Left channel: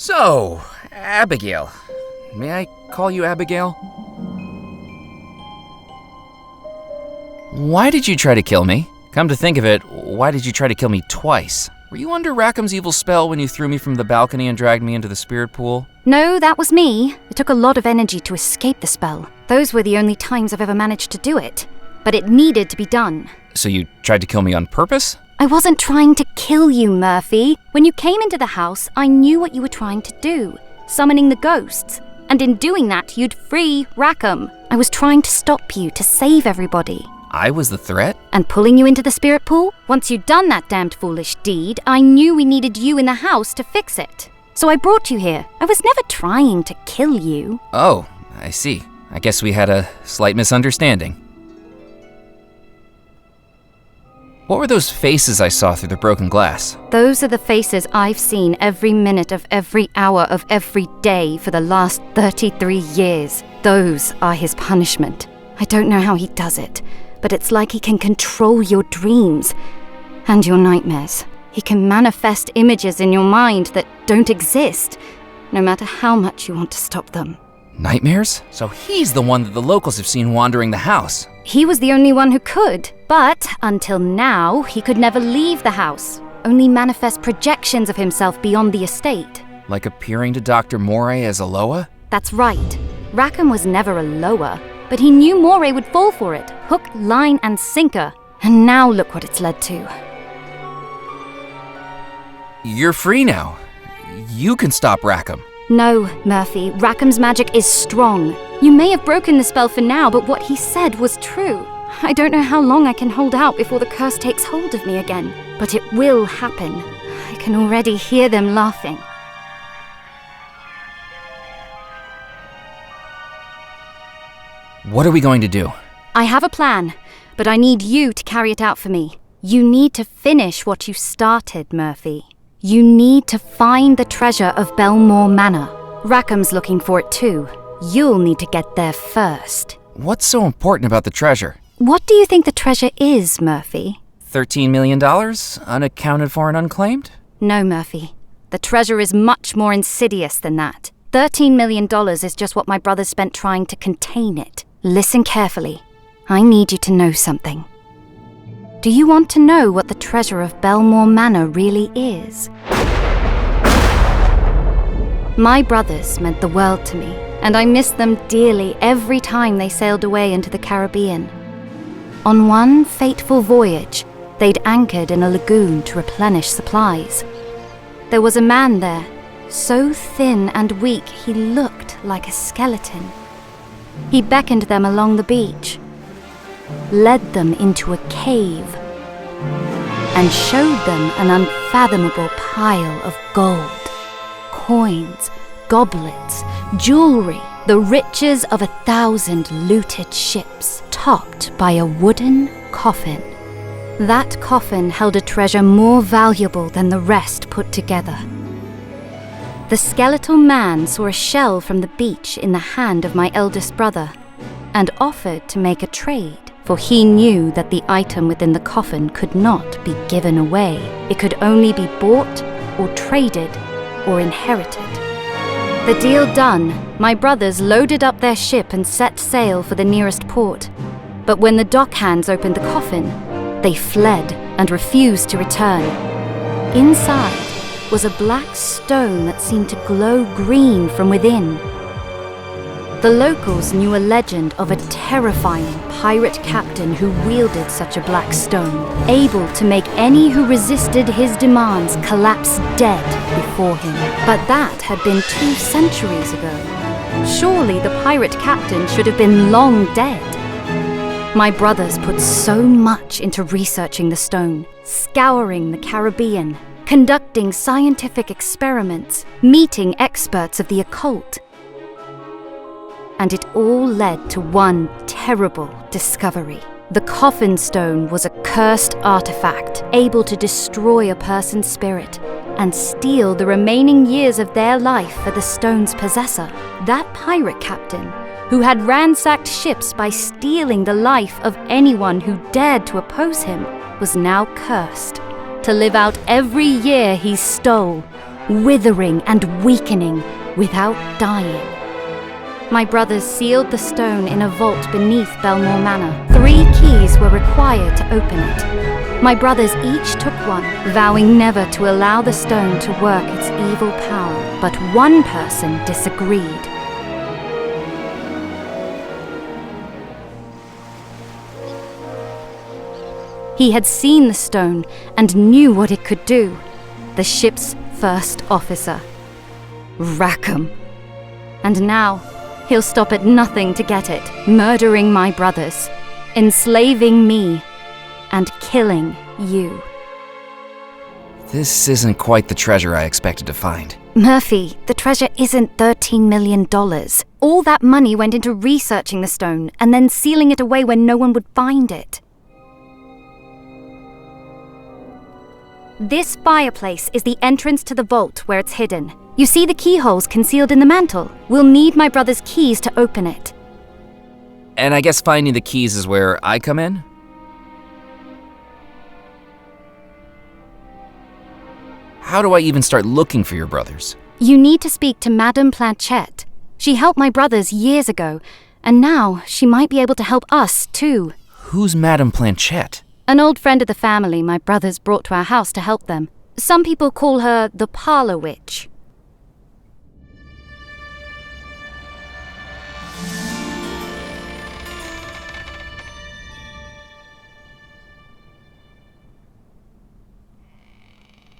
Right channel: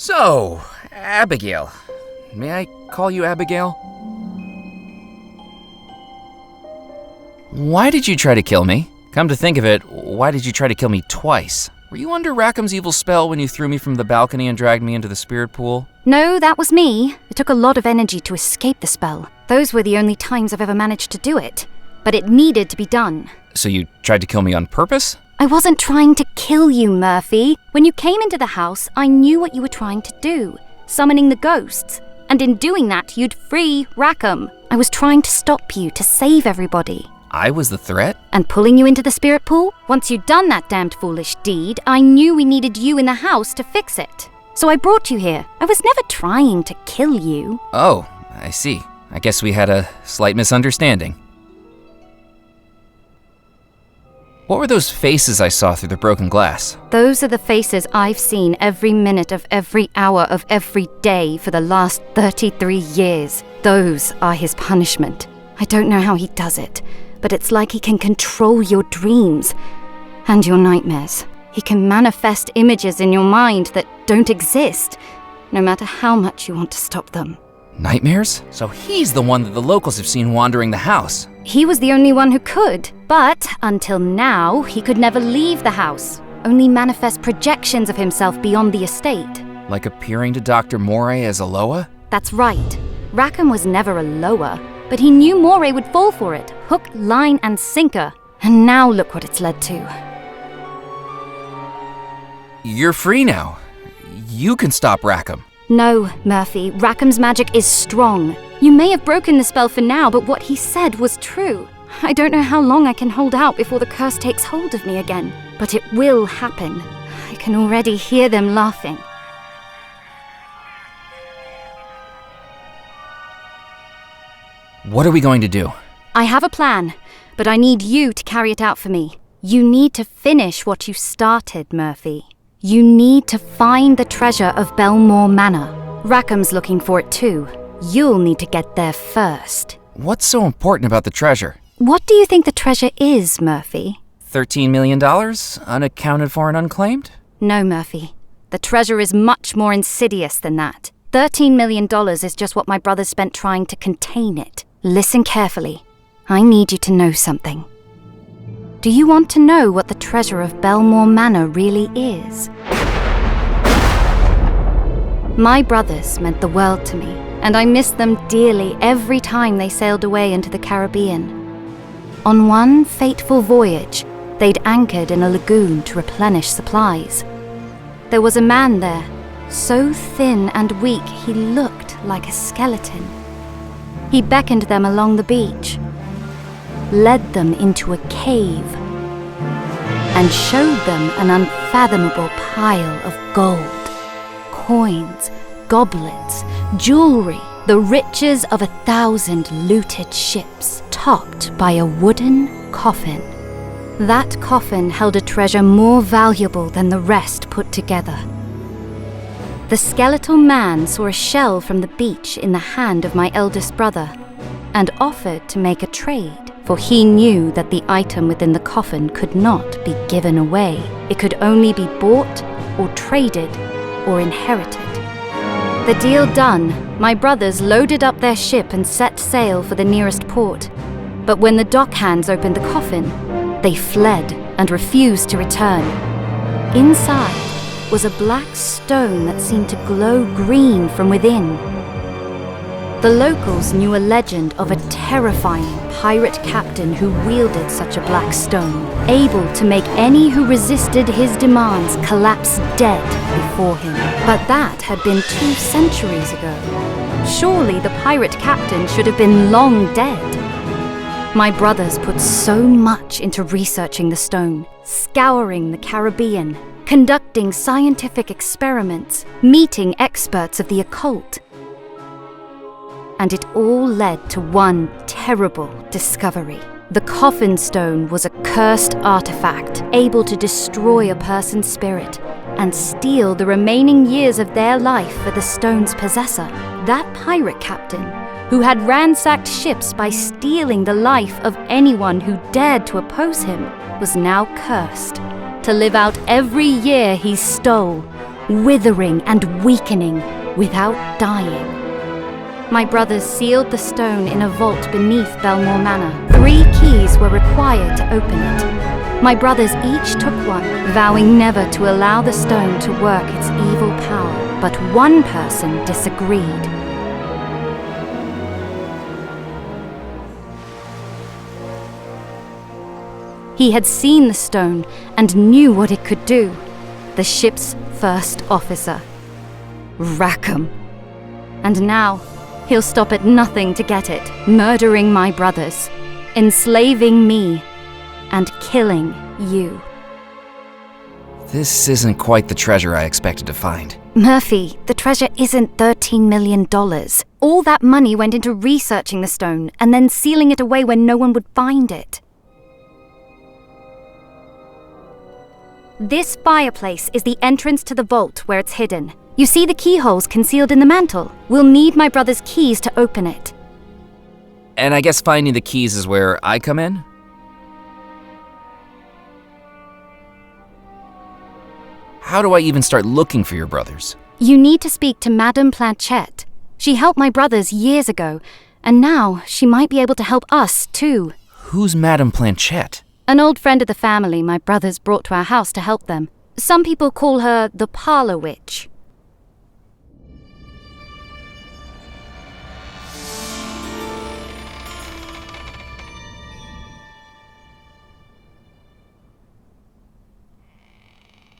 So, Abigail. May I call you Abigail? Why did you try to kill me? Come to think of it, why did you try to kill me twice? Were you under Rackham's evil spell when you threw me from the balcony and dragged me into the spirit pool? No, that was me. It took a lot of energy to escape the spell. Those were the only times I've ever managed to do it. But it needed to be done. So you tried to kill me on purpose? I wasn't trying to kill you, Murphy. When you came into the house, I knew what you were trying to do. Summoning the ghosts. And in doing that, you'd free Rackham. I was trying to stop you, to save everybody. I was the threat? And pulling you into the spirit pool? Once you'd done that damned foolish deed, I knew we needed you in the house to fix it. So I brought you here. I was never trying to kill you. Oh, I see. I guess we had a slight misunderstanding. What were those faces I saw through the broken glass? Those are the faces I've seen every minute of every hour of every day for the last 33 years. Those are his punishment. I don't know how he does it, but it's like he can control your dreams and your nightmares. He can manifest images in your mind that don't exist, no matter how much you want to stop them. Nightmares? So he's the one that the locals have seen wandering the house. He was the only one who could, but until now, he could never leave the house, only manifest projections of himself beyond the estate. Like appearing to Dr. Moray as Aloha? That's right. Rackham was never Aloha, but he knew Moray would fall for it, hook, line, and sinker. And now look what it's led to. You're free now. You can stop Rackham. No, Murphy, Rackham's magic is strong. You may have broken the spell for now, but what he said was true. I don't know how long I can hold out before the curse takes hold of me again, but it will happen. I can already hear them laughing. What are we going to do? I have a plan, but I need you to carry it out for me. You need to finish what you started, Murphy. You need to find the treasure of Belmore Manor. Rackham's looking for it too. You'll need to get there first. What's so important about the treasure? What do you think the treasure is, Murphy? $13 million? Unaccounted for and unclaimed? No, Murphy. The treasure is much more insidious than that. $13 million is just what my brother spent trying to contain it. Listen carefully. I need you to know something. Do you want to know what the treasure of Belmore Manor really is? My brothers meant the world to me, and I missed them dearly every time they sailed away into the Caribbean. On one fateful voyage, they'd anchored in a lagoon to replenish supplies. There was a man there, so thin and weak he looked like a skeleton. He beckoned them along the beach, led them into a cave, and showed them an unfathomable pile of gold, coins, goblets, jewelry, the riches of 1,000 looted ships, topped by a wooden coffin. That coffin held a treasure more valuable than the rest put together. The skeletal man saw a shell from the beach in the hand of my eldest brother and offered to make a trade, for he knew that the item within the coffin could not be given away. It could only be bought or traded or inherited. The deal done, my brothers loaded up their ship and set sail for the nearest port. But when the dockhands opened the coffin, they fled and refused to return. Inside was a black stone that seemed to glow green from within. The locals knew a legend of a terrifying pirate captain who wielded such a black stone, able to make any who resisted his demands collapse dead before him. But that had been 2 centuries ago. Surely the pirate captain should have been long dead. My brothers put so much into researching the stone, scouring the Caribbean, conducting scientific experiments, meeting experts of the occult. And it all led to one terrible discovery. The coffin stone was a cursed artifact, able to destroy a person's spirit and steal the remaining years of their life for the stone's possessor. That pirate captain, who had ransacked ships by stealing the life of anyone who dared to oppose him, was now cursed to live out every year he stole, withering and weakening without dying. My brothers sealed the stone in a vault beneath Belmore Manor. 3 keys were required to open it. My brothers each took one, vowing never to allow the stone to work its evil power. But one person disagreed. He had seen the stone and knew what it could do. The ship's first officer, Rackham. And now, he'll stop at nothing to get it, murdering my brothers, enslaving me, and killing you. This isn't quite the treasure I expected to find. Murphy, the treasure isn't $13 million. All that money went into researching the stone and then sealing it away where no one would find it. This fireplace is the entrance to the vault where it's hidden. You see the keyholes concealed in the mantle? We'll need my brother's keys to open it. And I guess finding the keys is where I come in? How do I even start looking for your brothers? You need to speak to Madame Planchette. She helped my brothers years ago, and now she might be able to help us too. Who's Madame Planchette? An old friend of the family my brothers brought to our house to help them. Some people call her the Parlor Witch.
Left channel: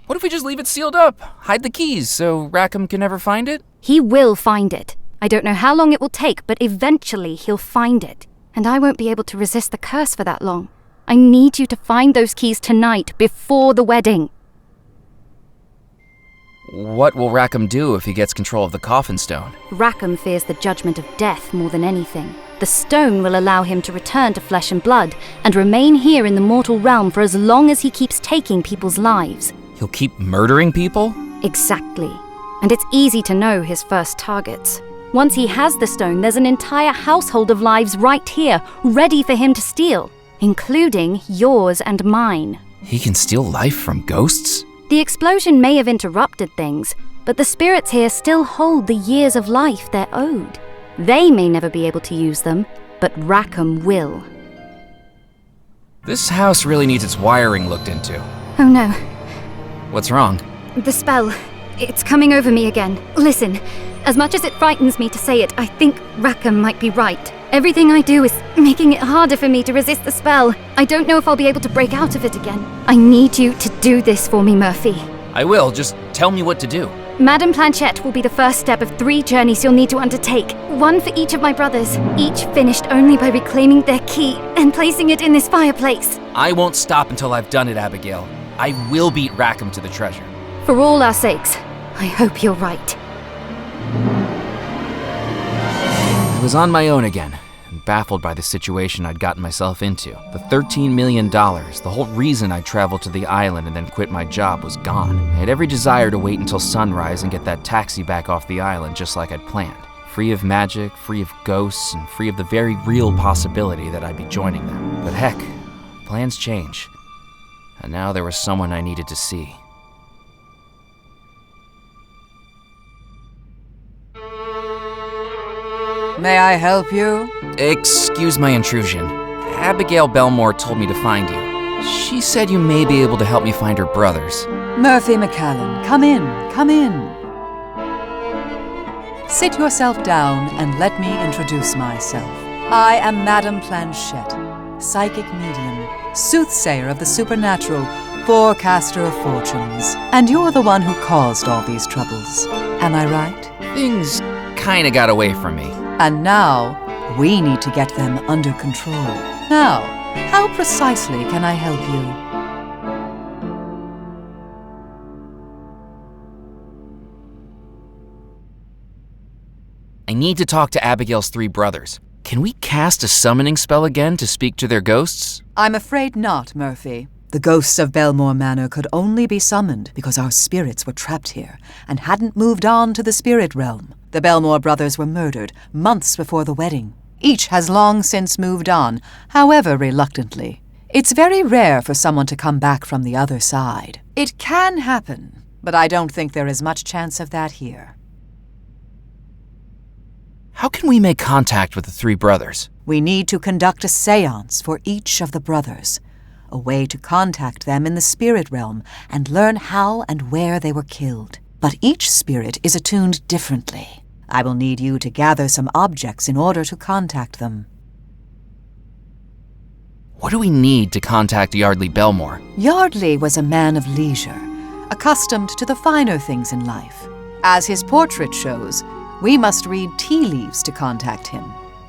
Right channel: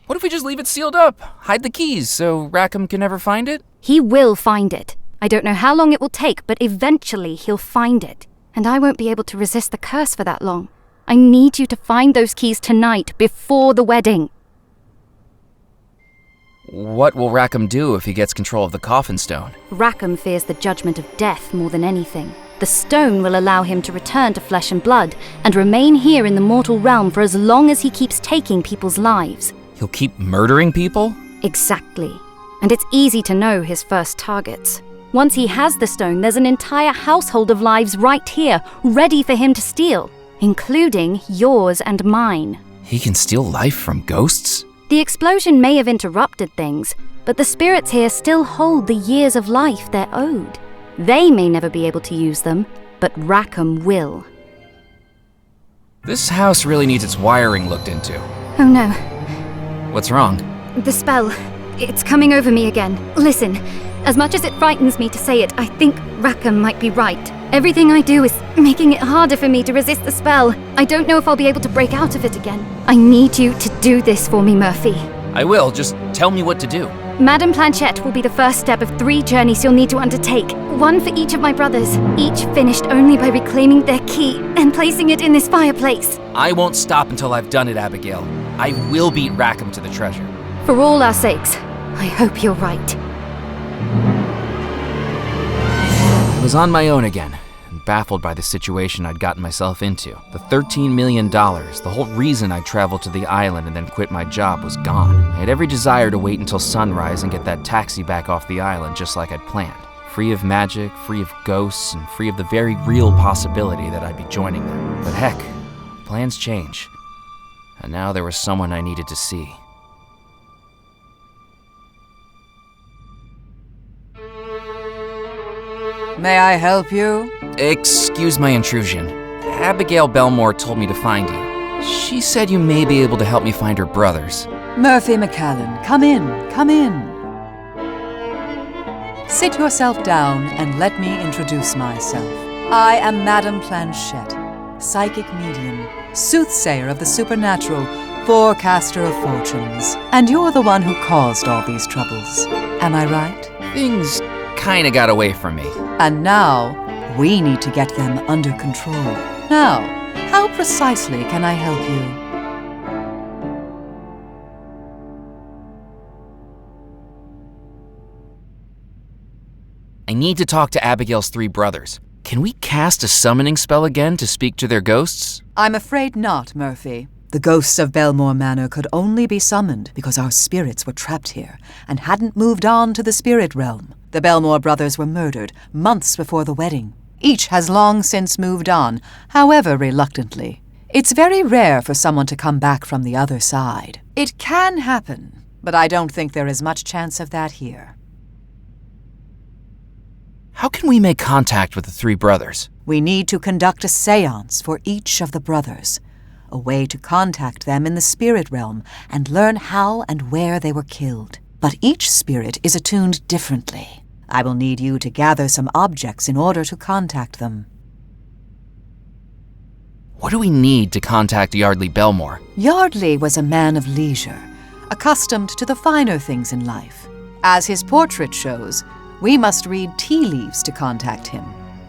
What if we just leave it sealed up? Hide the keys so Rackham can never find it? He will find it. I don't know how long it will take, but eventually he'll find it. And I won't be able to resist the curse for that long. I need you to find those keys tonight, before the wedding. What will Rackham do if he gets control of the coffin stone? Rackham fears the judgment of death more than anything. The stone will allow him to return to flesh and blood and remain here in the mortal realm for as long as he keeps taking people's lives. He'll keep murdering people? Exactly. And it's easy to know his first targets. Once he has the stone, there's an entire household of lives right here, ready for him to steal, including yours and mine. He can steal life from ghosts? The explosion may have interrupted things, but the spirits here still hold the years of life they're owed. They may never be able to use them, but Rackham will. This house really needs its wiring looked into. Oh no. What's wrong? The spell. It's coming over me again. Listen, as much as it frightens me to say it, I think Rackham might be right. Everything I do is making it harder for me to resist the spell. I don't know if I'll be able to break out of it again. I need you to do this for me, Murphy. I will, just tell me what to do. Madame Planchette will be the first step of 3 journeys you'll need to undertake. 1 for each of my brothers, each finished only by reclaiming their key and placing it in this fireplace. I won't stop until I've done it, Abigail. I will beat Rackham to the treasure. For all our sakes, I hope you're right. I was on my own again, and baffled by the situation I'd gotten myself into. The $13 million, the whole reason I traveled to the island and then quit my job, was gone. I had every desire to wait until sunrise and get that taxi back off the island just like I'd planned. Free of magic, free of ghosts, and free of the very real possibility that I'd be joining them. But heck, plans change. And now there was someone I needed to see. May I help you? Excuse my intrusion. Abigail Belmore told me to find you. She said you may be able to help me find her brothers. Murphy McCallan, come in, come in. Sit yourself down and let me introduce myself. I am Madame Planchette, psychic medium, soothsayer of the supernatural, forecaster of fortunes. And you're the one who caused all these troubles. Am I right? Things kinda got away from me. And now, we need to get them under control. Now, how precisely can I help you? I need to talk to Abigail's 3 brothers. Can we cast a summoning spell again to speak to their ghosts? I'm afraid not, Murphy. The ghosts of Belmore Manor could only be summoned because our spirits were trapped here and hadn't moved on to the spirit realm. The Belmore brothers were murdered months before the wedding. Each has long since moved on, however reluctantly. It's very rare for someone to come back from the other side. It can happen, but I don't think there is much chance of that here. How can we make contact with the three brothers? We need to conduct a seance for each of the brothers, a way to contact them in the spirit realm and learn how and where they were killed. But each spirit is attuned differently. I will need you to gather some objects in order to contact them. What do we need to contact Yardley Belmore? Yardley was a man of leisure, accustomed to the finer things in life. As his portrait shows, we must read tea leaves to contact him.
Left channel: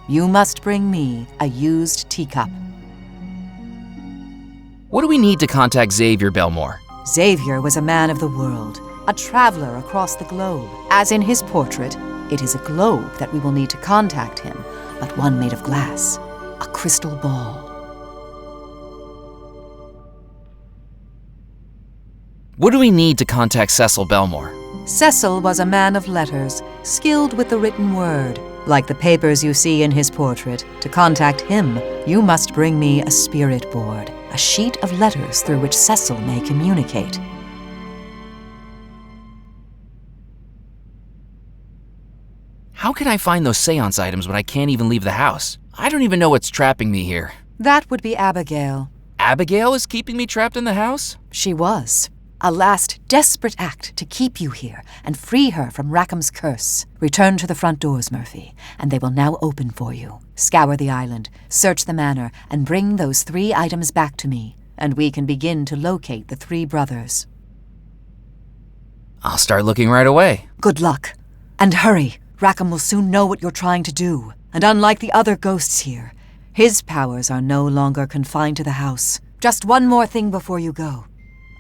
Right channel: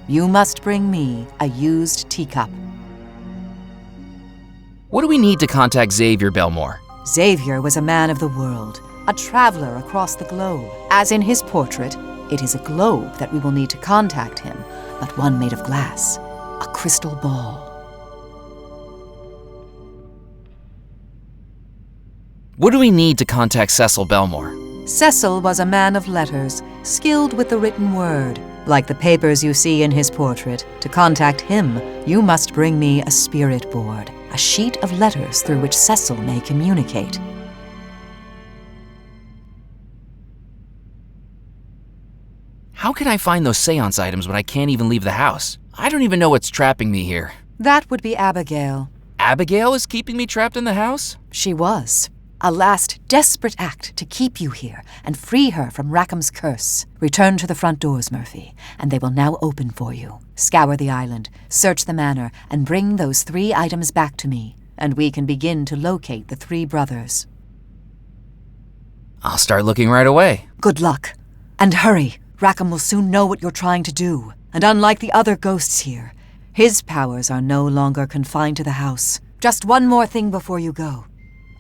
You must bring me a used teacup. What do we need to contact Xavier Belmore? Xavier was a man of the world, a traveler across the globe. As in his portrait, it is a globe that we will need to contact him, but one made of glass, a crystal ball. What do we need to contact Cecil Belmore? Cecil was a man of letters, skilled with the written word. Like the papers you see in his portrait, to contact him, you must bring me a spirit board, a sheet of letters through which Cecil may communicate. How can I find those seance items when I can't even leave the house? I don't even know what's trapping me here. That would be Abigail. Abigail is keeping me trapped in the house? She was. A last desperate act to keep you here and free her from Rackham's curse. Return to the front doors, Murphy, and they will now open for you. Scour the island, search the manor, and bring those 3 items back to me, and we can begin to locate the 3 brothers. I'll start looking right away. Good luck. And hurry. Rackham will soon know what you're trying to do. And unlike the other ghosts here, his powers are no longer confined to the house. Just one more thing before you go.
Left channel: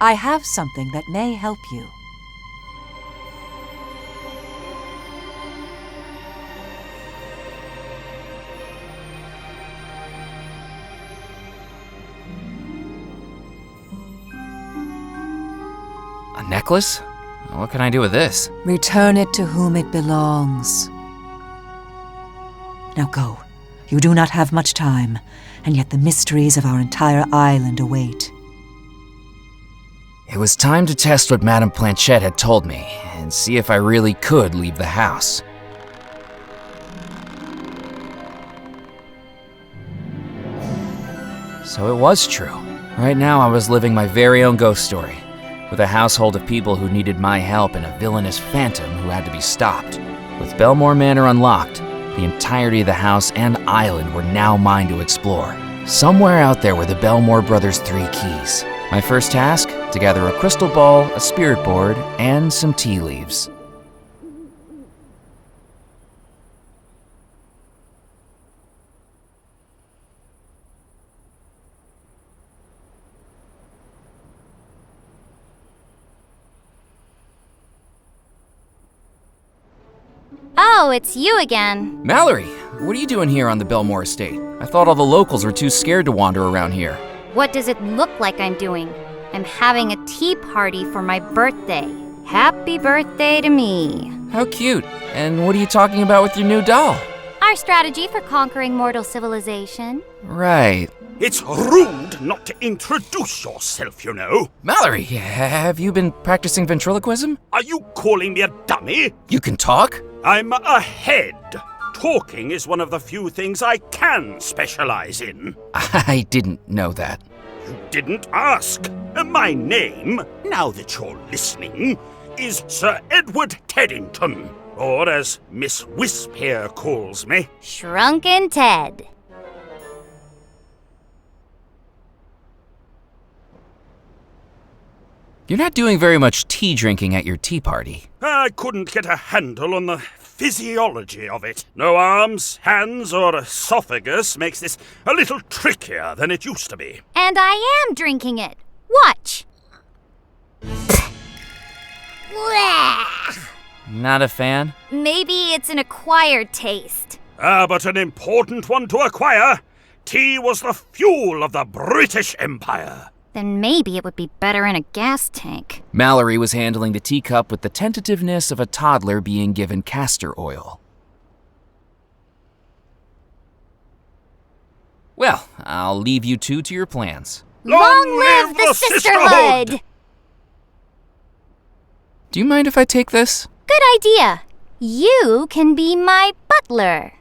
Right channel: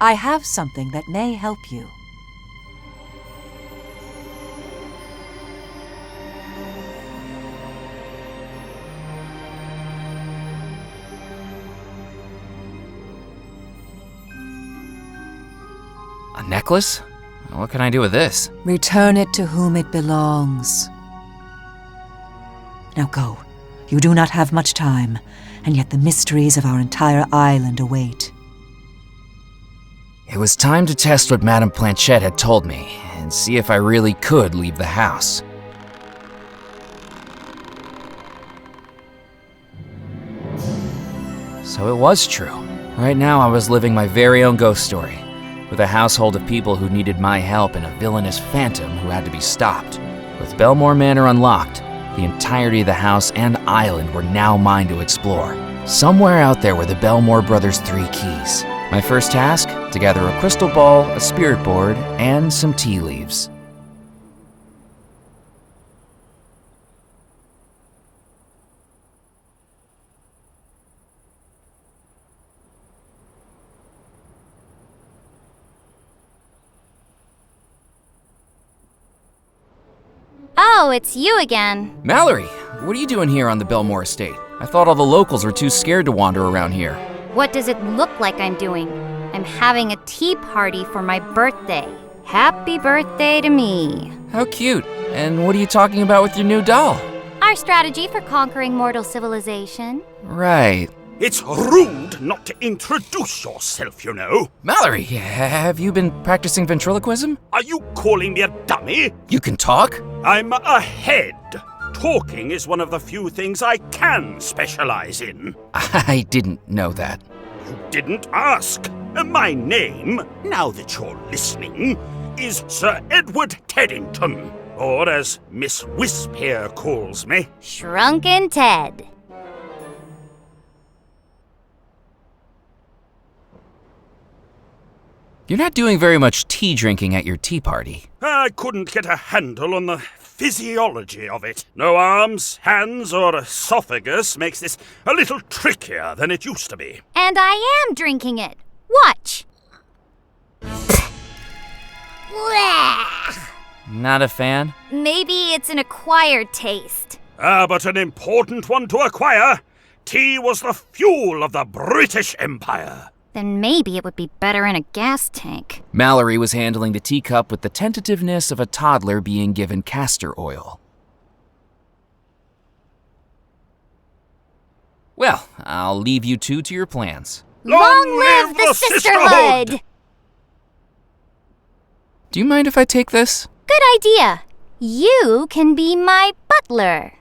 I have something that may help you. A necklace? What can I do with this? Return it to whom it belongs. Now go. You do not have much time, and yet the mysteries of our entire island await. It was time to test what Madame Planchette had told me, and see if I really could leave the house. So it was true. Right now I was living my very own ghost story, with a household of people who needed my help and a villainous phantom who had to be stopped. With Belmore Manor unlocked, the entirety of the house and island were now mine to explore. Somewhere out there were the Belmore brothers' 3 keys. My first task, to gather a crystal ball, a spirit board, and some tea leaves. Oh, it's you again. Mallory, what are you doing here on the Belmore estate? I thought all the locals were too scared to wander around here. What does it look like I'm doing? I'm having a tea party for my birthday. Happy birthday to me. How cute. And what are you talking about with your new doll? Our strategy for conquering mortal civilization. Right. It's rude not to introduce yourself, you know. Mallory, have you been practicing ventriloquism? Are you calling me a dummy? You can talk? I'm a head. Talking is one of the few things I can specialize in. I didn't know that. You didn't ask. My name, now that you're listening, is Sir Edward Teddington, or as Miss Wisp here calls me, Shrunken Ted. You're not doing very much tea drinking at your tea party. I couldn't get a handle on the physiology of it. No arms, hands, or esophagus makes this a little trickier than it used to be. And I am drinking it. Watch. Not a fan? Maybe it's an acquired taste. But an important one to acquire. Tea was the fuel of the British Empire. Then maybe it would be better in a gas tank. Mallory was handling the teacup with the tentativeness of a toddler being given castor oil. Well, I'll leave you two to your plans. Long live the sisterhood! Do you mind if I take this? Good idea. You can be my butler.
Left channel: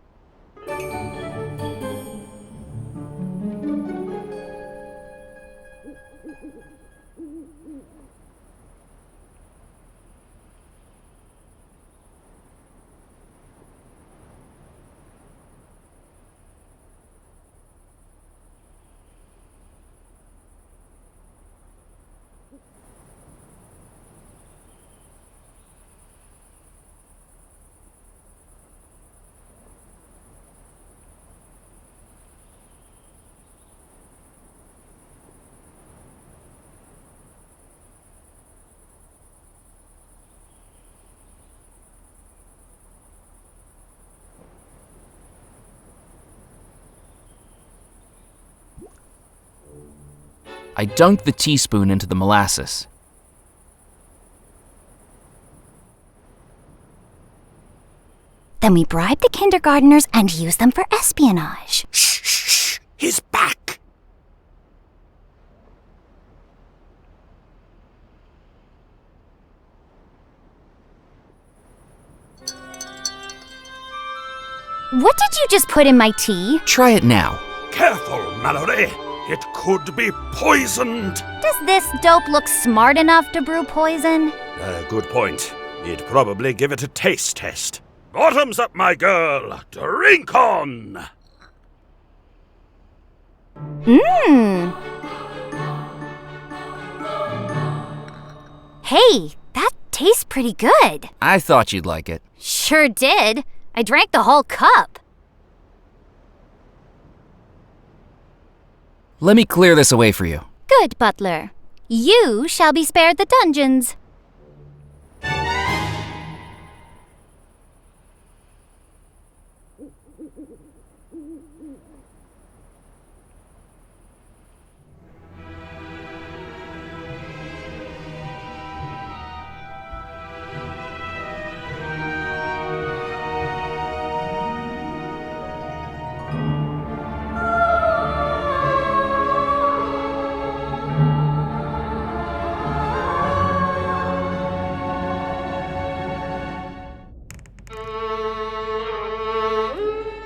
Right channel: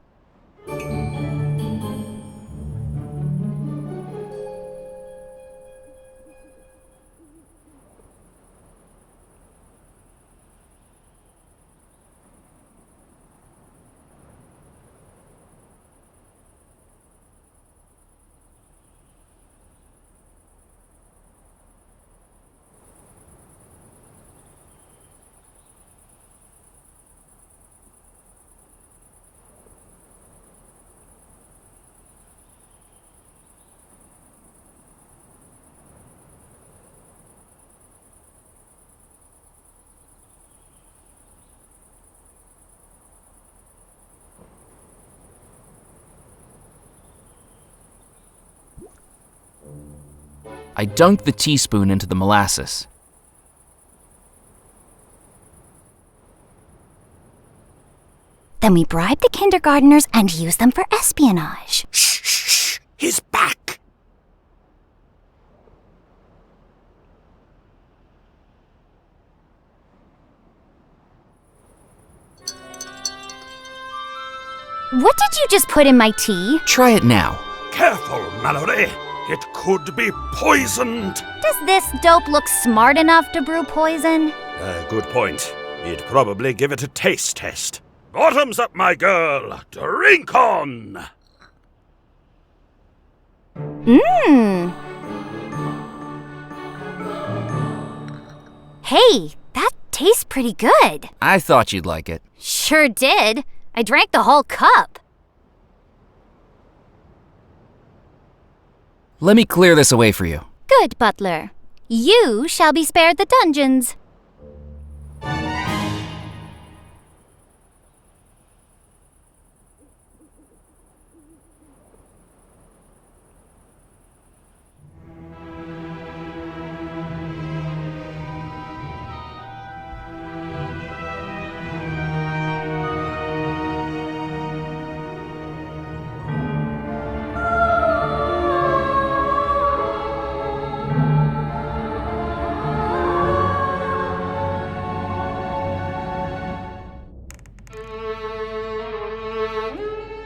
I dunked the teaspoon into the molasses. Then we bribe the kindergarteners and use them for espionage. Shh, shh, shh. He's back. What did you just put in my tea? Try it now. Careful, Mallory. It could be poisoned. Does this dope look smart enough to brew poison? Good point. You'd probably give it a taste test. Bottoms up, my girl. Drink on. Mmm. Hey, that tastes pretty good. I thought you'd like it. Sure did. I drank the whole cup. Let me clear this away for you. Good, butler. You shall be spared the dungeons.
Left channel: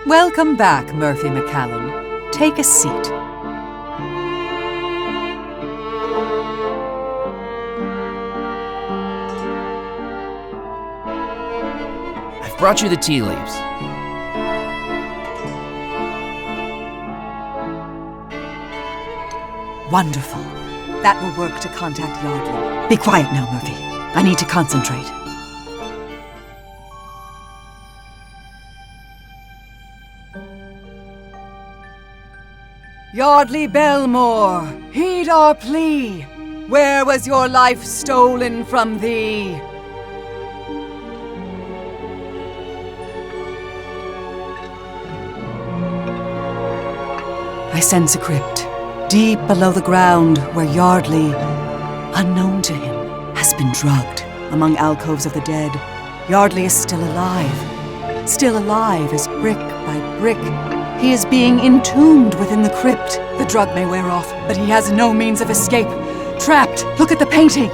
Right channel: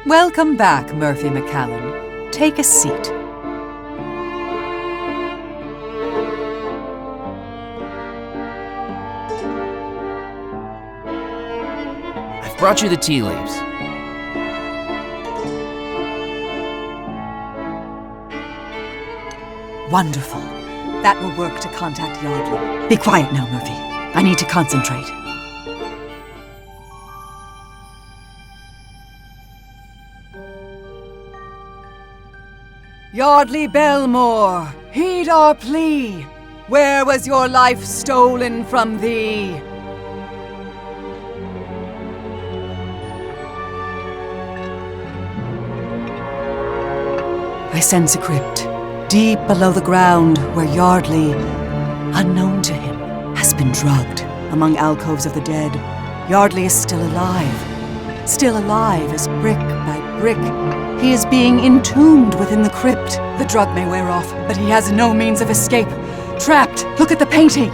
Welcome back, Murphy McCallan. Take a seat. I've brought you the tea leaves. Wonderful. That will work to contact Yardley. Be quiet now, Murphy. I need to concentrate. Yardley Belmore, heed our plea. Where was your life stolen from thee? I sense a crypt, deep below the ground, where Yardley, unknown to him, has been drugged. Among alcoves of the dead, Yardley is still alive. Still alive as brick by brick, he is being entombed within the crypt. The drug may wear off, but he has no means of escape. Trapped! Look at the painting!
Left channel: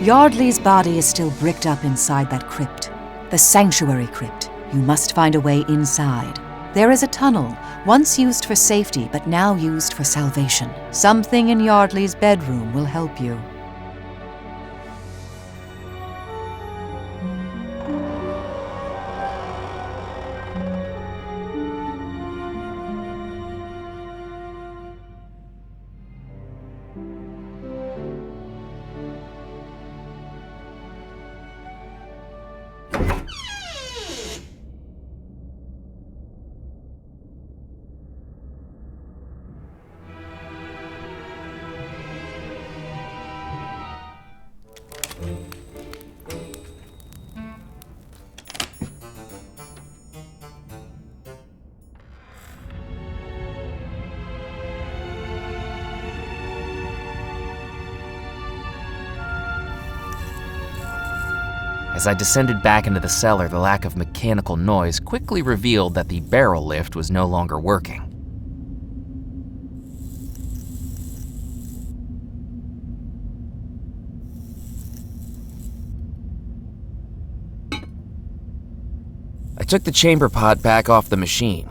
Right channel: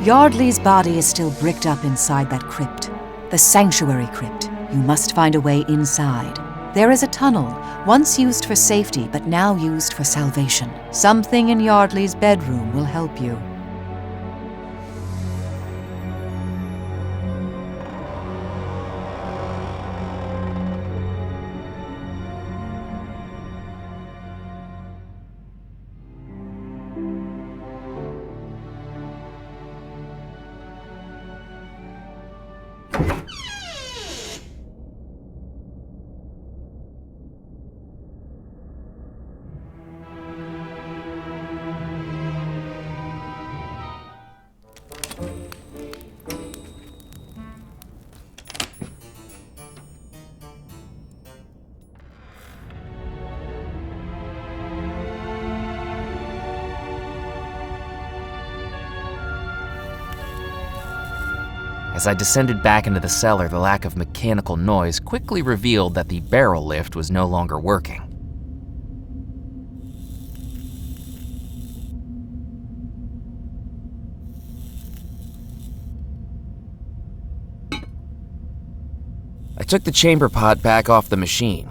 Yardley's body is still bricked up inside that crypt. The sanctuary crypt. You must find a way inside. There is a tunnel, once used for safety, but now used for salvation. Something in Yardley's bedroom will help you. As I descended back into the cellar, the lack of mechanical noise quickly revealed that the barrel lift was no longer working. I took the chamber pot back off the machine.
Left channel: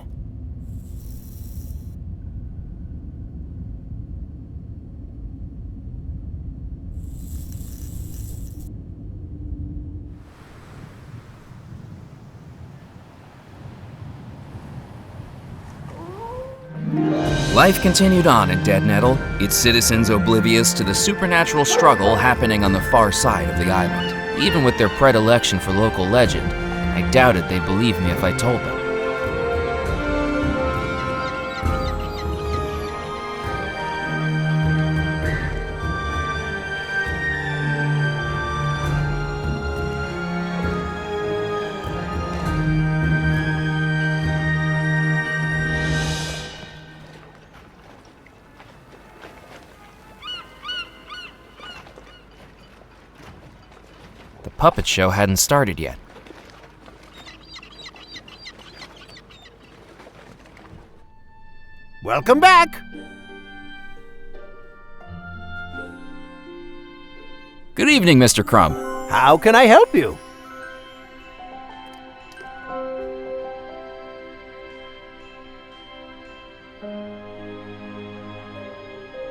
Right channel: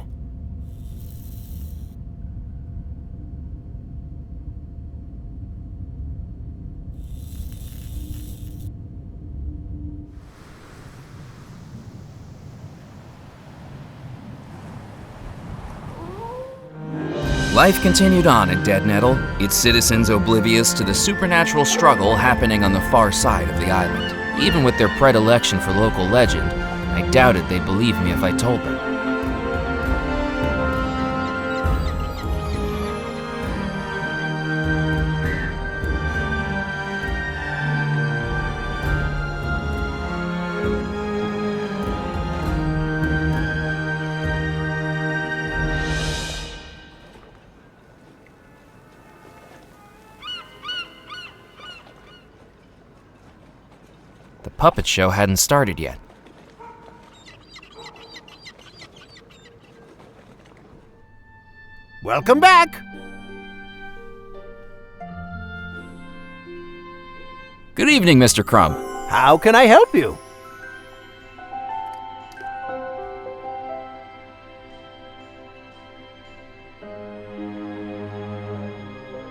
Life continued on in Dead Nettle, its citizens oblivious to the supernatural struggle happening on the far side of the island. Even with their predilection for local legend, I doubted they'd believe me if I told them. The puppet show hadn't started yet. Welcome back! Good evening, Mr. Crumb. How can I help you?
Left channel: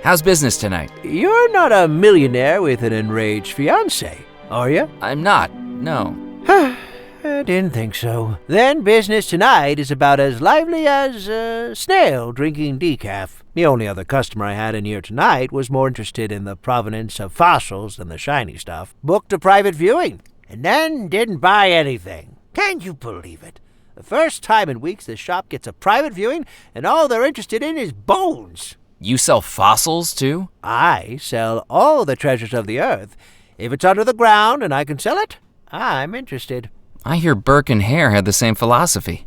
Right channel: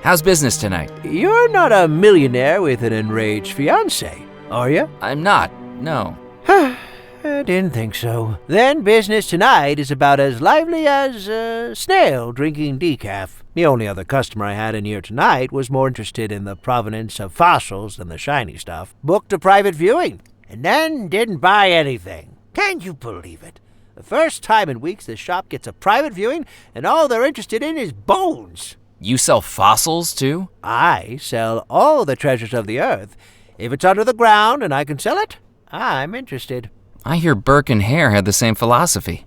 How's business tonight? You're not a millionaire with an enraged fiancé, are you? I'm not, no. I didn't think so. Then business tonight is about as lively as a snail drinking decaf. The only other customer I had in here tonight was more interested in the provenance of fossils than the shiny stuff. Booked a private viewing, and then didn't buy anything. Can you believe it? The first time in weeks this shop gets a private viewing, and all they're interested in is bones. You sell fossils, too? I sell all the treasures of the earth. If it's under the ground and I can sell it, I'm interested. I hear Burke and Hare had the same philosophy.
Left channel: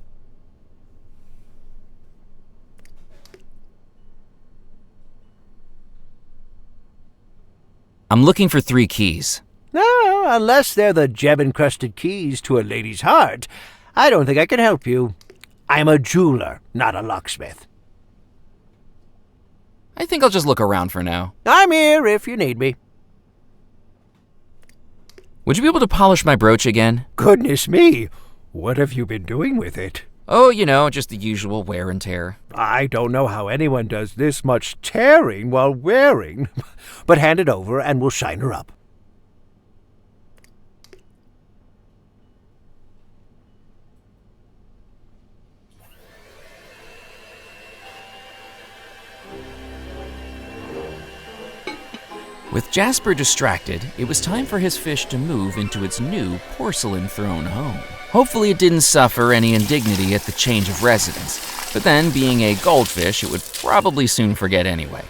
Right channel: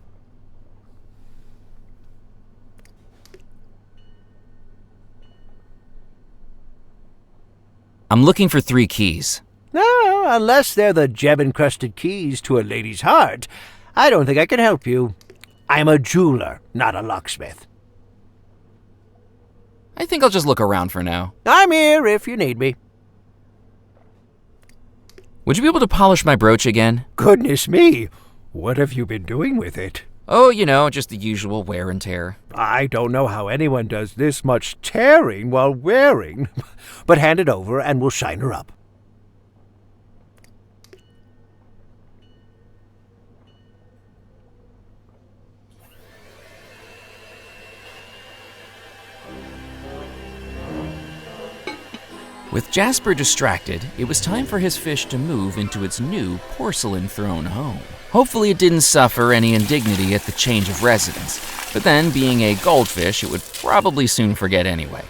I'm looking for 3 keys. No, unless they're the gem-encrusted keys to a lady's heart, I don't think I can help you. I'm a jeweler, not a locksmith. I think I'll just look around for now. I'm here if you need me. Would you be able to polish my brooch again? Goodness me, what have you been doing with it? Oh, you know, just the usual wear and tear. I don't know how anyone does this much tearing while wearing. But hand it over and we'll shine her up. With Jasper distracted, it was time for his fish to move into its new porcelain throne home. Hopefully it didn't suffer any indignity at the change of residence, but then, being a goldfish, it would probably soon forget anyway.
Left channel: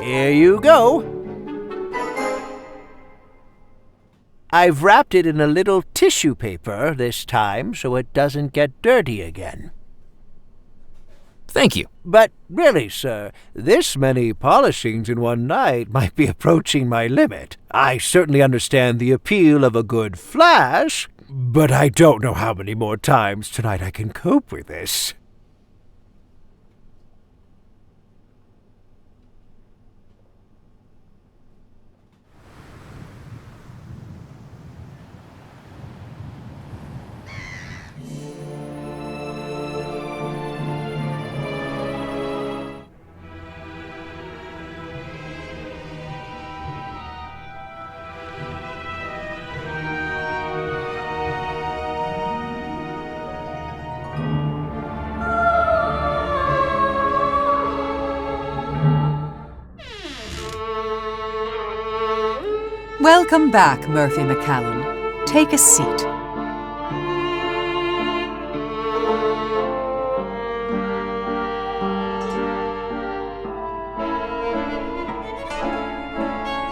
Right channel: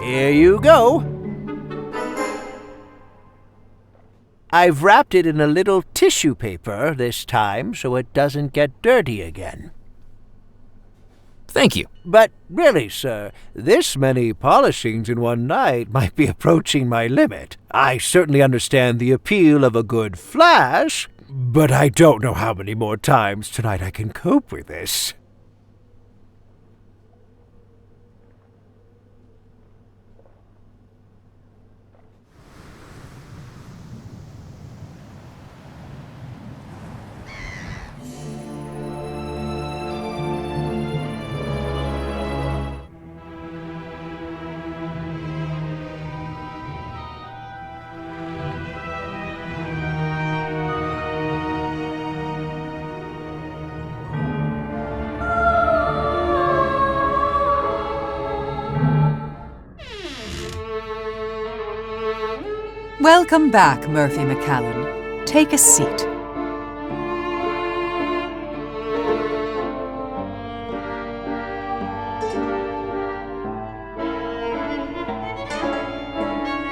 Here you go. I've wrapped it in a little tissue paper this time so it doesn't get dirty again. Thank you. But really, sir, this many polishings in one night might be approaching my limit. I certainly understand the appeal of a good flash, but I don't know how many more times tonight I can cope with this. Welcome back, Murphy McCallan. Take a seat.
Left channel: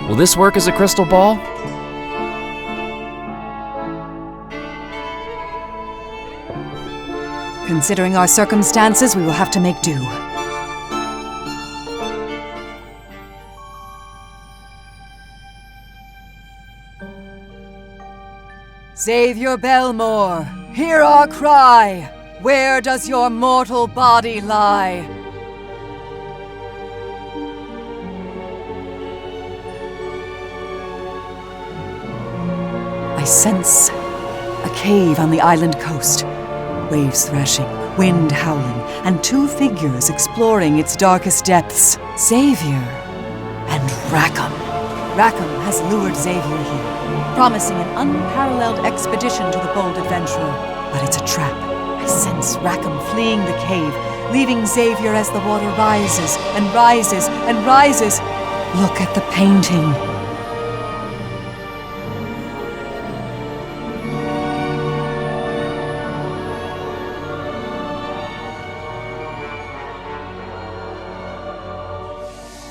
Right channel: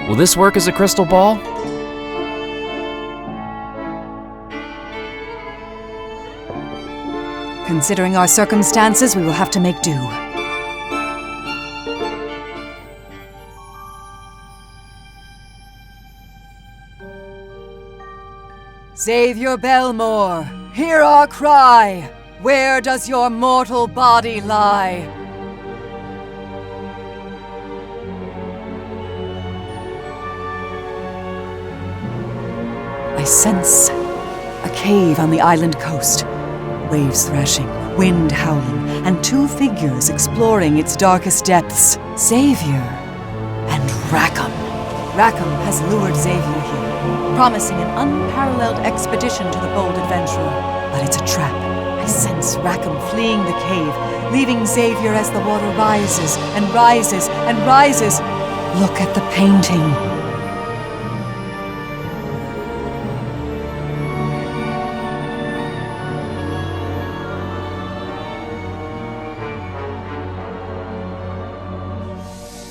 Will this work as a crystal ball? Considering our circumstances, we will have to make do. Xavier Belmore, hear our cry! Where does your mortal body lie? I sense a cave on the island coast. Waves thrashing, wind howling, and two figures exploring its darkest depths. Xavier and Rackham. Rackham has lured Xavier here, promising an unparalleled expedition to the bold adventurer. But it's a trap. I sense Rackham fleeing the cave, leaving Xavier as the water rises and rises and rises. Look at the painting.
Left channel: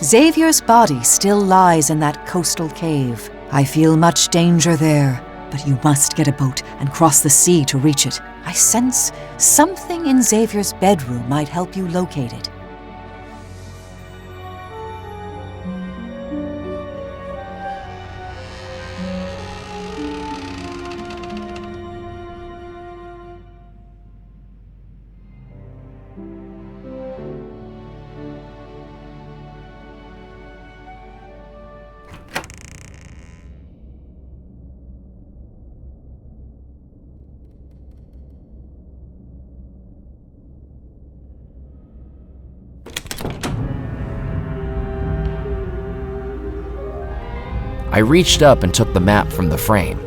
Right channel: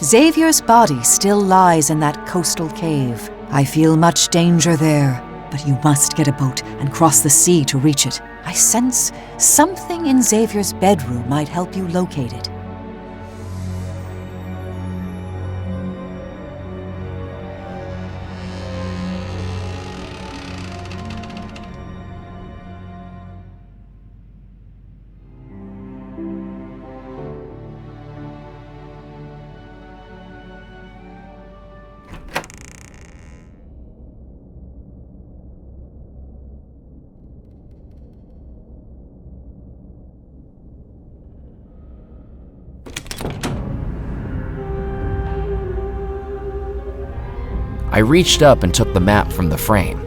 Xavier's body still lies in that coastal cave. I feel much danger there, but you must get a boat and cross the sea to reach it. I sense something in Xavier's bedroom might help you locate it. I reached up and took the map from the frame.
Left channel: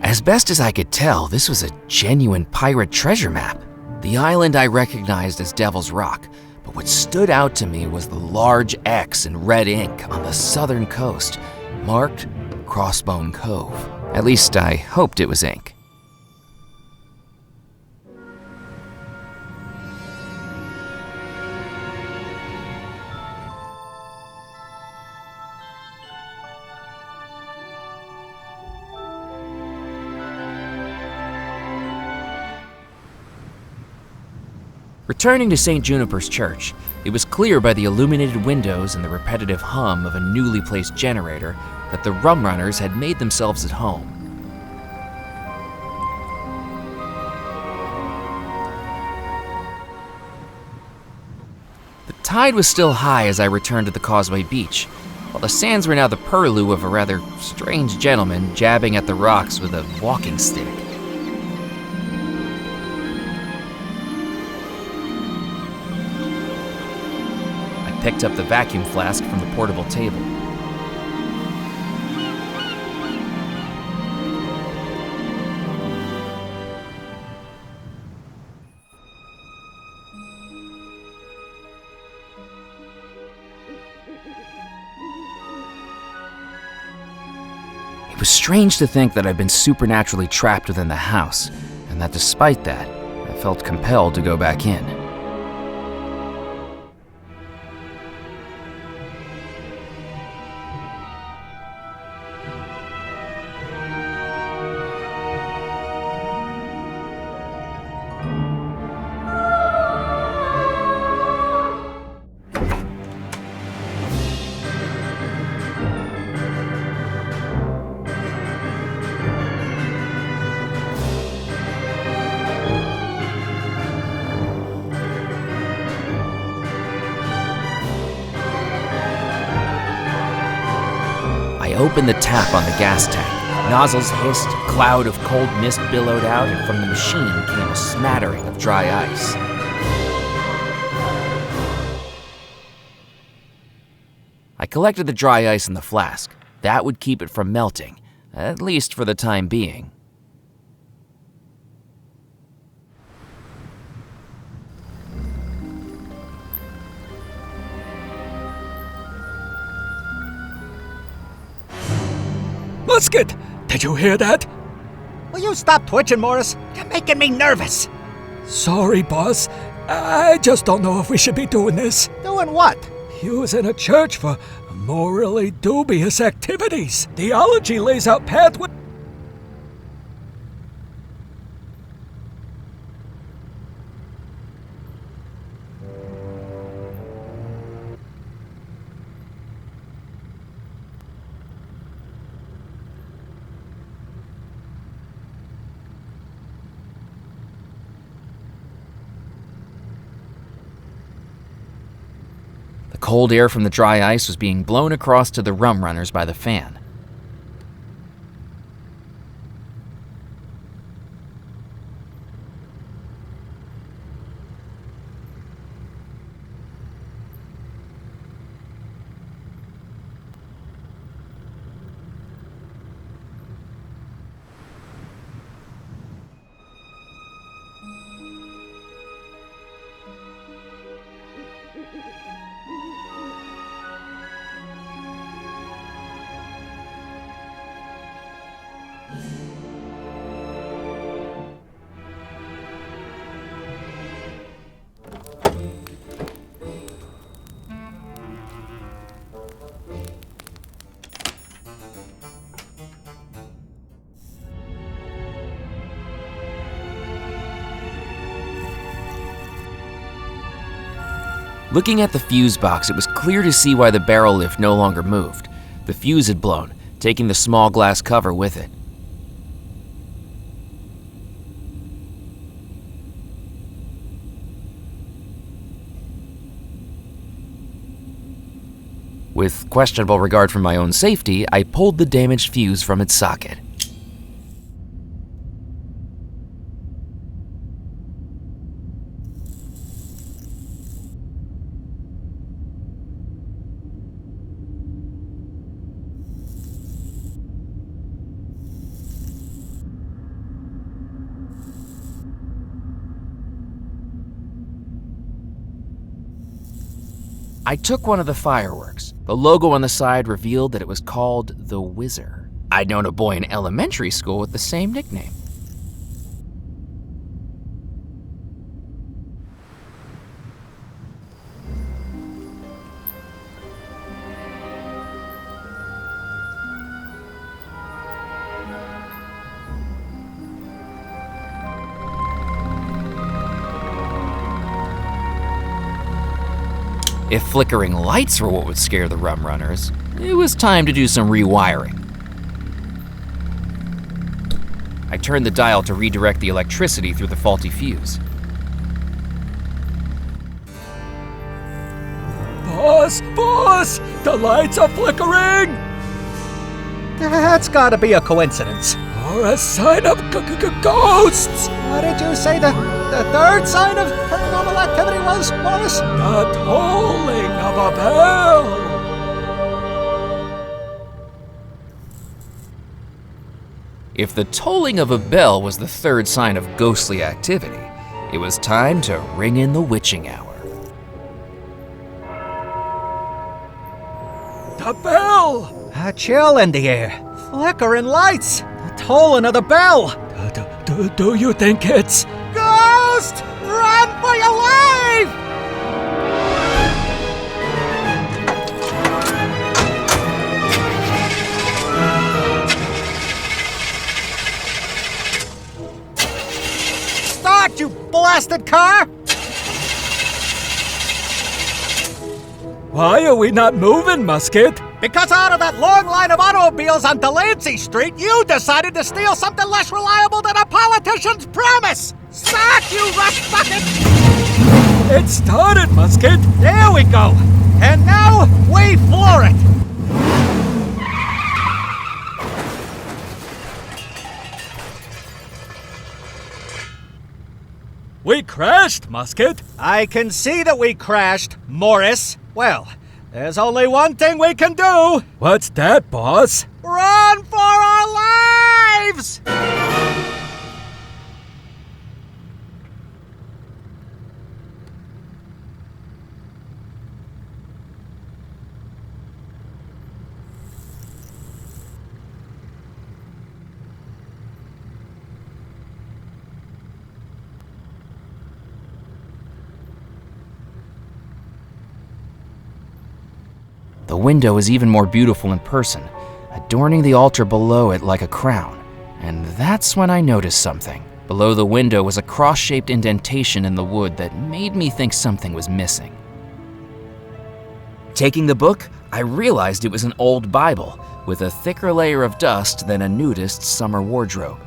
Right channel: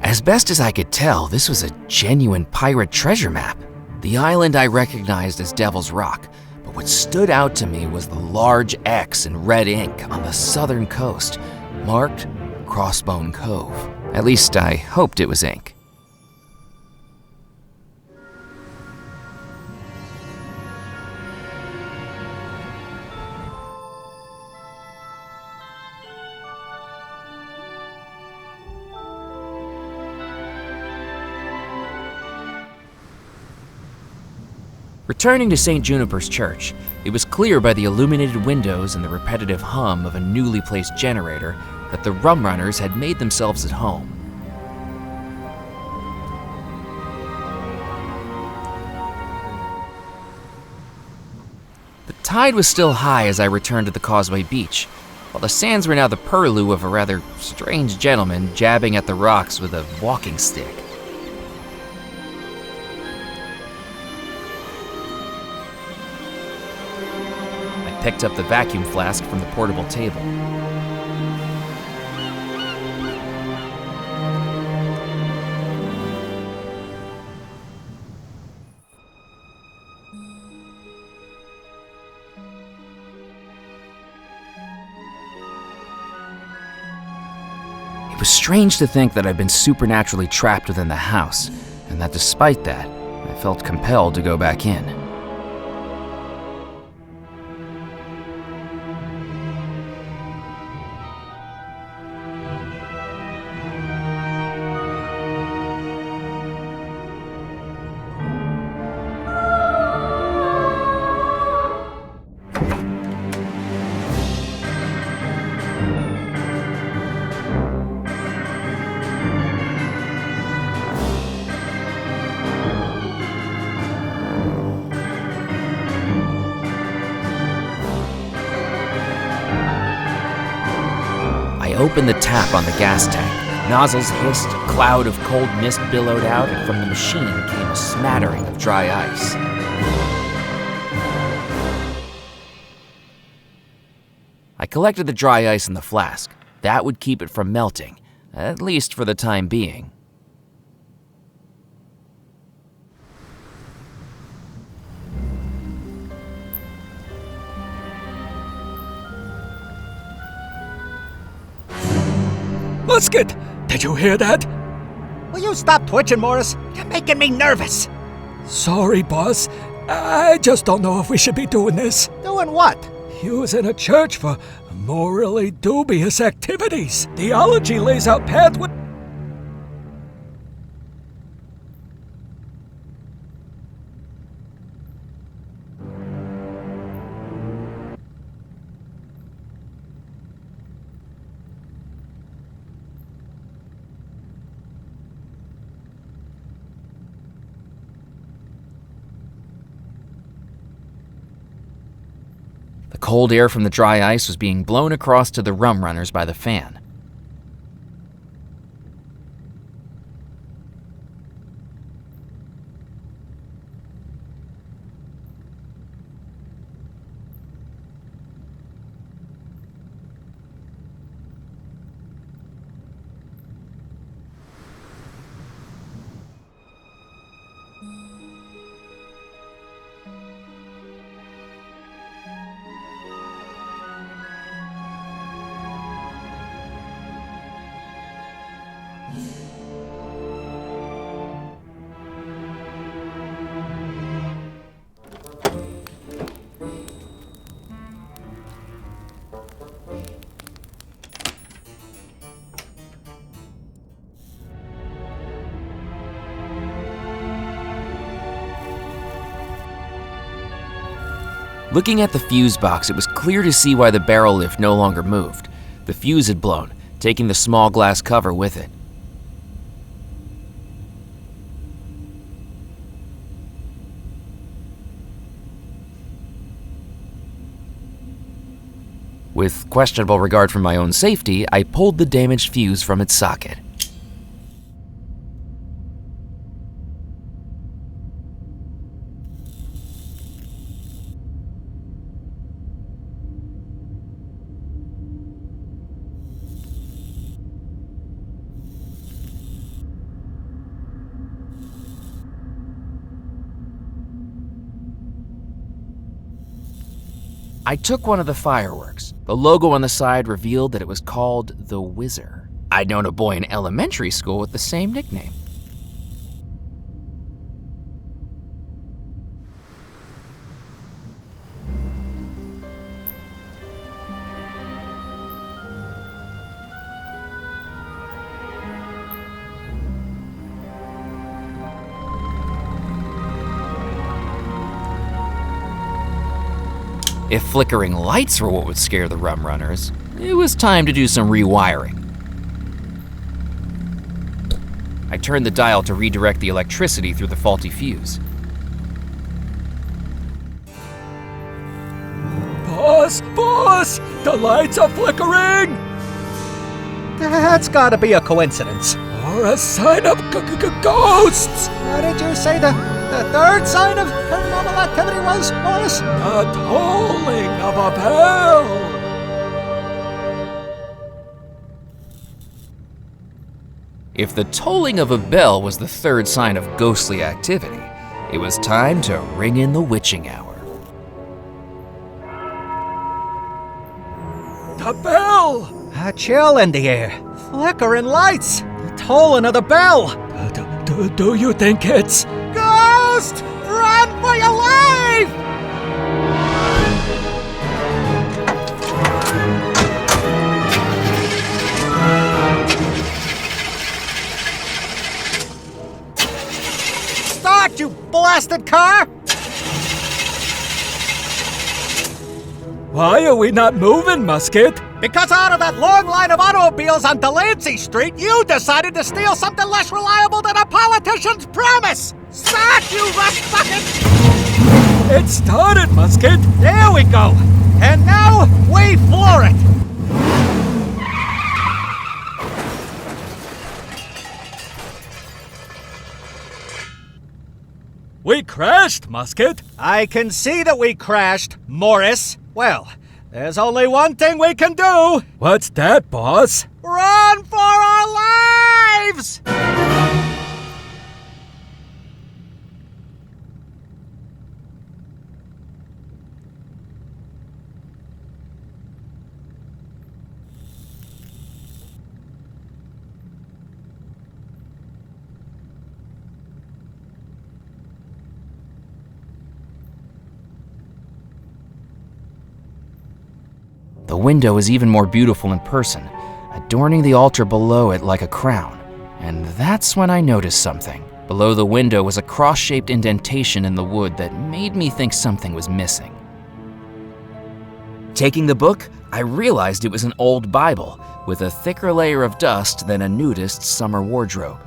As best as I could tell, this was a genuine pirate treasure map. The island I recognized as Devil's Rock, but what stood out to me was the large X in red ink on the southern coast, marked Crossbone Cove. At least I hoped it was ink. Returning to St. Juniper's Church, it was clear by the illuminated windows and the repetitive hum of a newly placed generator that the Rumrunners had made themselves at home. The tide was still high as I returned to the Causeway Beach, while the sands were now the purlieu of a rather strange gentleman jabbing at the rocks with a walking stick. Picked up the vacuum flask from the portable table. It was strange to think that I'd been supernaturally trapped within the house, and that despite that, I felt compelled to go back in. I opened the tap on the gas tank. Nozzles hissed, a cloud of cold mist billowed out, and from the machine came a smattering of dry ice. I collected the dry ice in the flask. That would keep it from melting, at least for the time being. Musket! Did you hear that? Will you stop twitching, Morris? You're making me nervous. Sorry, boss. I just don't know if we should be doing this. Doing what? Using a church for Morally dubious activities. Theology lays out pathways. The cold air from the dry ice was being blown across to the Rumrunners by the fan. Looking at the fuse box, it was clear to see why the barrel lift no longer moved. The fuse had blown, taking the small glass cover with it. With questionable regard for my own safety, I pulled the damaged fuse from its socket. I took one of the fireworks. The logo on the side revealed that it was called the Whizzer. I'd known a boy in elementary school with the same nickname. If flickering lights were what would scare the Rumrunners, it was time to do some rewiring. I turned the dial to redirect the electricity through the faulty fuse. Boss! Boss! The lights are flickering! That's gotta be a coincidence. Or a sign of ghosts! What did you say the third sign of paranormal activity was, Morris? The tolling of a bell! If the tolling of a bell was the third sign of ghostly activity, it was time to ring in the witching hour. The bell! A chill in the air. Flickering lights. The tolling of the bell. Do you think it's... Ghost! Run for your life! Start, you blasted car! Why are we not moving, Musket? Because out of that long line of automobiles on Delancey Street, you decided to steal something less reliable than a politician's promise! Start, you rust bucket! It started, Musket! There we go! And now, we floor it! We crashed, Musket! I can see that we crashed, Morris. Well, there's only one thing we can do! What's that, boss? Run for our lives! The window is even more beautiful in person, adorning the altar below it like a crown. And that's when I noticed something. Below the window was a cross-shaped indentation in the wood that made me think something was missing. Taking the book, I realized it was an old Bible with a thicker layer of dust than a nudist's summer wardrobe.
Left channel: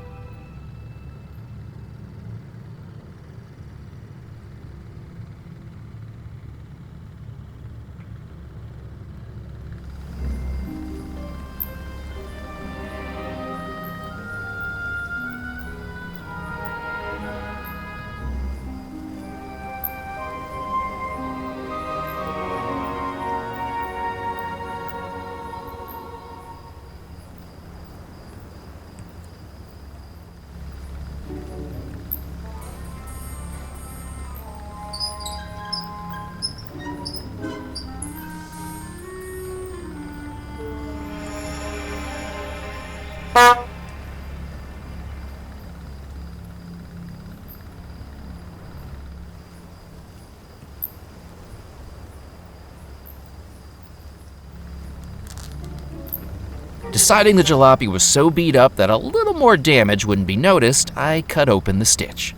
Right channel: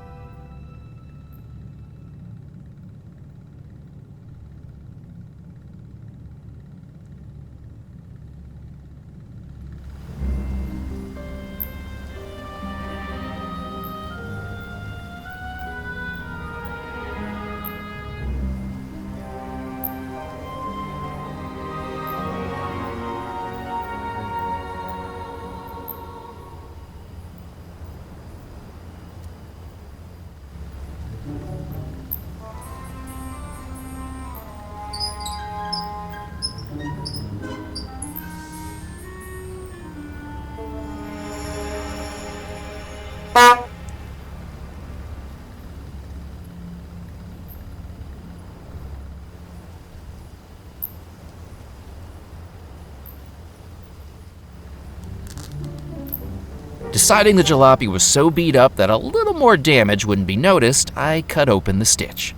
Deciding the jalopy was so beat up that a little more damage wouldn't be noticed, I cut open the stitch.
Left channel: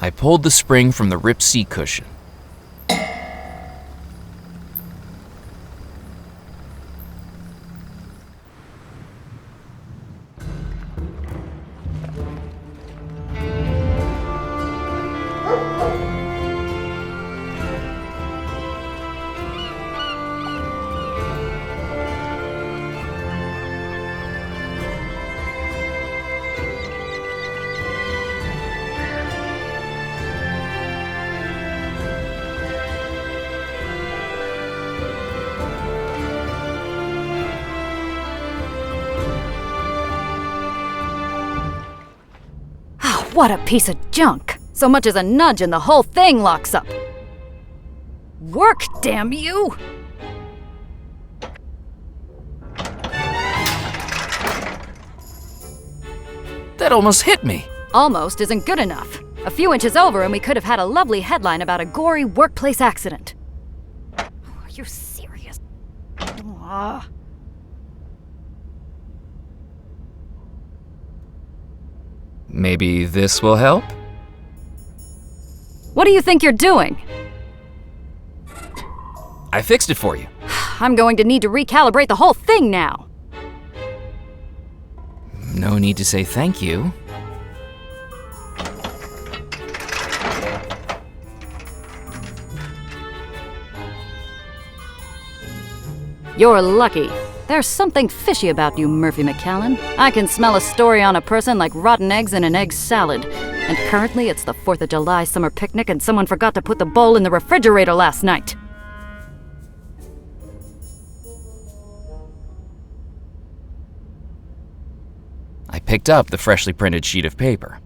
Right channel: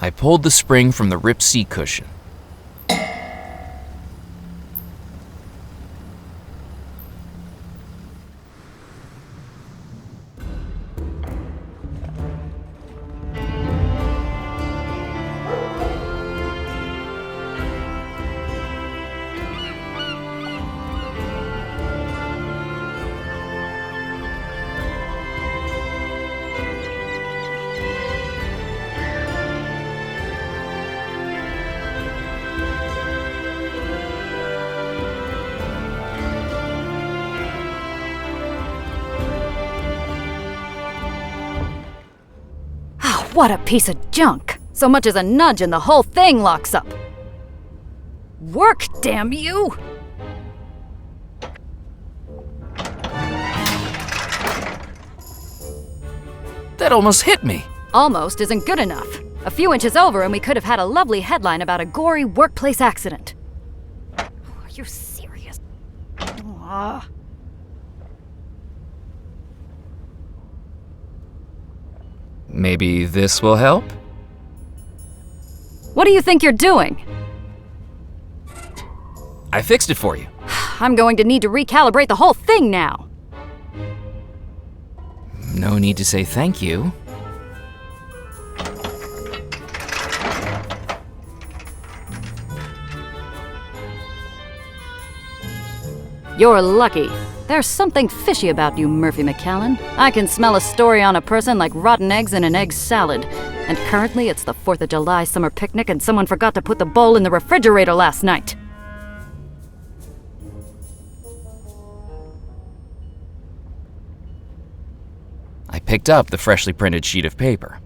I pulled the spring from the ripped seat cushion. What a piece of junk! So much as a nudge and the whole thing locks up. Work, damn you! That almost hit me. Almost isn't good enough. A few inches over and we could have had a lovely headline about a gory workplace accident. Are you serious? Maybe this will help? What do you think you're doing? I fixed it for you. I'm going to need to recalibrate the whole thing now. No need to say thank you. You're lucky. There's something fishy about you, Murphy McCallan. I can smell a story on a person like rotten eggs in an egg salad. And currently it's the 4th of July summer picnic and someone forgot to put the bowl in the refrigerator last night. I picked up the freshly printed sheet of paper.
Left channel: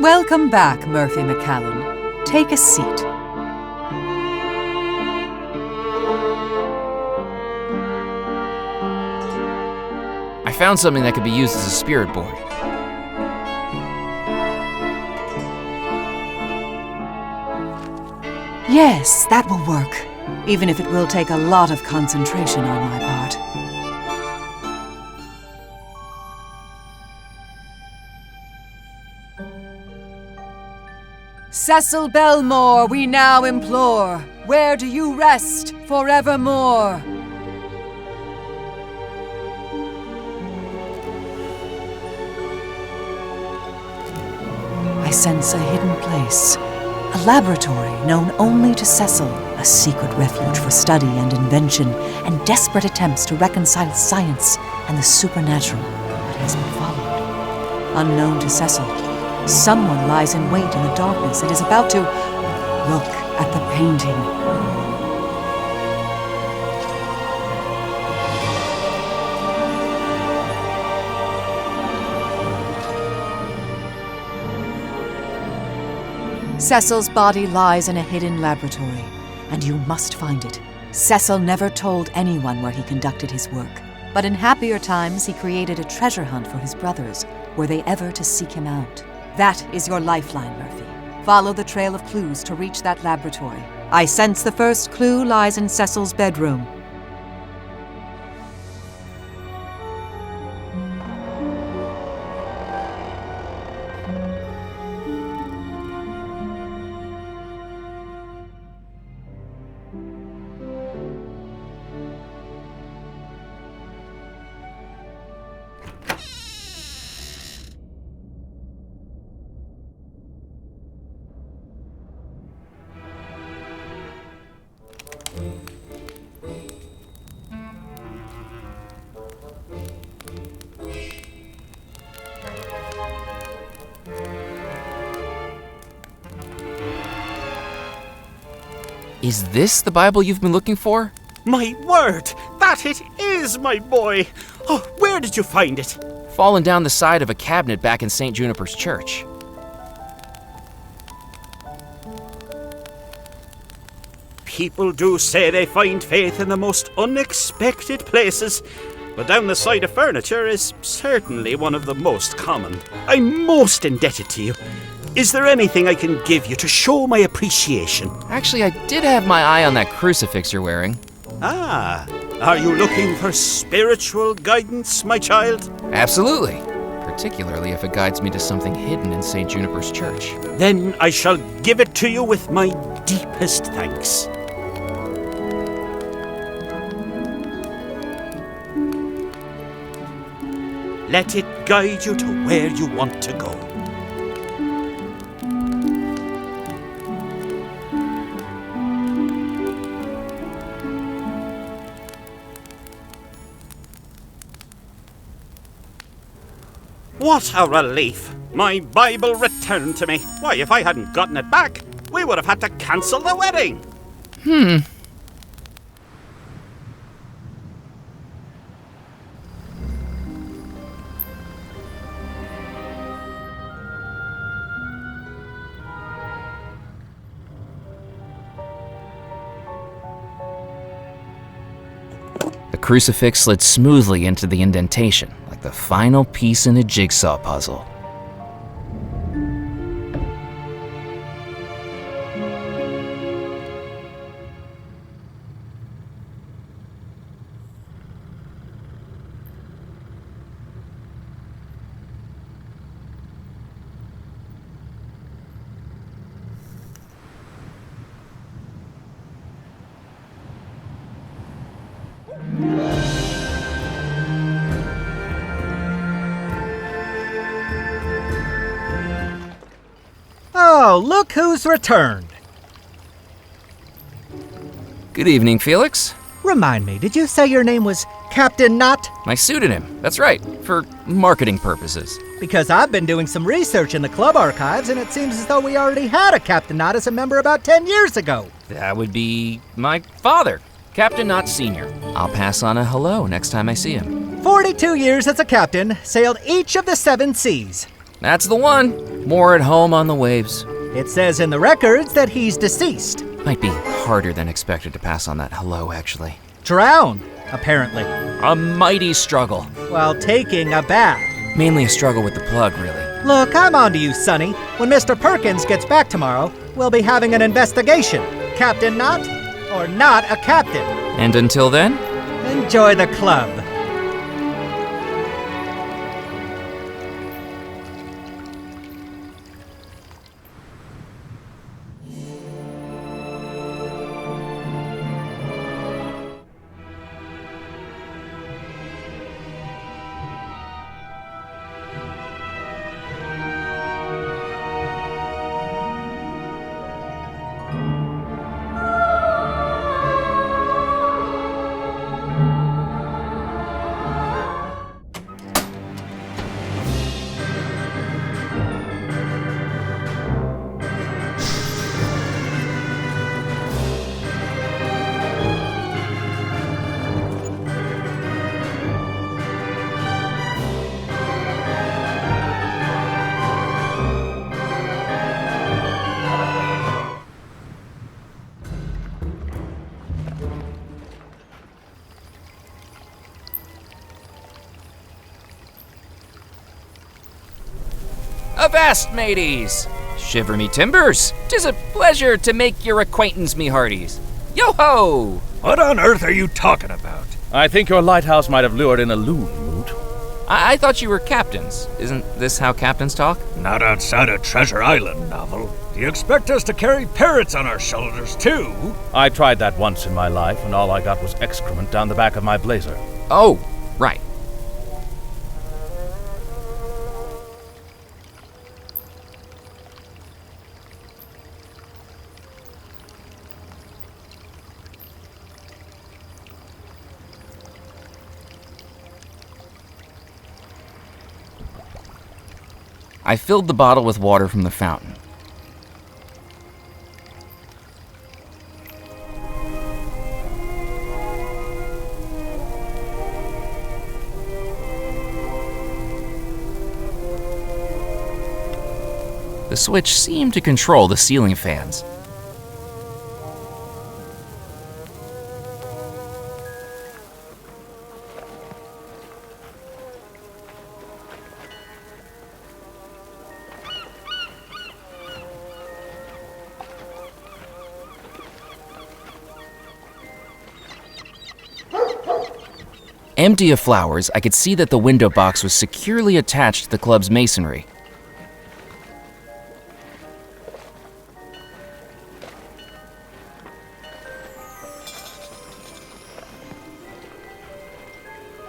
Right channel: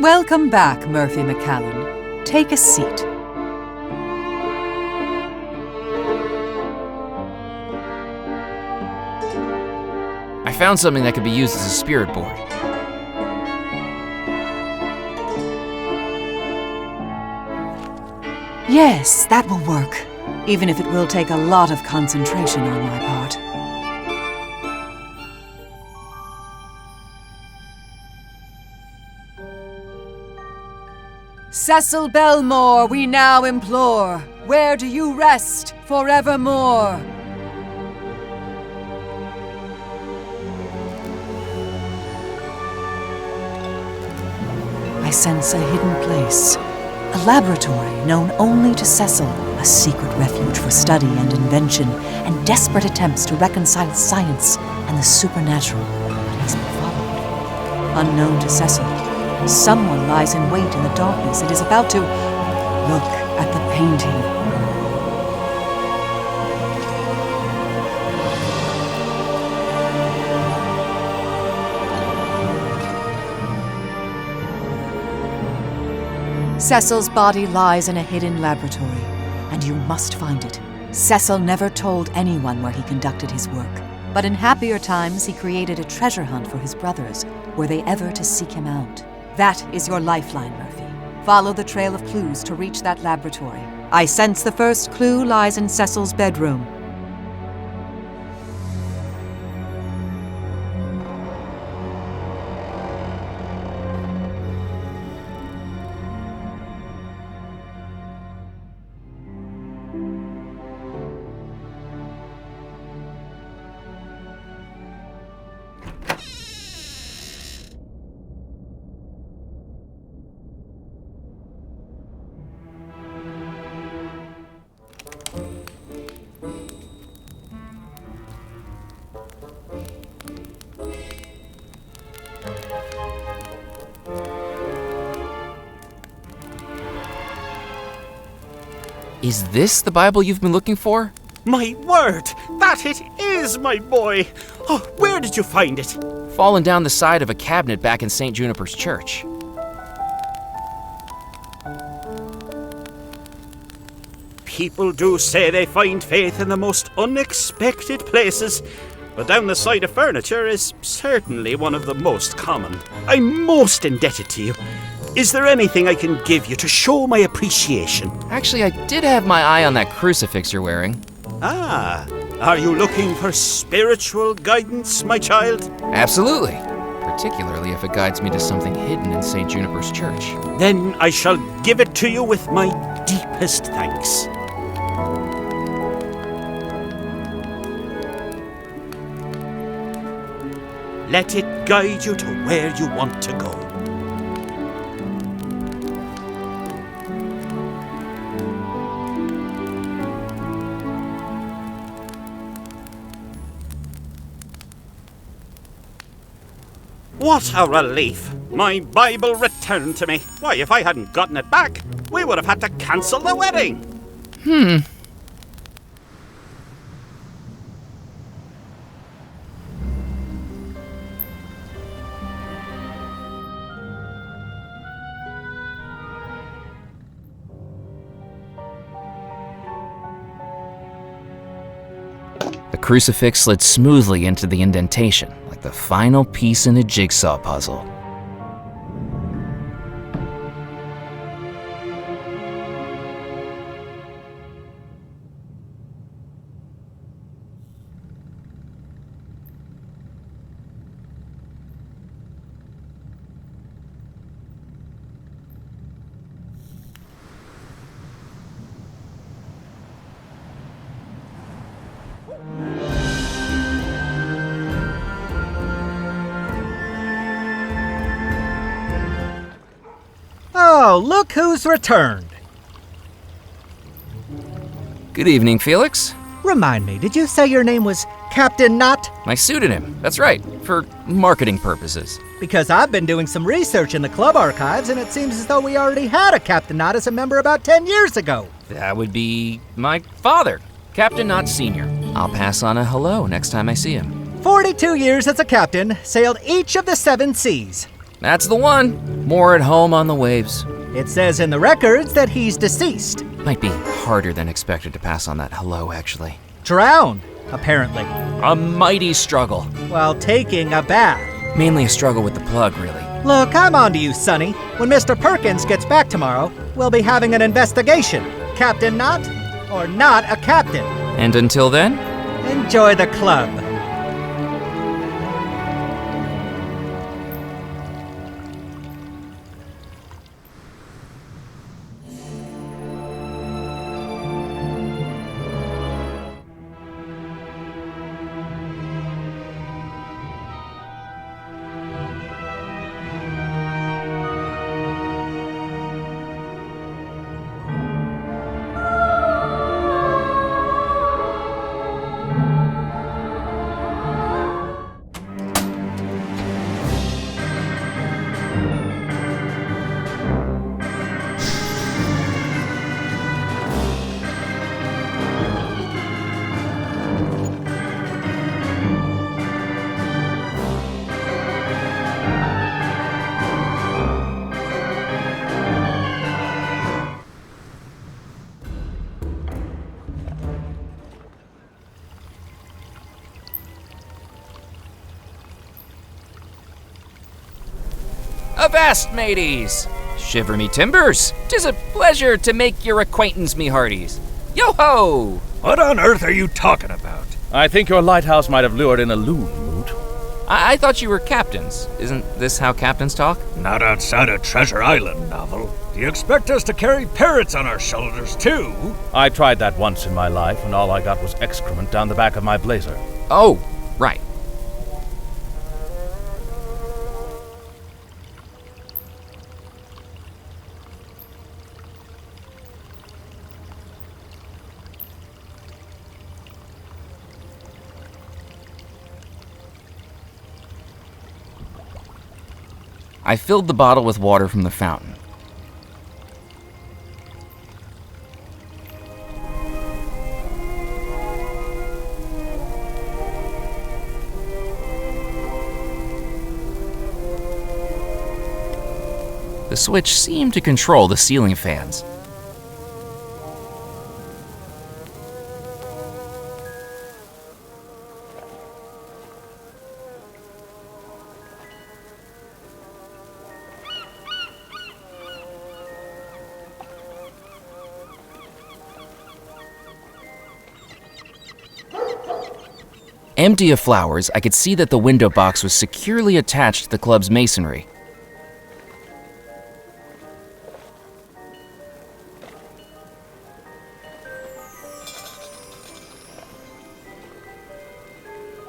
Welcome back, Murphy McCallan. Take a seat. I found something that could be used as a spirit board. Yes, that will work, even if it will take a lot of concentration on my part. Cecil Belmore, we now implore, where do you rest forevermore? I sense a hidden place, a laboratory known only to Cecil, a secret refuge for study and invention, and desperate attempts to reconcile science and the supernatural. But he's been followed. unknown to Cecil. Someone lies in wait in the darkness and is about to look at the painting. Cecil's body lies in a hidden laboratory, and you must find it. Cecil never told anyone where he conducted his work, but in happier times he created a treasure hunt for his brothers, were they ever to seek him out. That is your lifeline, Murphy. Follow the trail of clues to reach that laboratory. I sense the first clue lies in Cecil's bedroom. Is this the Bible you've been looking for? My word, that it is, my boy. Oh, where did you find it? Fallen down the side of a cabinet back in St. Juniper's church. People do say they find faith in the most unexpected places, but down the side of furniture is certainly one of the most common. I'm most indebted to you. Is there anything I can give you to show my appreciation? Actually, I did have my eye on that crucifix you're wearing. Ah, are you looking for spiritual guidance, my child? Absolutely. Particularly if it guides me to something hidden in St. Juniper's church. Then I shall give it to you with my deepest thanks. Let it guide you to where you want to go. What a relief! My Bible returned to me. Why, if I hadn't gotten it back, we would have had to cancel the wedding. The crucifix slid smoothly into the indentation, like the final piece in a jigsaw puzzle. Oh, look who's returned. Good evening, Felix. Remind me, did you say your name was Captain Knott? My pseudonym, that's right, for marketing purposes. Because I've been doing some research in the club archives, and it seems as though we already had a Captain Knott as a member about 10 years ago. That would be my father, Captain Knott Sr. I'll pass on a hello next time I see him. 42 years as a captain, sailed each of the 7 seas. That's the one. More at home on the waves. It says in the records that he's deceased. Might be harder than expected to pass on that hello, actually. Drowned, apparently, A mighty struggle. while taking a bath. Mainly a struggle with the plug, really. Look, I'm on to you, Sonny. When Mr. Perkins gets back tomorrow, we'll be having an investigation. Captain Knott, or not a captain. And until then, Enjoy the club. Avast, mateys! Shiver me timbers! 'Tis a pleasure to make your acquaintance, me hearties. Yo-ho! What on earth are you talking about? I think your lighthouse might have lured in a loon, Moot. I thought you were captains. Isn't this how captains talk? Not outside a Treasure Island novel. Do you expect us to carry parrots on our shoulders, too? I tried that once in my life, and all I got was excrement down the back of my blazer. Oh, right. I filled the bottle with water from the fountain. The switch seemed to control the ceiling fans. Empty of flowers, I could see that the window box was securely attached to the club's masonry.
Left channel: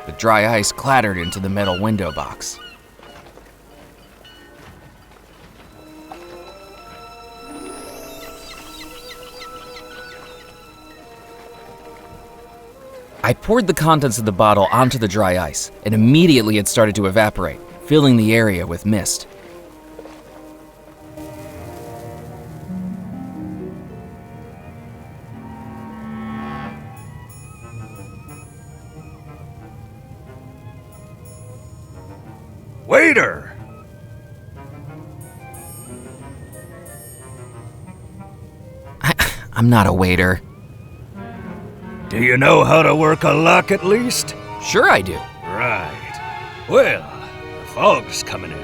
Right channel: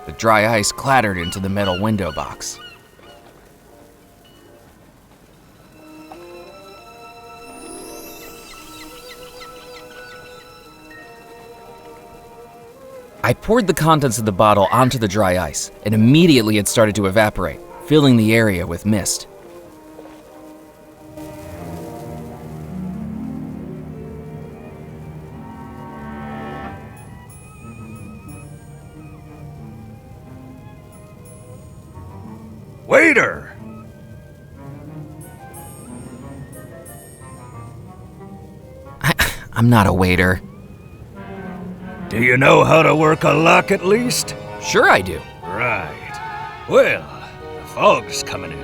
The dry ice clattered into the metal window box. I poured the contents of the bottle onto the dry ice, and immediately it started to evaporate, filling the area with mist. Waiter! I'm not a waiter. Do you know how to work a lock at least? Sure I do. Right. Well, the fog's coming in,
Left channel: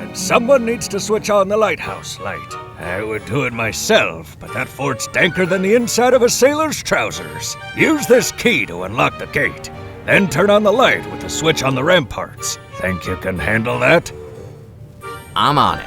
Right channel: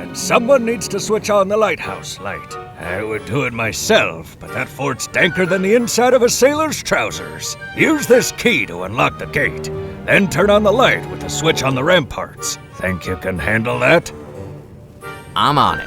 and someone needs to switch on the lighthouse light. I would do it myself, but that fort's danker than the inside of a sailor's trousers. Use this key to unlock the gate, then turn on the light with the switch on the ramparts. Think you can handle that? I'm on it.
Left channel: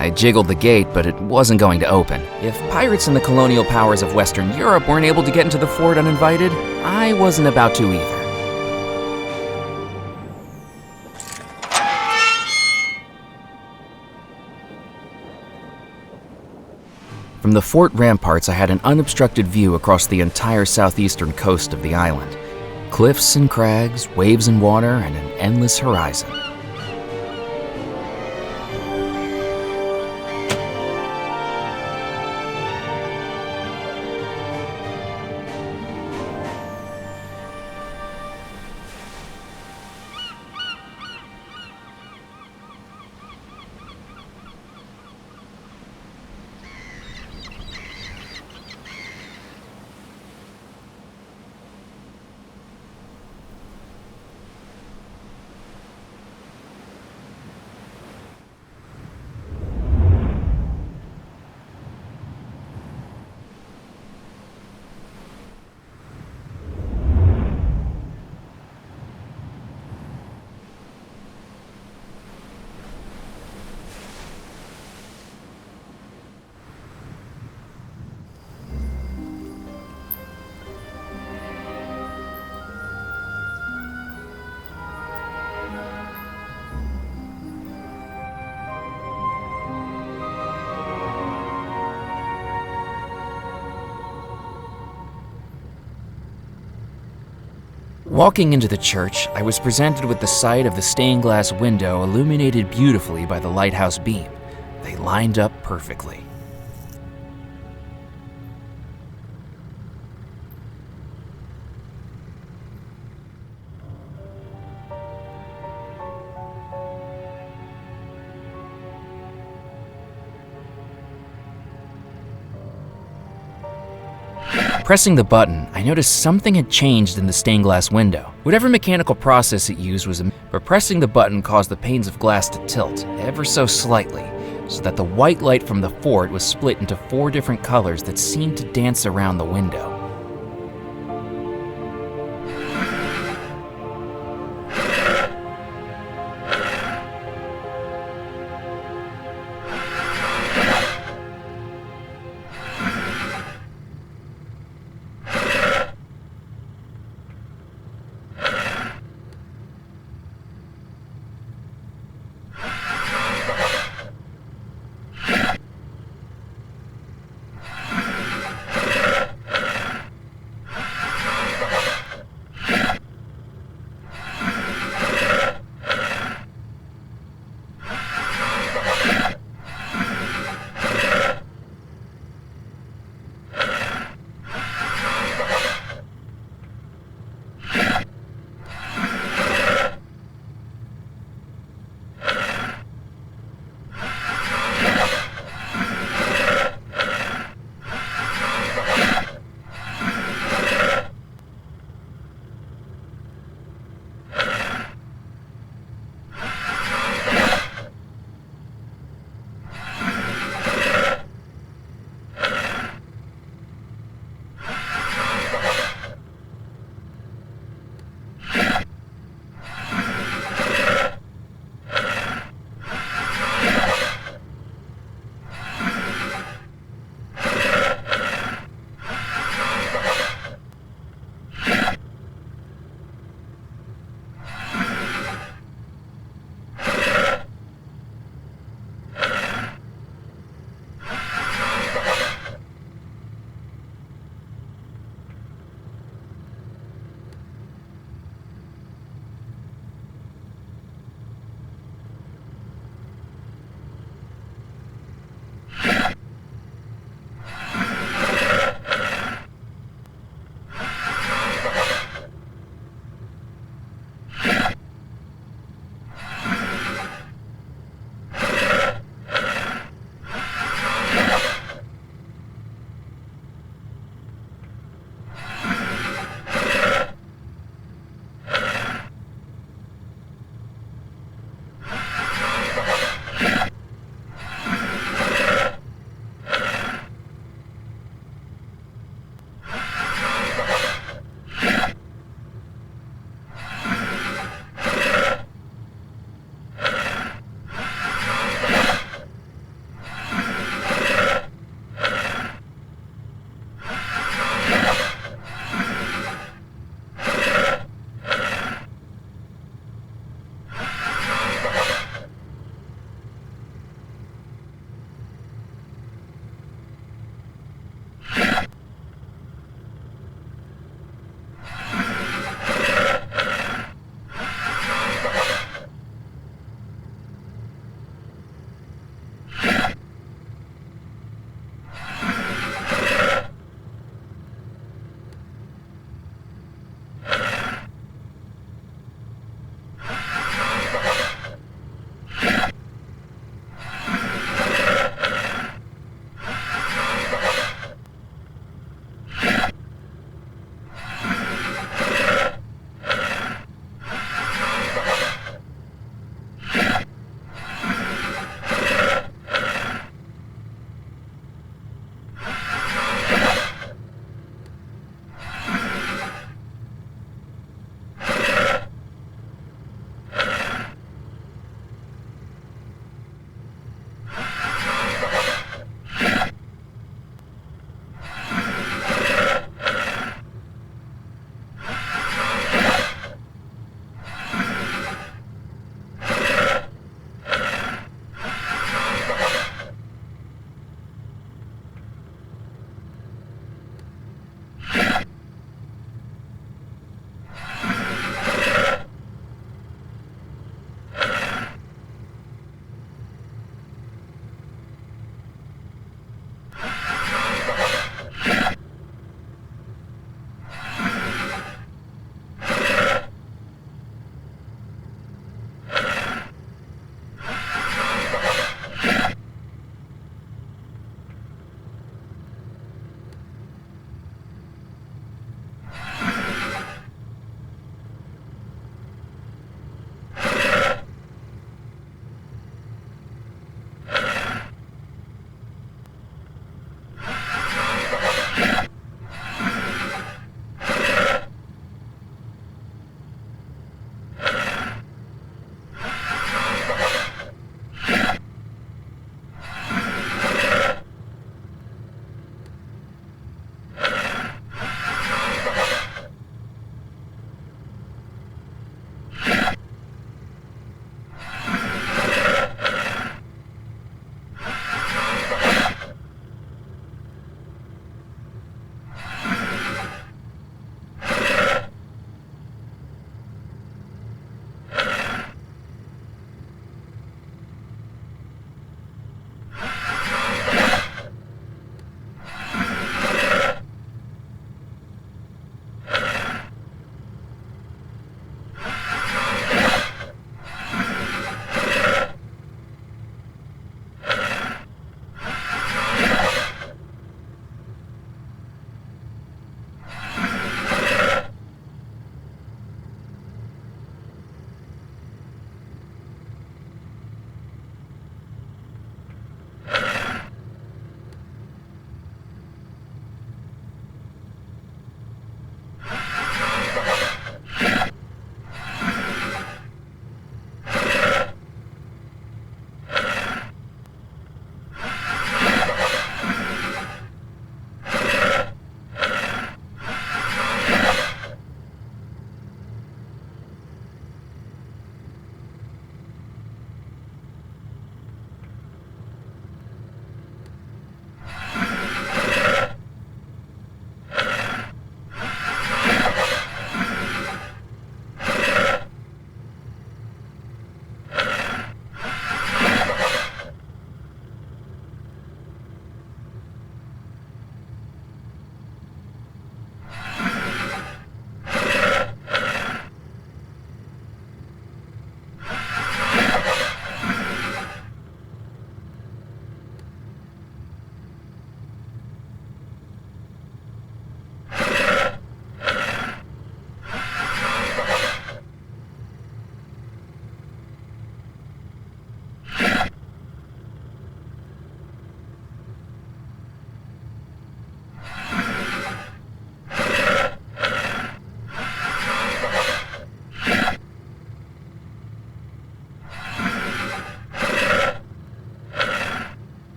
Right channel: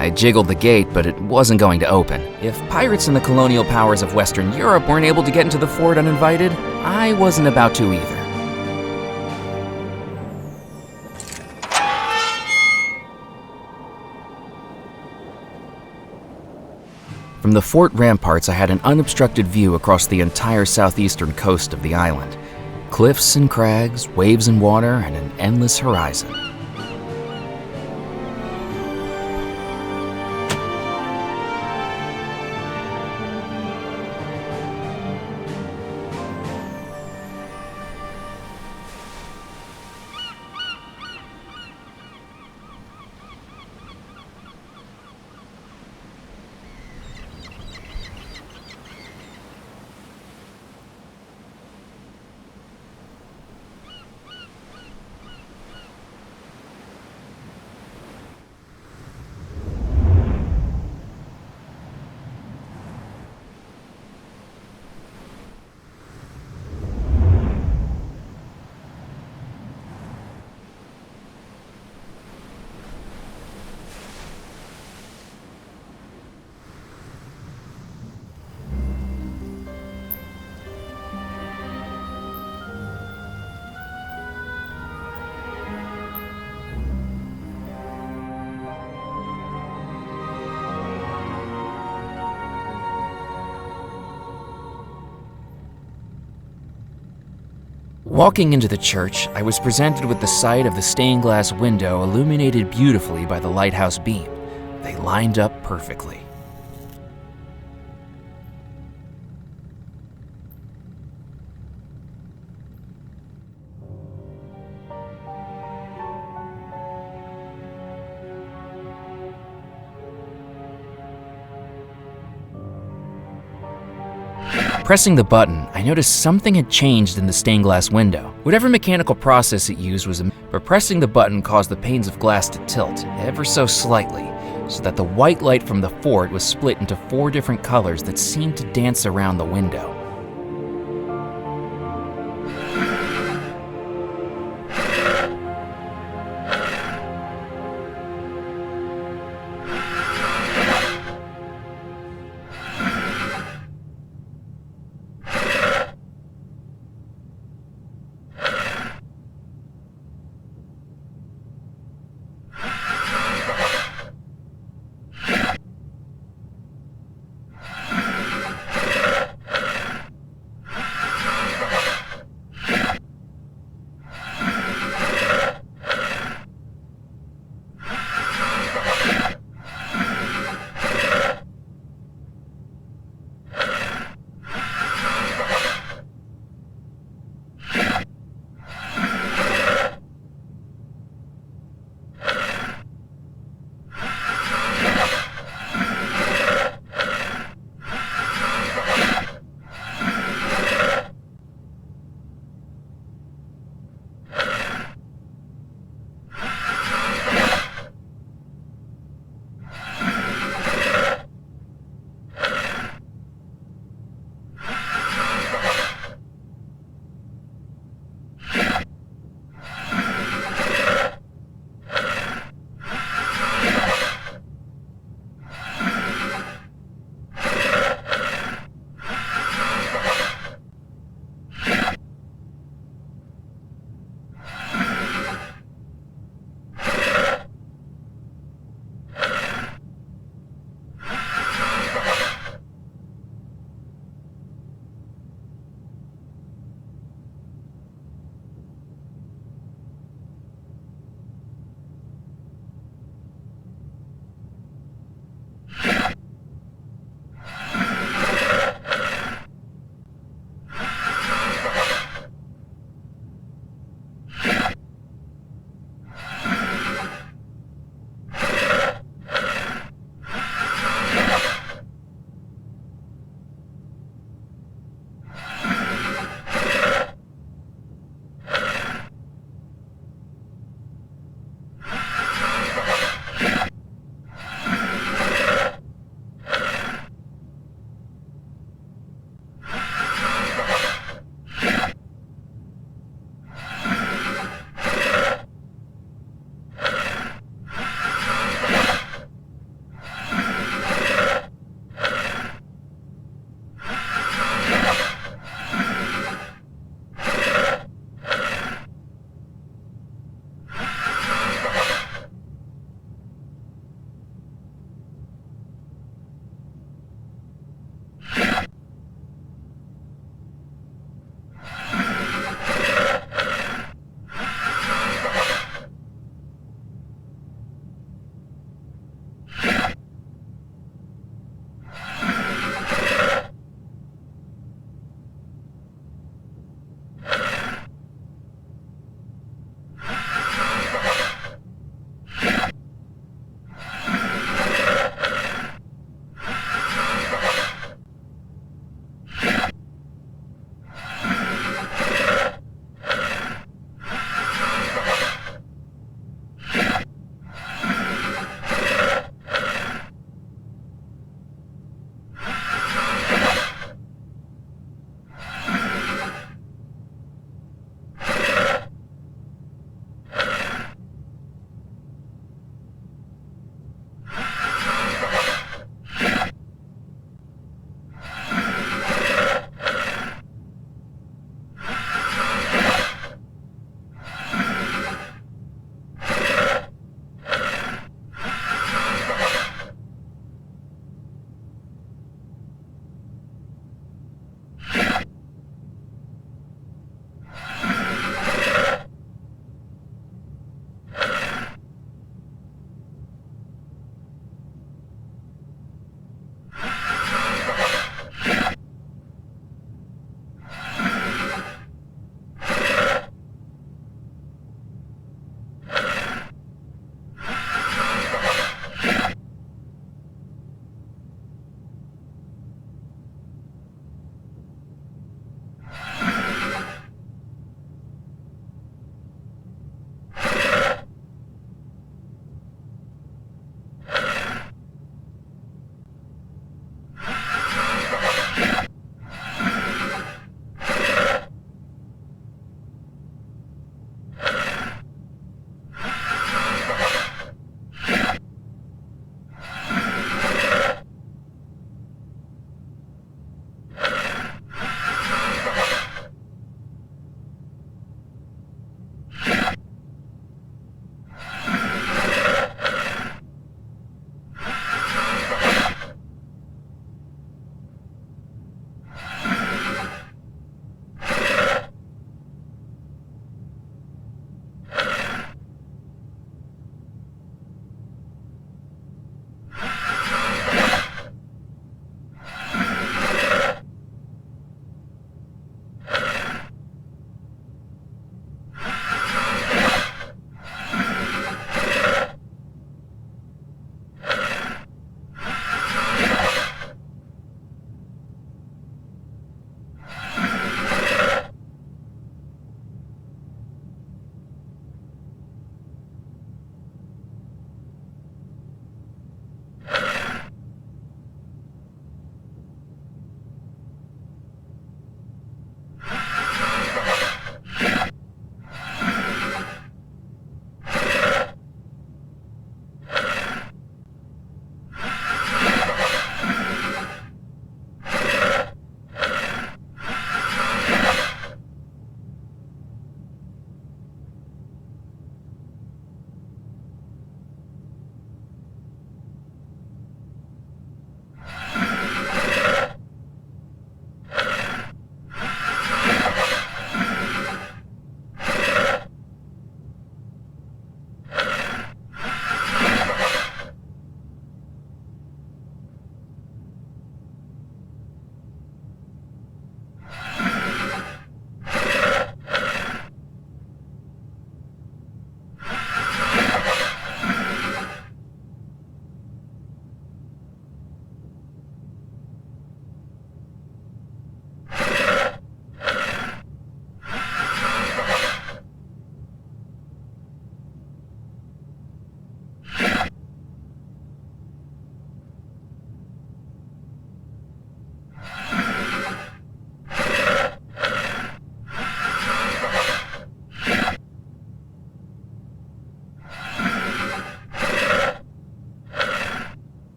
I jiggled the gate, but it wasn't going to open. If pirates and the colonial powers of Western Europe weren't able to get into the fort uninvited, I wasn't about to either. From the fort ramparts, I had an unobstructed view across the entire southeastern coast of the island. Cliffs and crags, waves and water, and an endless horizon. Walking into the church, I was presented with the sight of the stained glass window illuminated beautifully by the lighthouse beam. They lined up perfectly. Pressing the button, I noticed something had changed in the stained glass window. Whatever mechanical process it used was but pressing the button caused the panes of glass to tilt, ever so slightly, so that the white light from the fort was split into 4 different colors that seemed to dance around the window.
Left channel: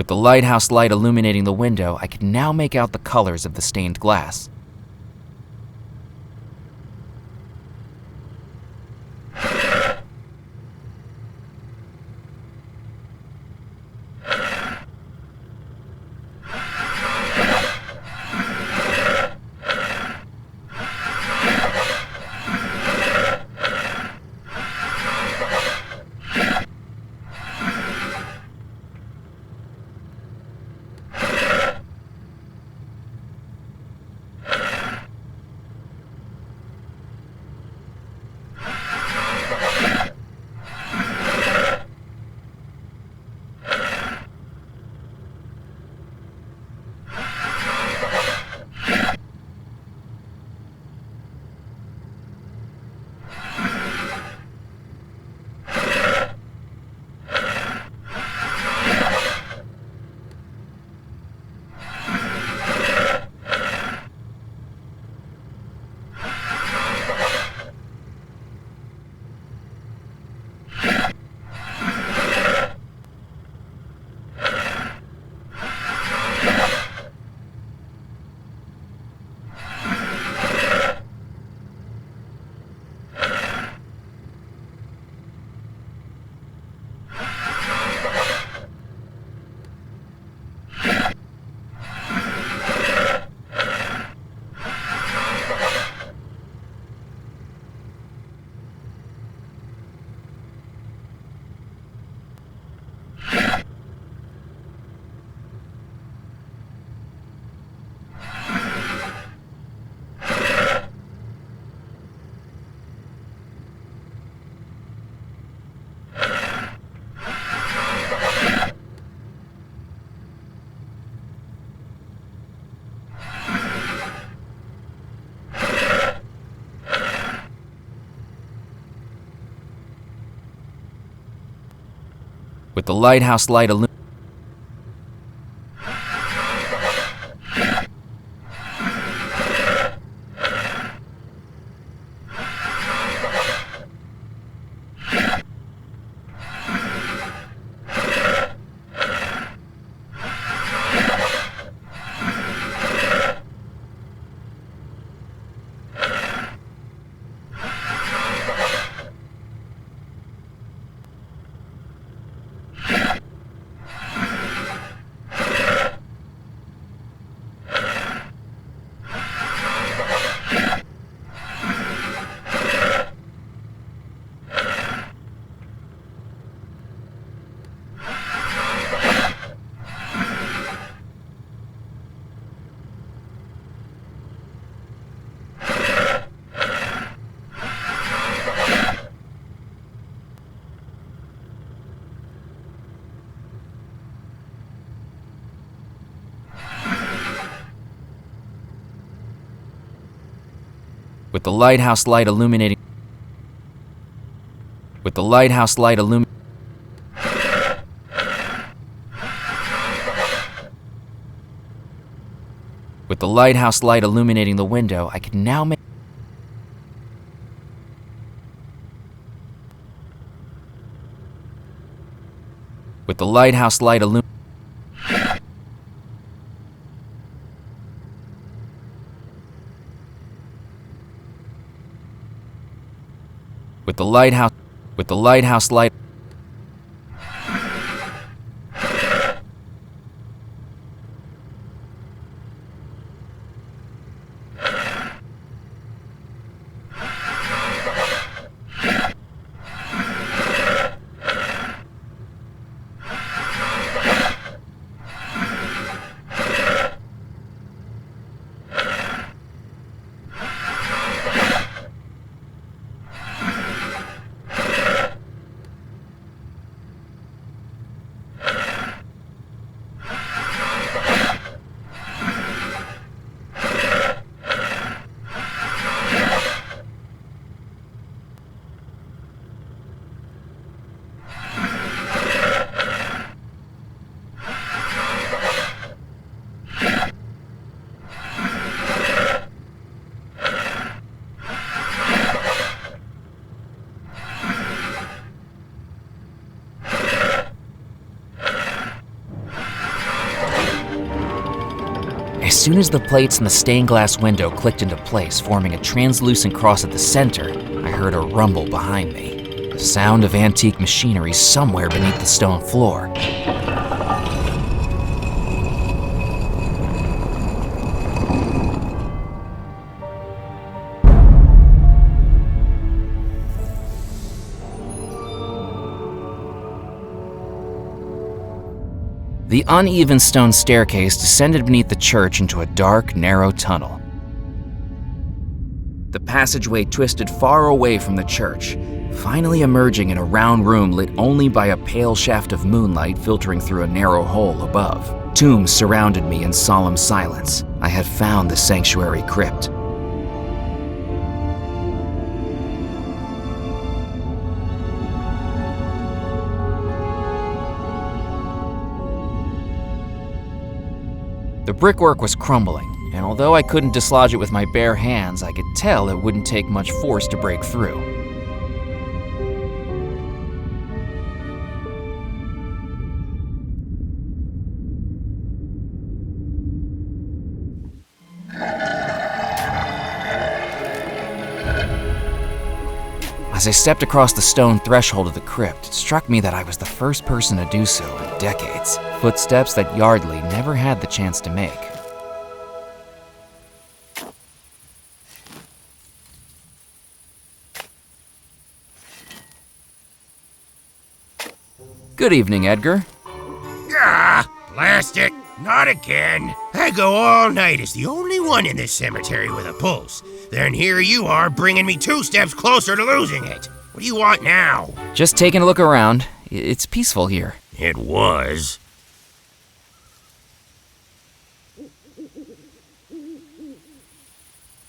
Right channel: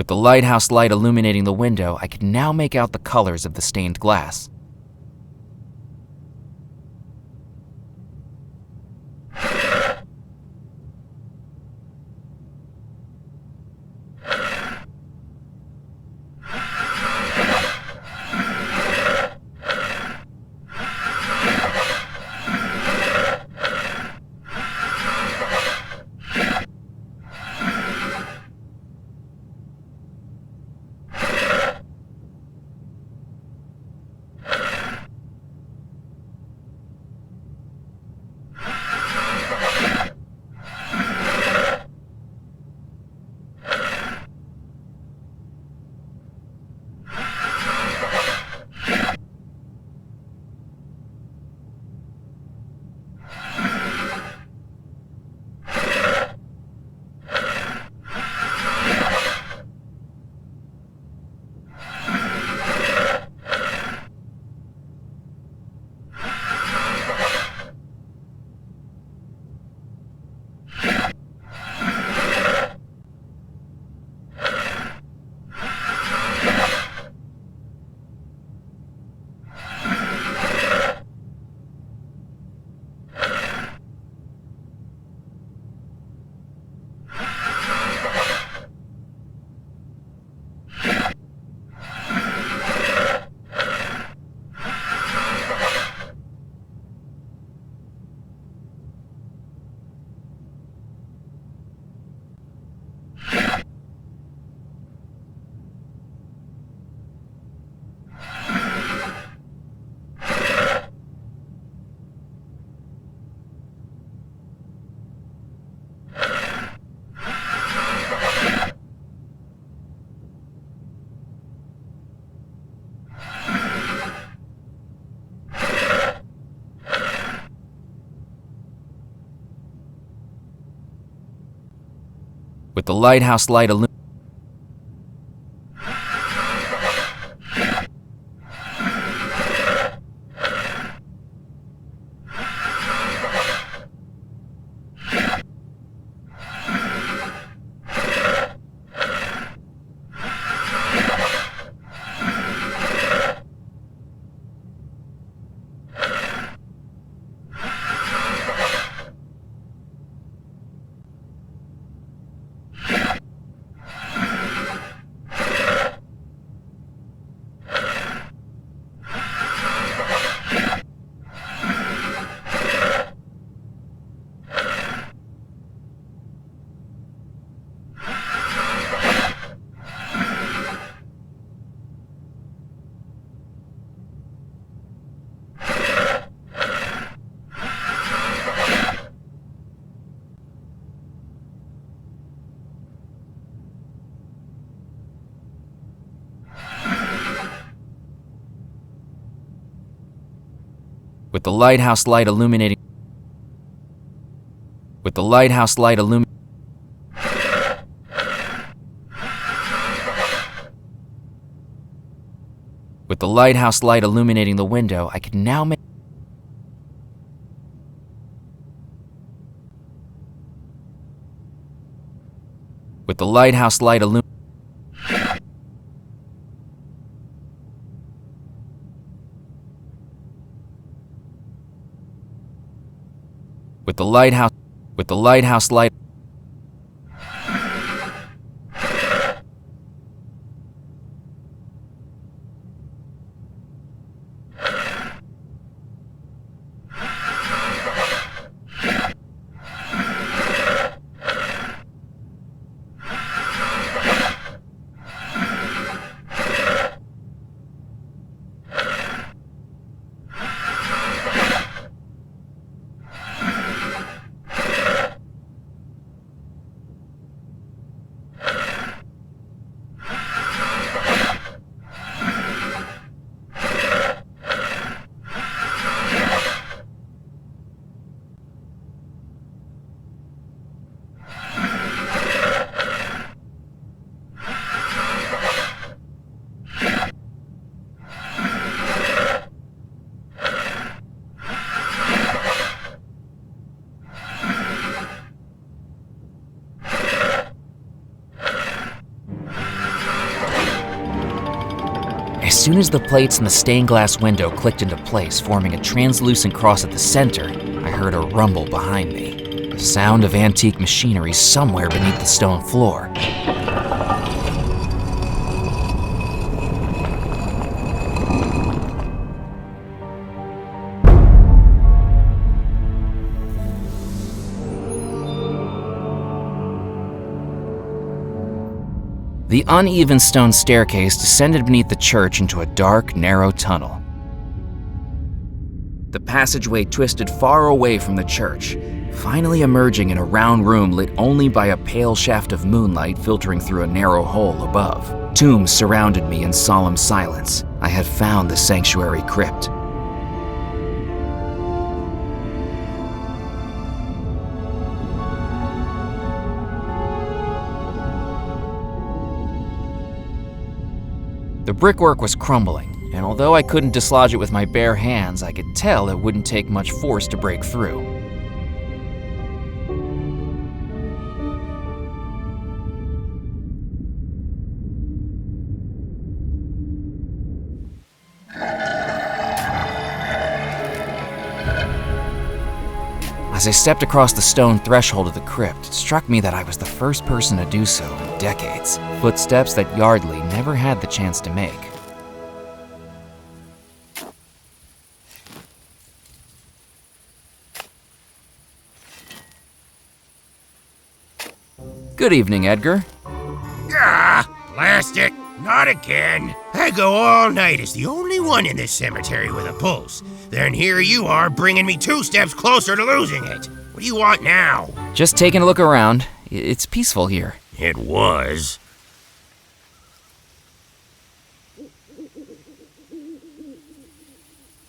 With the lighthouse light illuminating the window, I could now make out the colors of the stained glass. With the lighthouse light illuminating with the lighthouse light illuminating with the lighthouse light illum with the lighthouse light illuminating the window, I could now make with the lighthouse light illum with the lighthouse light soon as the plates in the stained glass window clicked into place, forming a translucent cross at the center, I heard a rumble behind me. The sound of antique machinery somewhere beneath the stone floor. The uneven stone staircase descended beneath the church into a dark, narrow tunnel. The passageway twisted far away from the church, finally emerging in a round room lit only by a pale shaft of moonlight filtering through a narrow hole above. Tombs surrounded me in solemn silence. I had found the sanctuary crypt. The brickwork was crumbling, and although I couldn't dislodge it with my bare hands, I could tell it wouldn't take much force to break through. As I stepped across the stone threshold of the crypt, it struck me that I was the first person to do so in decades. Footsteps that Yardley never had the chance to make. Good evening, Edgar. Ah, blast it. Not again. I go all night as the only one in this cemetery with a pulse. Then here you are bringing me 2 steps closer to losing it. What do you want now? Just taking a look around. It's peaceful here. It was.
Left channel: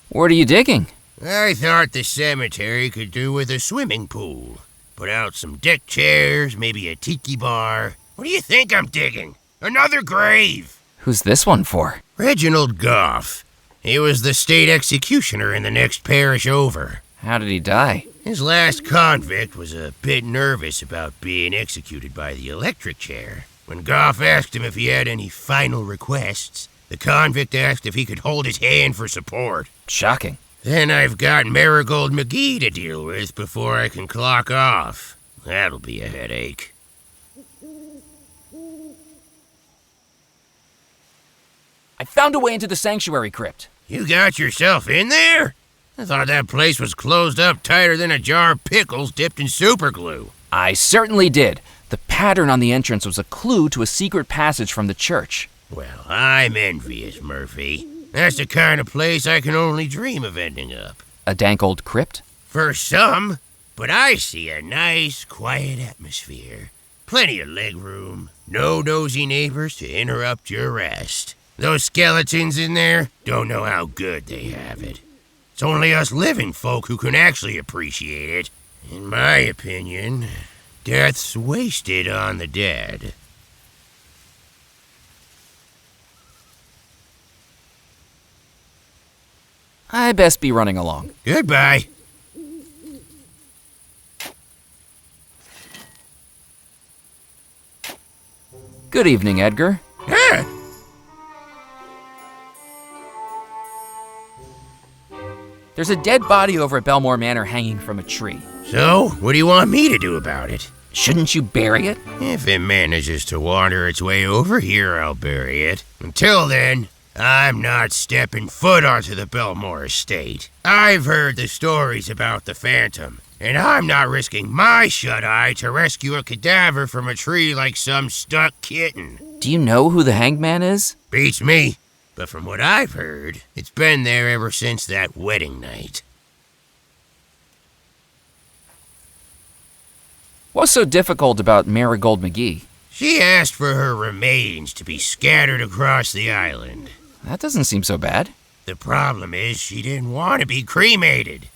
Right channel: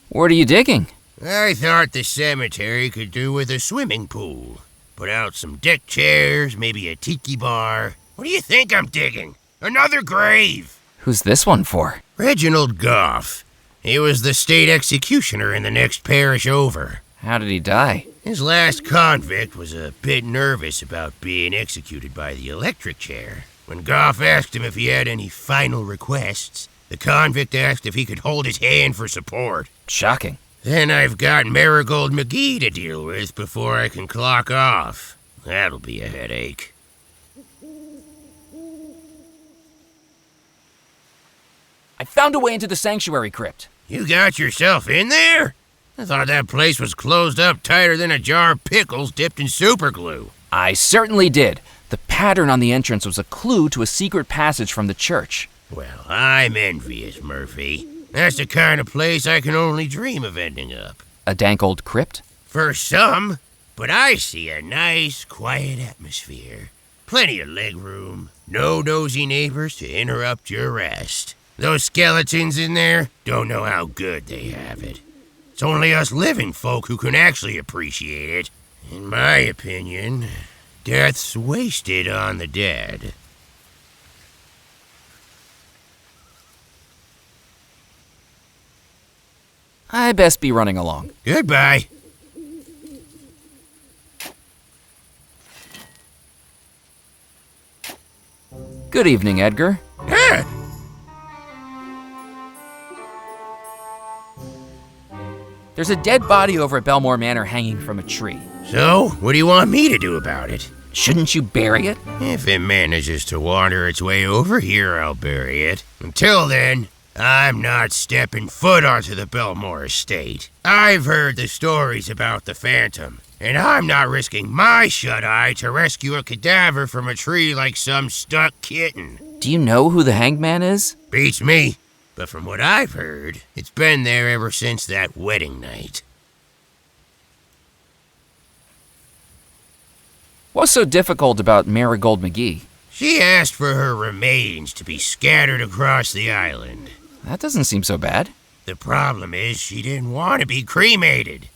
What are you digging? I thought the cemetery could do with a swimming pool. Put out some deck chairs, maybe a tiki bar. What do you think I'm digging? Another grave! Who's this one for? Reginald Goff. He was the state executioner in the next parish over. How did he die? His last convict was a bit nervous about being executed by the electric chair. When Goff asked him if he had any final requests, the convict asked if he could hold his hand for support. Shocking. Then I've got Marigold McGee to deal with before I can clock off. That'll be a headache. I found a way into the sanctuary crypt. You got yourself in there? I thought that place was closed up tighter than a jar of pickles dipped in superglue. I certainly did. The pattern on the entrance was a clue to a secret passage from the church. Well, I'm envious, Murphy. That's the kind of place I can only dream of ending up. A dank old crypt? For some, but I see a nice, quiet atmosphere. Plenty of legroom, no nosy neighbors to interrupt your rest. Those skeletons in there don't know how good they have it. It's only us living folk who can actually appreciate it. In my opinion, death's wasted on the dead. I best be running along. Goodbye. Good evening, Edgar. Ah! There's a dead body over at Belmore Manor hanging from a tree. So, what do you want me to do about it? Shouldn't you bury it? If it manages to wander its way over here, I'll bury it. Until then, I'm not stepping foot onto the Belmore estate. I've heard the stories about the Phantom, and I'm not risking my shut-eye to rescue a cadaver from a tree like some stuck kitten. Do you know who the hanged man is? Beats me. But from what I've heard, it's been there ever since that wedding night. What's so difficult about Marigold McGee? She asked for her remains to be scattered across the island. That doesn't seem so bad. The problem is she didn't want to be cremated.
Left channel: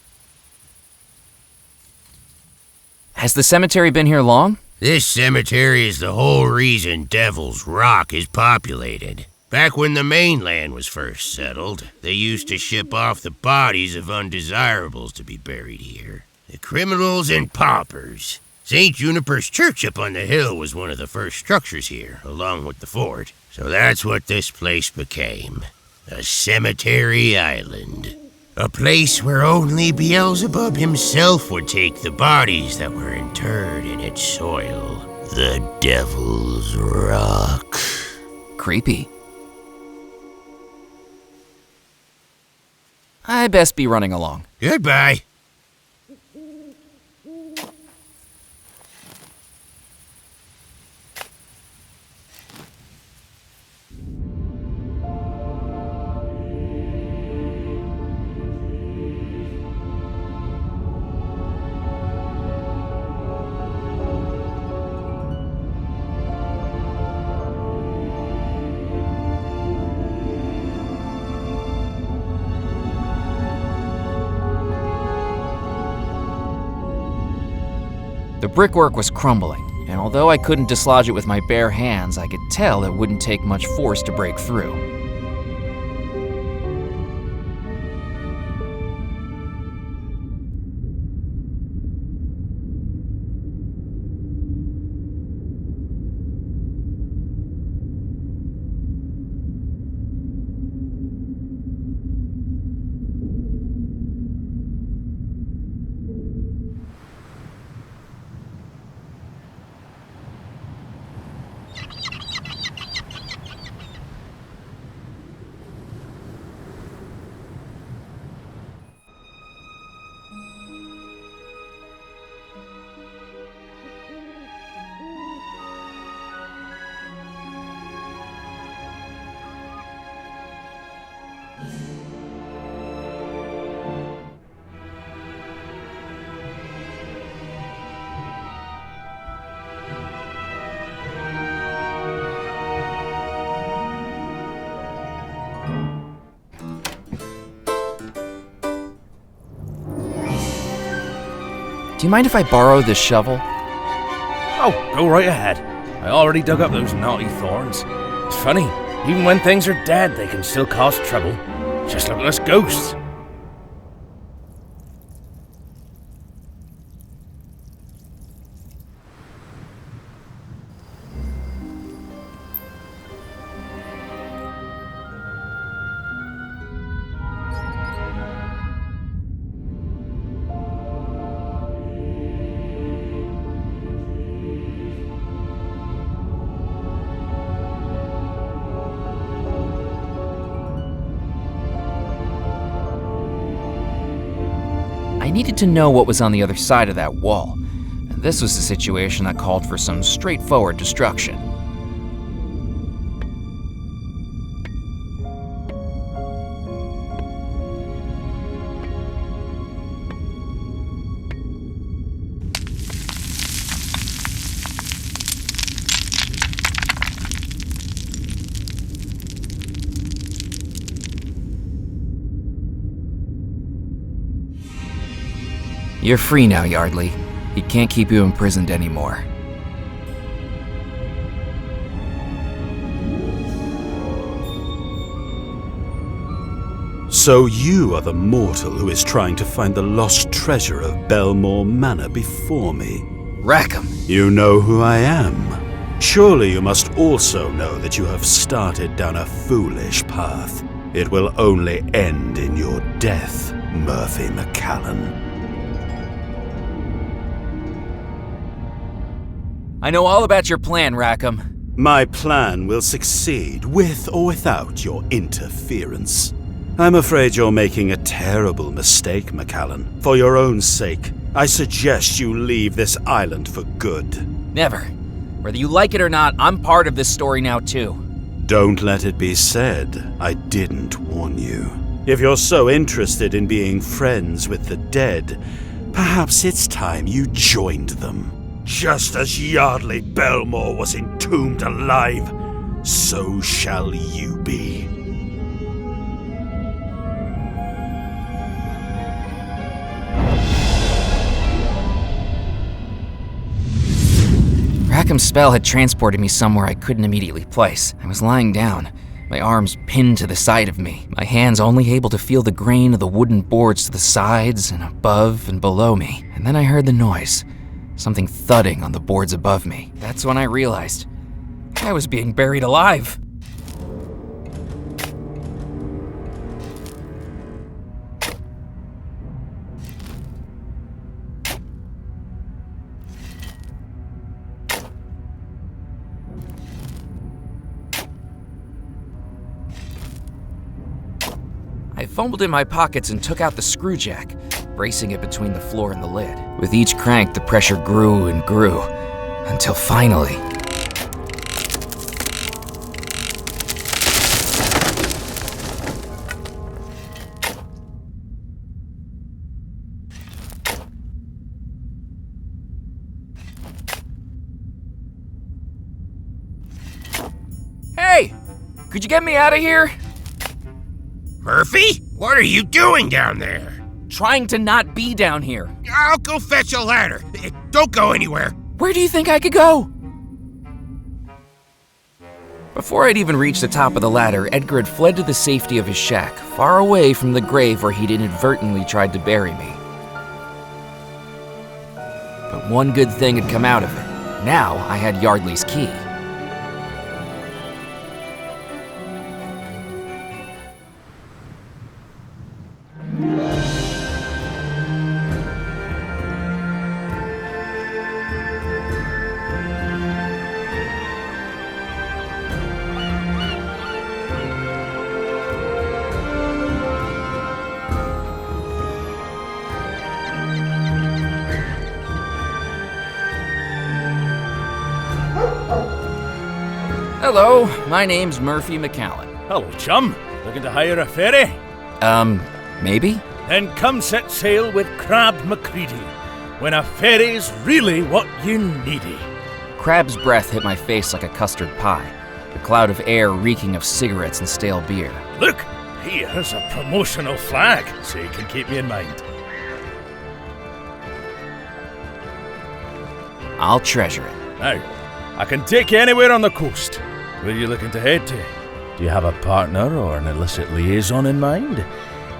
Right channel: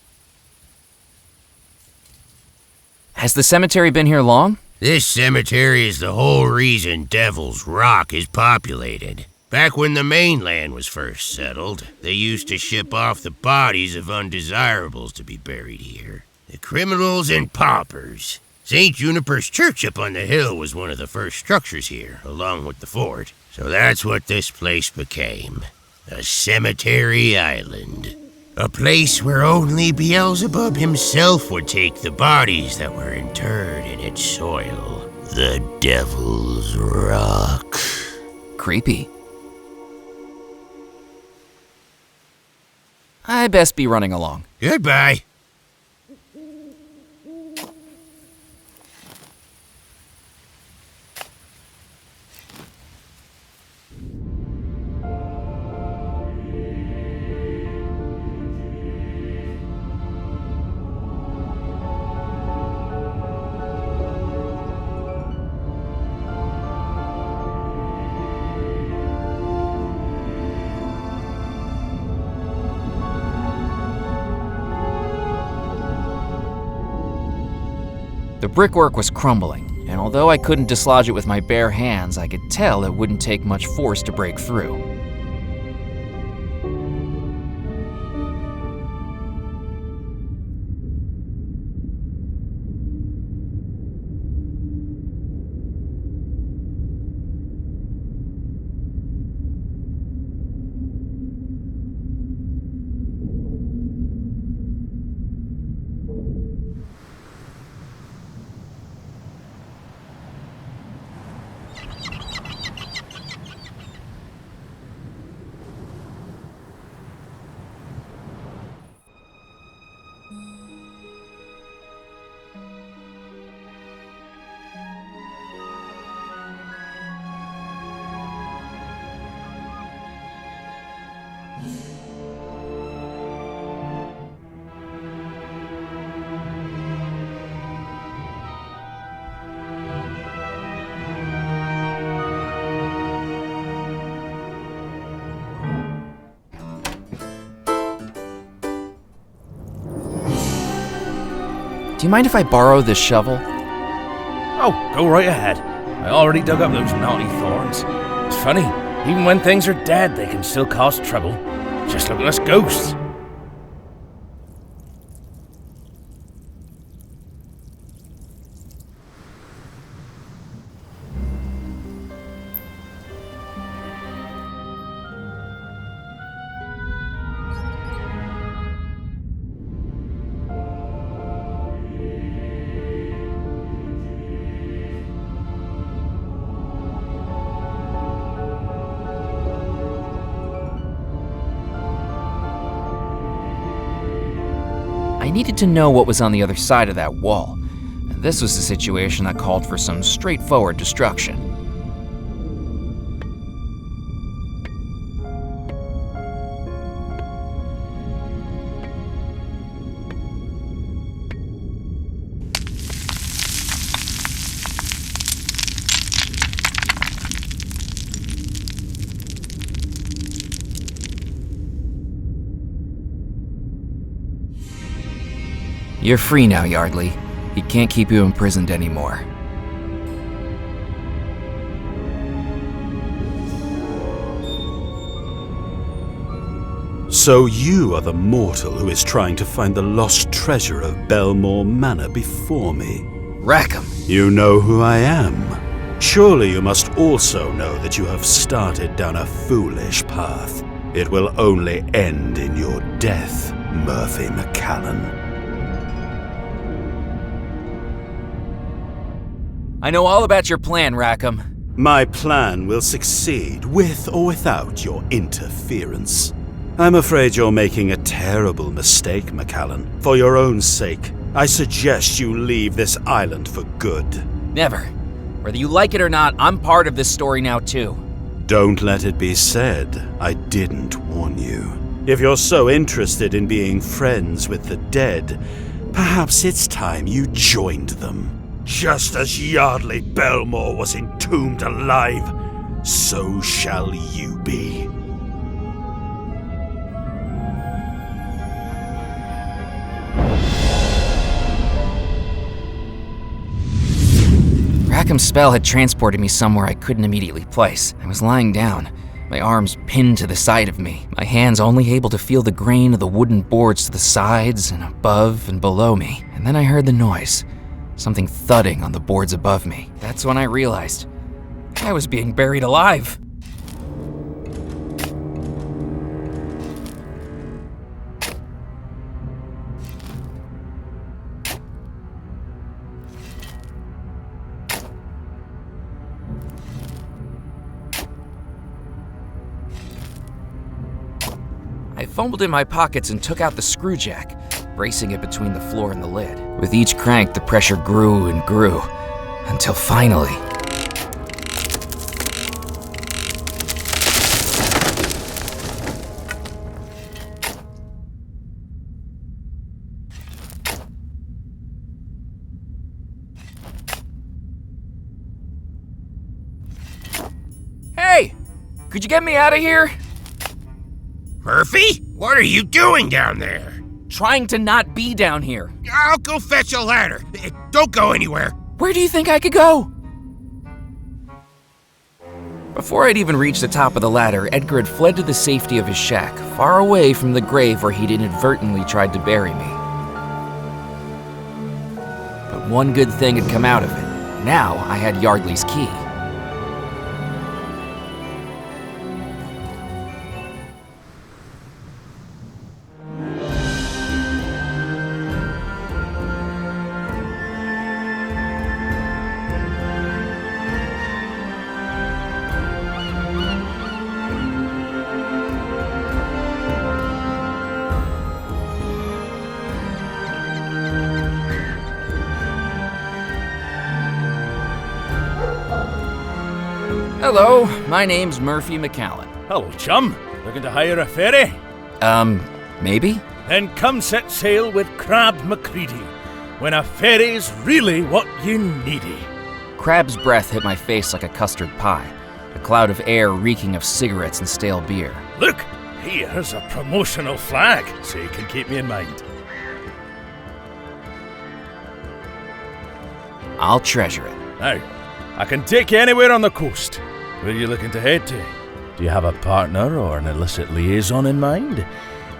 Has the cemetery been here long? This cemetery is the whole reason Devil's Rock is populated. Back when the mainland was first settled, they used to ship off the bodies of undesirables to be buried here. The criminals and paupers. St. Juniper's Church up on the hill was one of the first structures here, along with the fort. So that's what this place became. A cemetery island. A place where only Beelzebub himself would take the bodies that were interred in its soil. The Devil's Rock. Creepy. I best be running along. Goodbye. The brickwork was crumbling, and although I couldn't dislodge it with my bare hands, I could tell it wouldn't take much force to break through. Do you mind if I borrow this shovel? Oh, go right ahead. I already dug up those naughty thorns. It's funny, even when things are dead, they can still cause trouble. Just look at us ghosts. I needed to know what was on the other side of that wall, and this was a situation that called for some straightforward destruction. You're free now, Yardley. He can't keep you imprisoned anymore. So you are the mortal who is trying to find the lost treasure of Belmore Manor before me. Rackham! You know who I am. Surely you must also know that you have started down a foolish path. It will only end in your death, Murphy McCallan. I know all about your plan, Rackham. My plan will succeed, with or without your interference. I'm afraid you're making a terrible mistake, McCallan. For your own sake, I suggest you leave this island for good. Never. Whether you like it or not, I'm part of this story now too. Don't let it be said I didn't warn you. If you're so interested in being friends with the dead, perhaps it's time you joined them. Just as Yardley Belmore was entombed alive, so shall you be. Rackham's spell had transported me somewhere I couldn't immediately place. I was lying down, my arms pinned to the side of me, my hands only able to feel the grain of the wooden boards to the sides and above and below me. And then I heard the noise. Something thudding on the boards above me. That's when I realized I was being buried alive. I fumbled in my pockets and took out the screw jack, bracing it between the floor and the lid. With each crank, the pressure grew and grew, until finally... Hey! Could you get me out of here? Murphy? What are you doing down there? Trying to not be down here. I'll go fetch a ladder. Don't go anywhere. Where do you think I could go? Before I'd even reached the top of the ladder, Edgar had fled to the safety of his shack, far away from the grave where he'd inadvertently tried to bury me. But one good thing had come out of it. Now I had Yardley's key. Hello, my name's Murphy McCallan. Hello, chum. Looking to hire a ferry? Maybe? Then come set sail with Crab McCready, when a ferry's really what you needy. Crab's breath hit my face like a custard pie, a cloud of air reeking of cigarettes and stale beer. Look, here's a promotional flag, so you can keep me in mind. I'll treasure it. Now, I can take you anywhere on the coast. Where are you looking to head to? Do you have a partner or an illicit liaison in mind?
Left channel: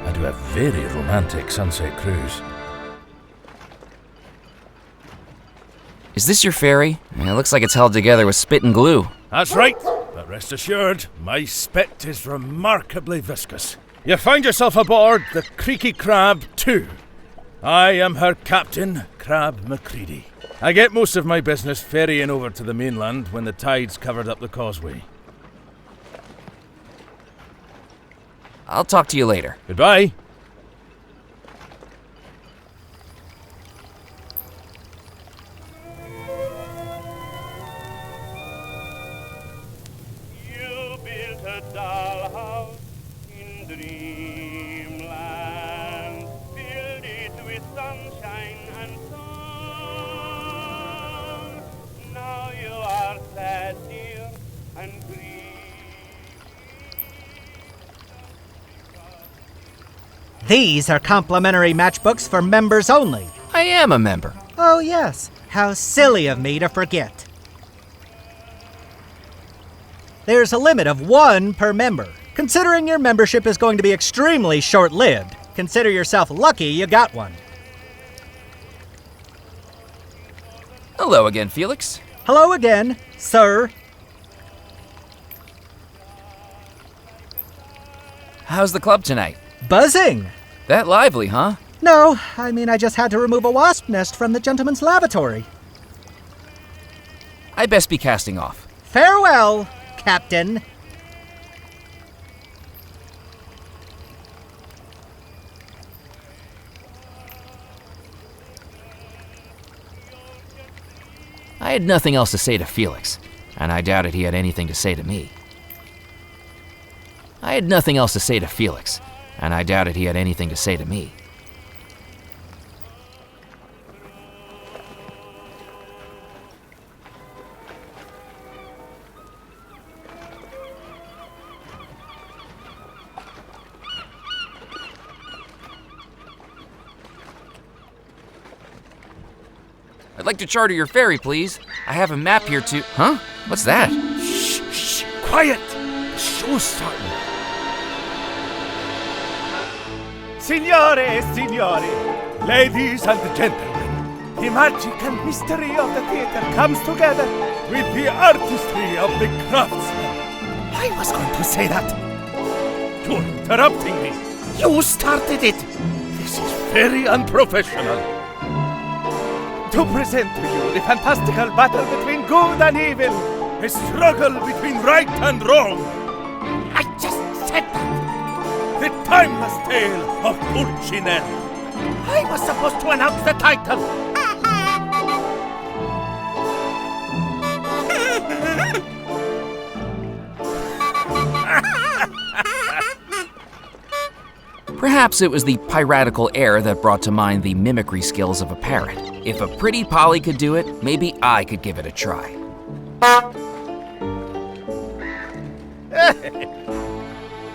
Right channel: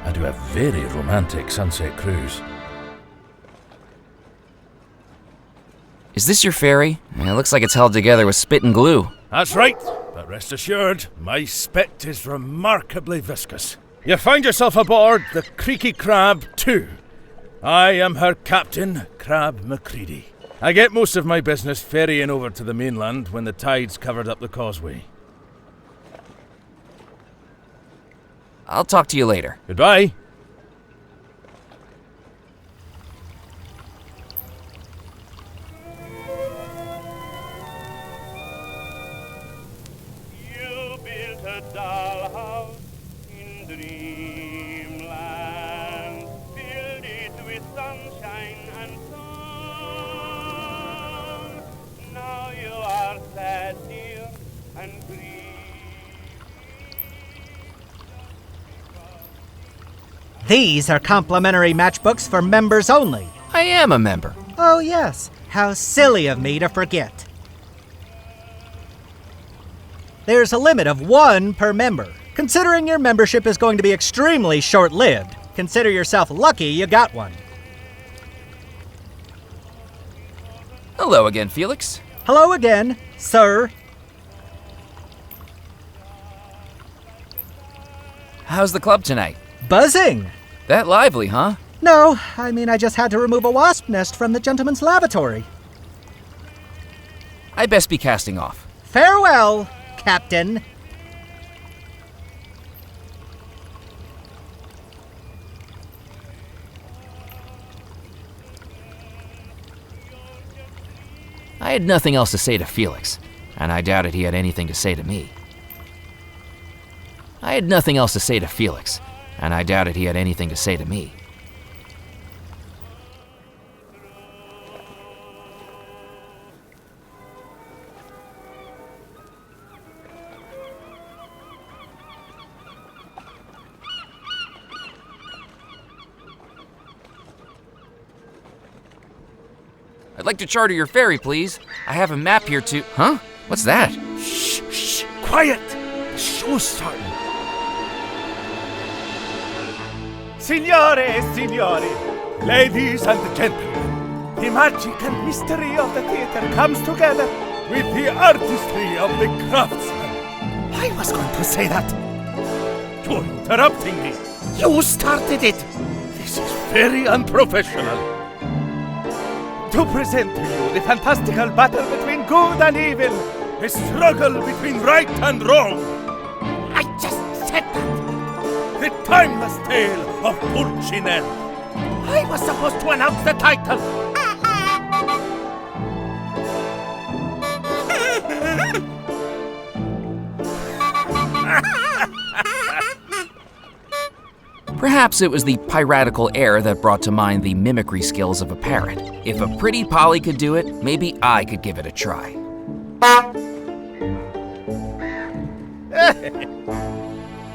I do a very romantic sunset cruise. Is this your ferry? It looks like it's held together with spit and glue. That's right, but rest assured, my spit is remarkably viscous. You find yourself aboard the Creaky Crab 2. I am her captain, Crab McCready. I get most of my business ferrying over to the mainland when the tide's covered up the causeway. I'll talk to you later. Goodbye. You built a dollhouse in dreamland, filled it with sunshine and sun. Now you are sad, dear, and grieving. These are complimentary matchbooks for members only. I am a member. Oh, yes. How silly of me to forget. There's a limit of 1 per member. Considering your membership is going to be extremely short-lived, consider yourself lucky you got one. Hello again, Felix. Hello again, sir. How's the club tonight? Buzzing. That lively, huh? No, I mean I just had to remove a wasp nest from the gentleman's lavatory. I best be casting off. Farewell, Captain. I had nothing else to say to Felix, and I doubted he had anything to say to me. I'd like to charter your ferry, please. I have a map here to... Huh? What's that? Shh, shh, quiet! The show's starting. Signore, signori, ladies and gentlemen, the magic and mystery of the theater comes together with the artistry of the craftsman. I was going to say that. You're interrupting me. You started it. This is very unprofessional. To present to you the fantastical battle between good and evil, a struggle between right and wrong. I just said that. The timeless tale of Pulcinella. I was supposed to announce the title. Perhaps it was the piratical air that brought to mind the mimicry skills of a parrot. If a pretty Polly could do it, maybe I could give it a try.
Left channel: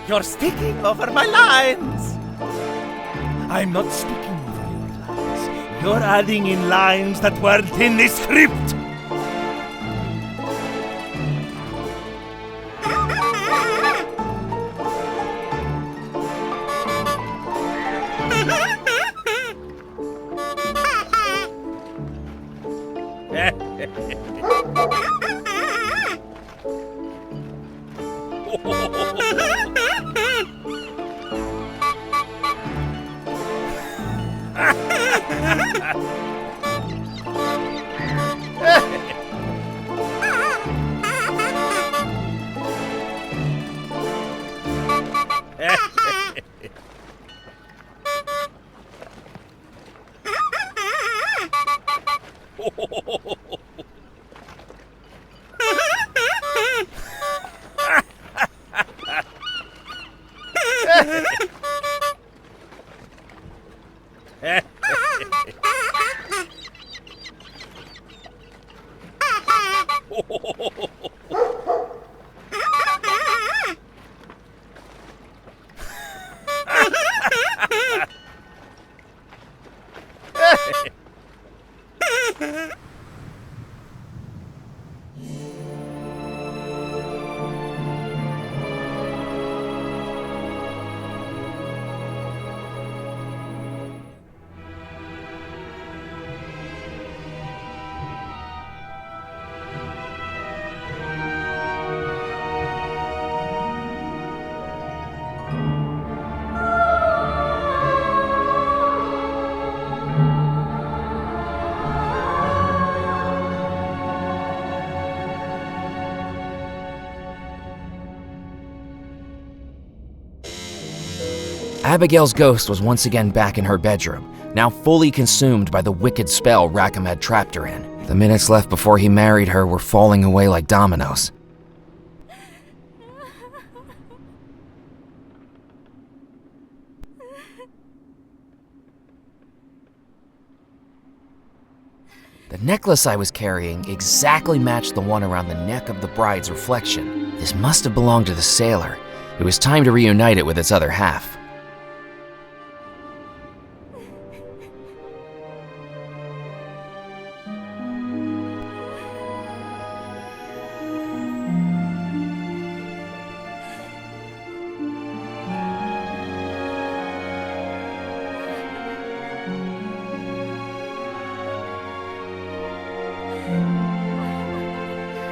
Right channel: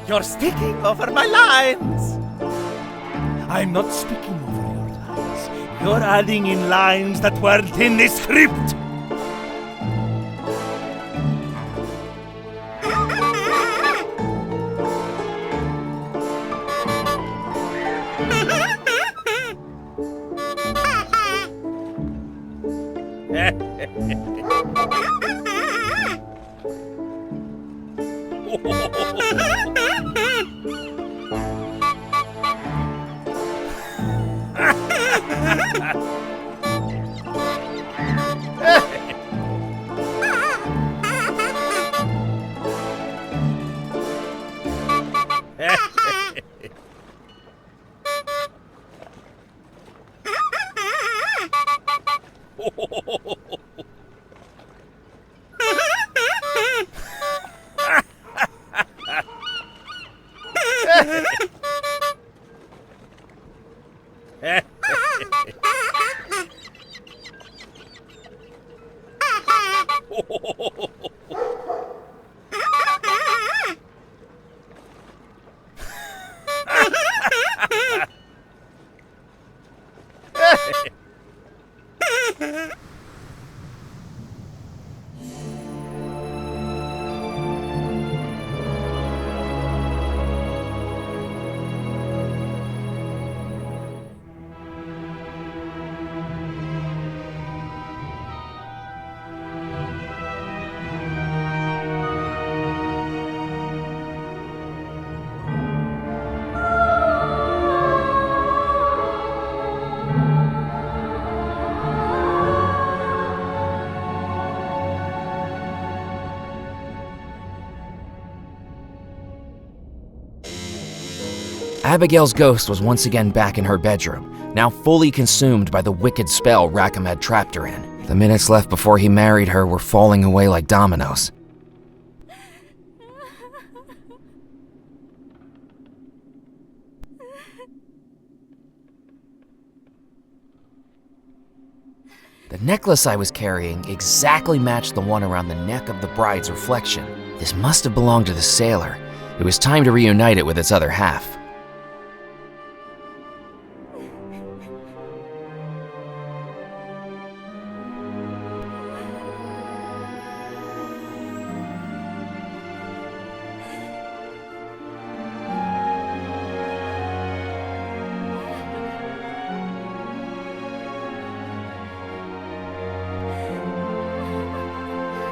You're speaking over my lines. I'm not speaking over your lines. You're adding in lines that weren't in the script. Abigail's ghost was once again back in her bedroom, now fully consumed by the wicked spell Rackham had trapped her in. The minutes left before he married her were falling away like dominoes. The necklace I was carrying exactly matched the one around the neck of the bride's reflection. This must have belonged to the sailor. It was time to reunite it with its other half.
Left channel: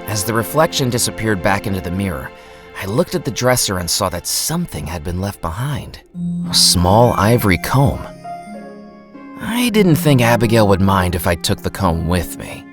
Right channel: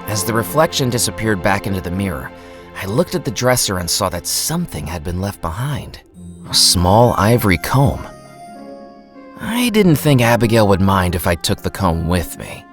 As the reflection disappeared back into the mirror, I looked at the dresser and saw that something had been left behind. A small ivory comb. I didn't think Abigail would mind if I took the comb with me.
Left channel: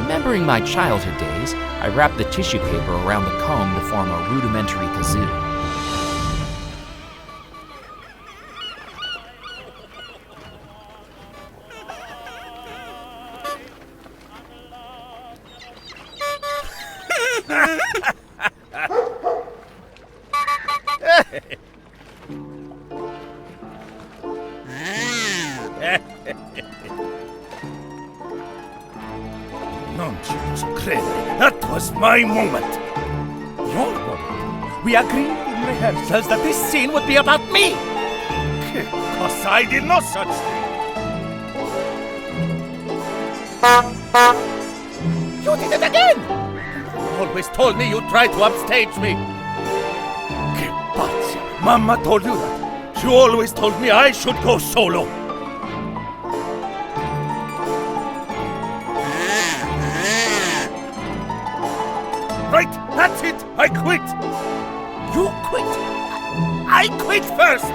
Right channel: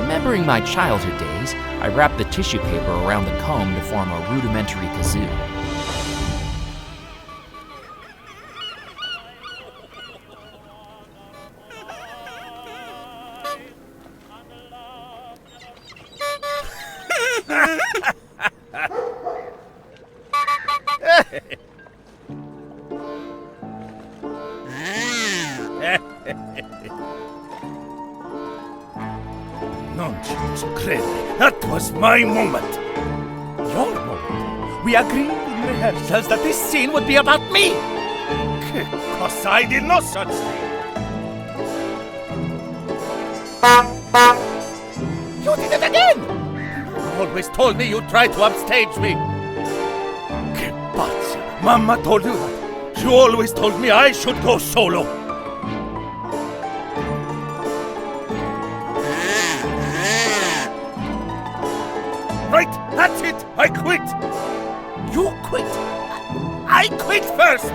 Remembering my childhood days, I wrapped the tissue paper around the comb to form a rudimentary kazoo. Non ci posso credere. That was my moment. Your moment. We agreed in rehearsals that this scene would be about me. Che cosa, I did no such thing. You did it again! You always told me you'd try to upstage me. Que pazza. Mamma told you that. She always told me I should go solo. Right, that's it. I quit. You quit? I quit first.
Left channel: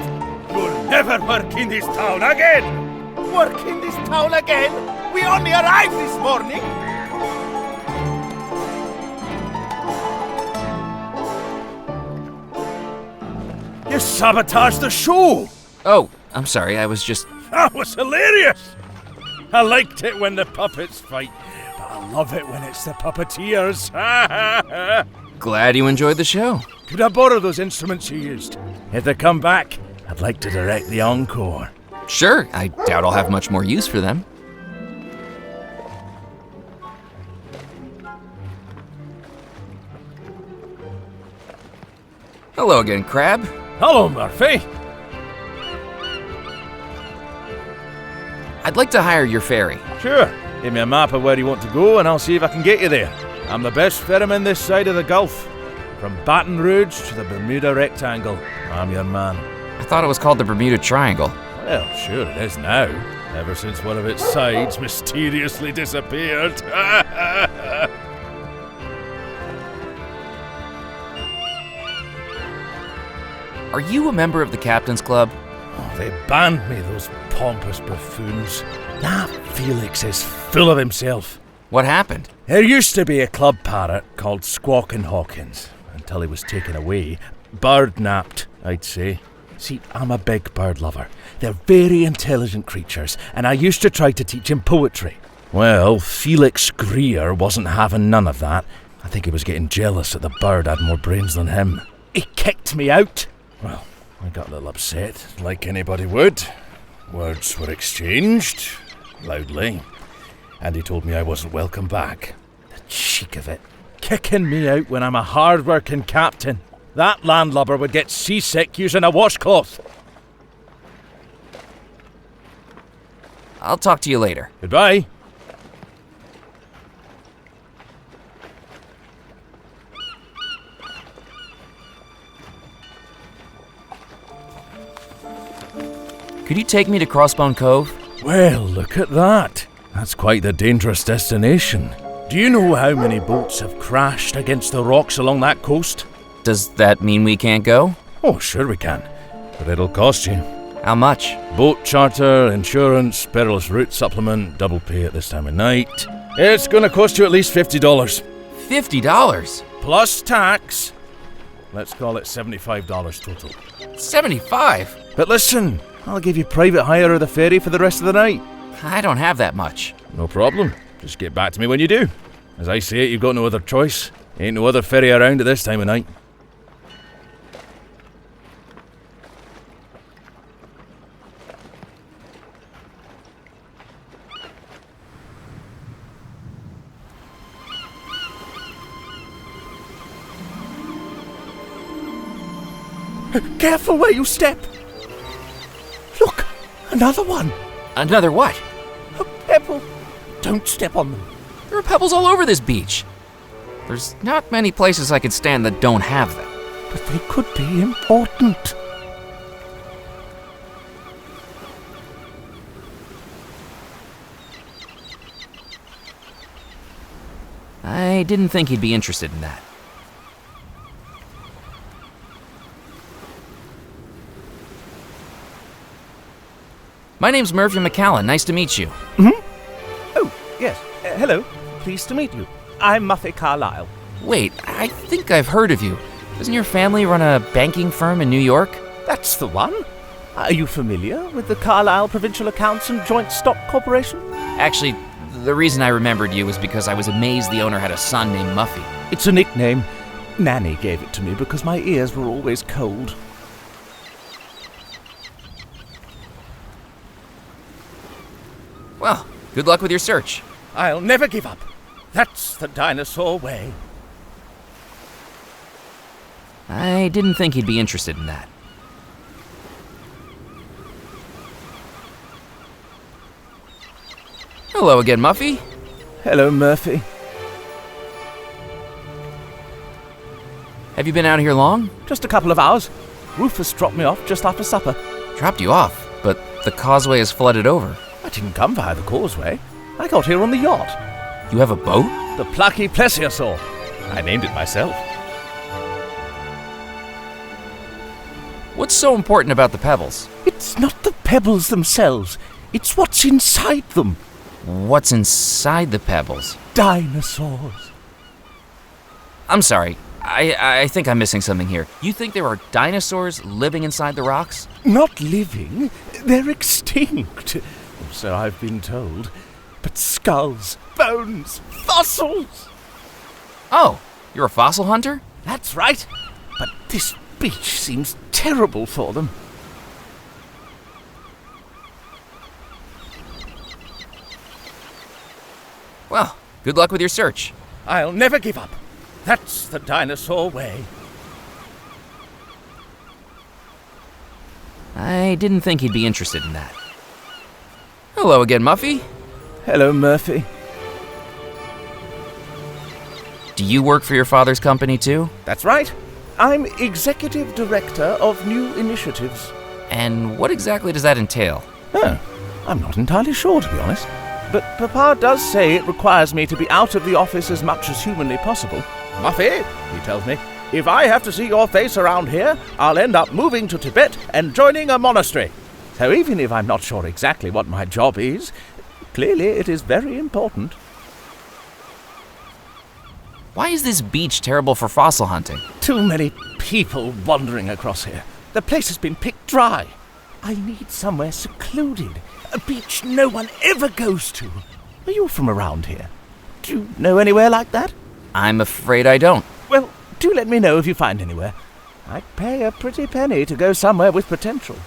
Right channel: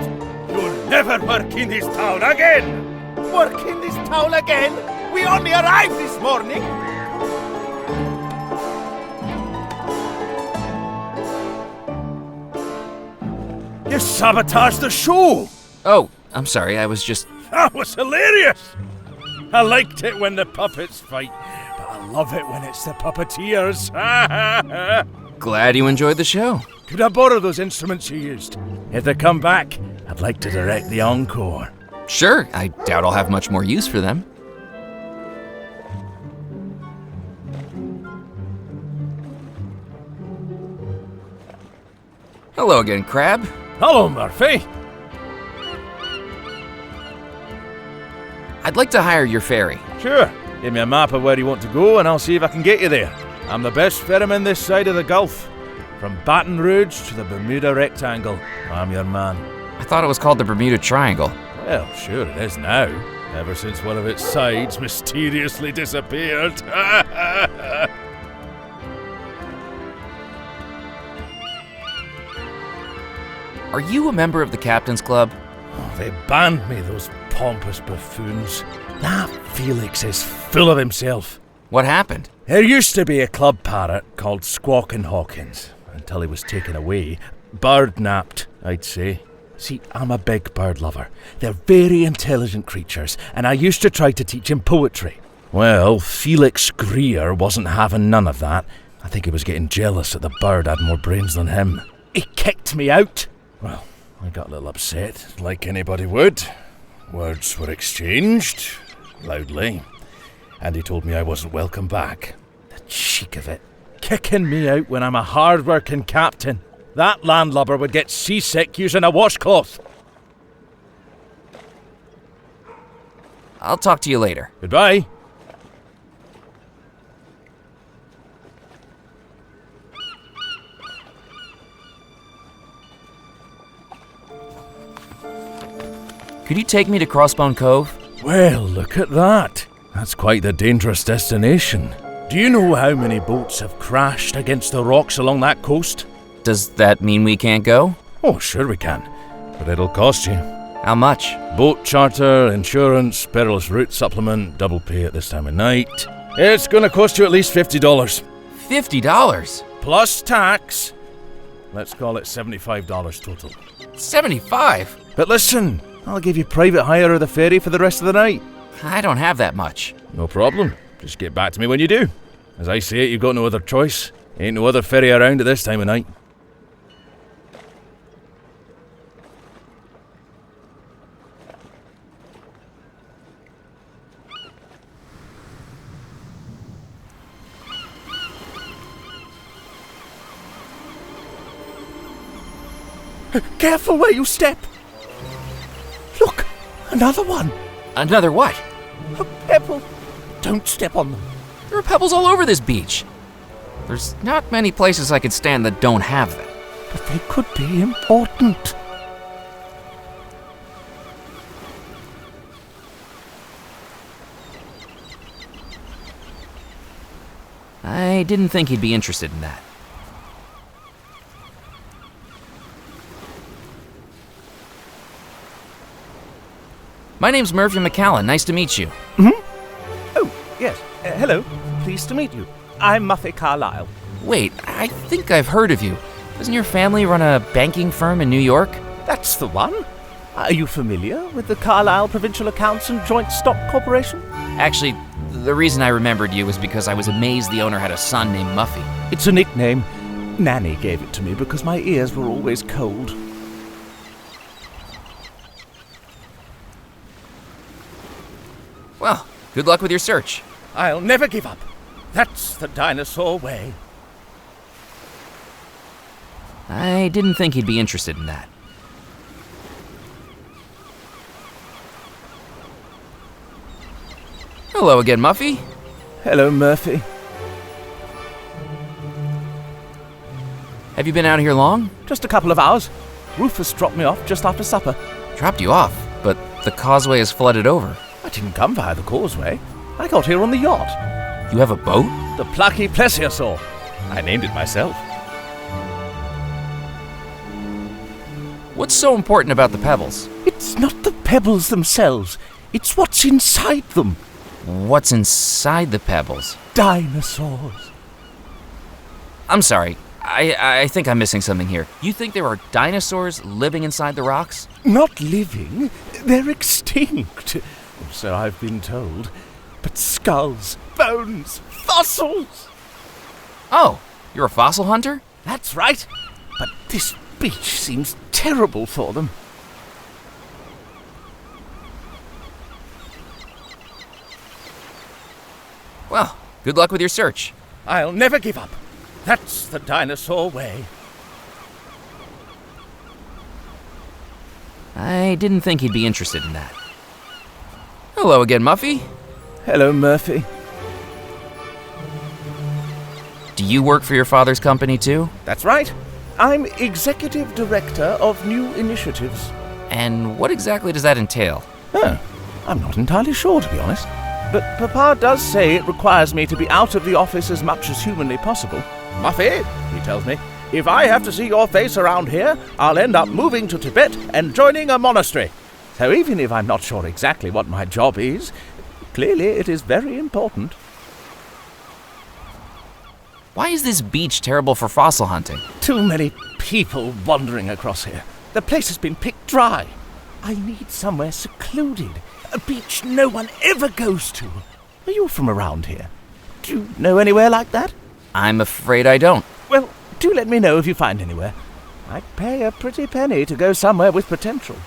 You'll never work in this town again. Work in this town again? We only arrived this morning. You sabotaged the show. Oh, I'm sorry, I was just... That was hilarious. I liked it when the puppets fight, but I love it when it's the puppeteers. Glad you enjoyed the show. Could I borrow those instruments you used? If they come back, I'd like to direct the encore. Sure, I doubt I'll have much more use for them. Hello again, Crab. Hello, Murphy. I'd like to hire your ferry. Sure. Give me a map of where you want to go and I'll see if I can get you there. I'm the best ferryman this side of the Gulf. From Baton Rouge to the Bermuda Rectangle. I'm your man. I thought it was called the Bermuda Triangle. Well, sure it is now. Ever since one of its sides mysteriously disappeared. Are you a member of the Captain's Club? Oh, they banned me, those pompous buffoons. That Felix is full of himself. What happened? There used to be a club parrot called Squawkin' Hawkins, until he was taken away. Bird-napped, I'd say. See, I'm a big bird lover. They're very intelligent creatures, and I used to try to teach him poetry. Well, Felix Greer wasn't having none of that. I think he was getting jealous that the bird had more brains than him. He kicked me out. Well, I got a little upset, like anybody would. Words were exchanged, loudly, and he told me I wasn't welcome back. The cheek of it. Kicking me out when I'm a hard-working captain. That landlubber would get seasick using a washcloth. I'll talk to you later. Goodbye. Could you take me to Crossbone Cove? Well, look at that. That's quite the dangerous destination. Do you know how many boats have crashed against the rocks along that coast? Does that mean we can't go? Oh, sure we can. But it'll cost you. How much? Boat charter, insurance, perilous route supplement, double pay at this time of night. It's gonna cost you at least $50. $50? Plus tax. Let's call it $75 total. 75? But listen, I'll give you private hire of the ferry for the rest of the night. I don't have that much. No problem. Just get back to me when you do. As I say it, you've got no other choice. Ain't no other ferry around at this time of night. Careful where you step! Look! Another one! Another what? A pebble! Don't step on them. There are pebbles all over this beach. There's not many places I could stand that don't have them. But they could be important. I didn't think he'd be interested in that. My name's Murphy McCallan. Nice to meet you. Oh, yes. Hello. Pleased to meet you. I'm Muffy Carlyle. Wait, I think I've heard of you. Doesn't your family run a banking firm in New York? That's the one. Are you familiar with the Carlyle Provincial Accounts and Joint Stock Corporation? Actually, the reason I remembered you was because I was amazed the owner had a son named Muffy. It's a nickname. Nanny gave it to me because my ears were always cold. Well, good luck with your search. I'll never give up. That's the dinosaur way. I didn't think he'd be interested in that. Hello again, Muffy. Hello, Murphy. Have you been out here long? Just a couple of hours. Rufus dropped me off just after supper. Dropped you off, but the causeway is flooded over. I didn't come via the causeway. I got here on the yacht. You have a boat? The Plucky Plesiosaur. I named it myself. What's so important about the pebbles? It's not the pebbles themselves. It's what's inside them. What's inside the pebbles? Dinosaurs. I'm sorry. I think I'm missing something here. You think there are dinosaurs living inside the rocks? Not living. They're extinct. So I've been told. But skulls, bones, fossils. Oh, you're a fossil hunter? That's right. But this beach seems terrible for them. Well, good luck with your search. I'll never give up. That's the dinosaur way. I didn't think he'd be interested in that. Hello again, Muffy. Hello, Murphy. Do you work for your father's company too? That's right. I'm Executive Director of New Initiatives. And what exactly does that entail? Oh, I'm not entirely sure, to be honest. But Papa does say it requires me to be out of the office as much as humanly possible. Muffy, he tells me, if I have to see your face around here, I'll end up moving to Tibet and joining a monastery. So even if I'm not sure exactly what my job is, clearly it is very important. Why is this beach terrible for fossil hunting? Too many people wandering across here. The place has been picked dry. I need somewhere secluded. A beach no one ever goes to. Are you from around here? Do you know anywhere like that? I'm afraid I don't. Well, do let me know if you find anywhere. I'd pay a pretty penny to go somewhere with potential.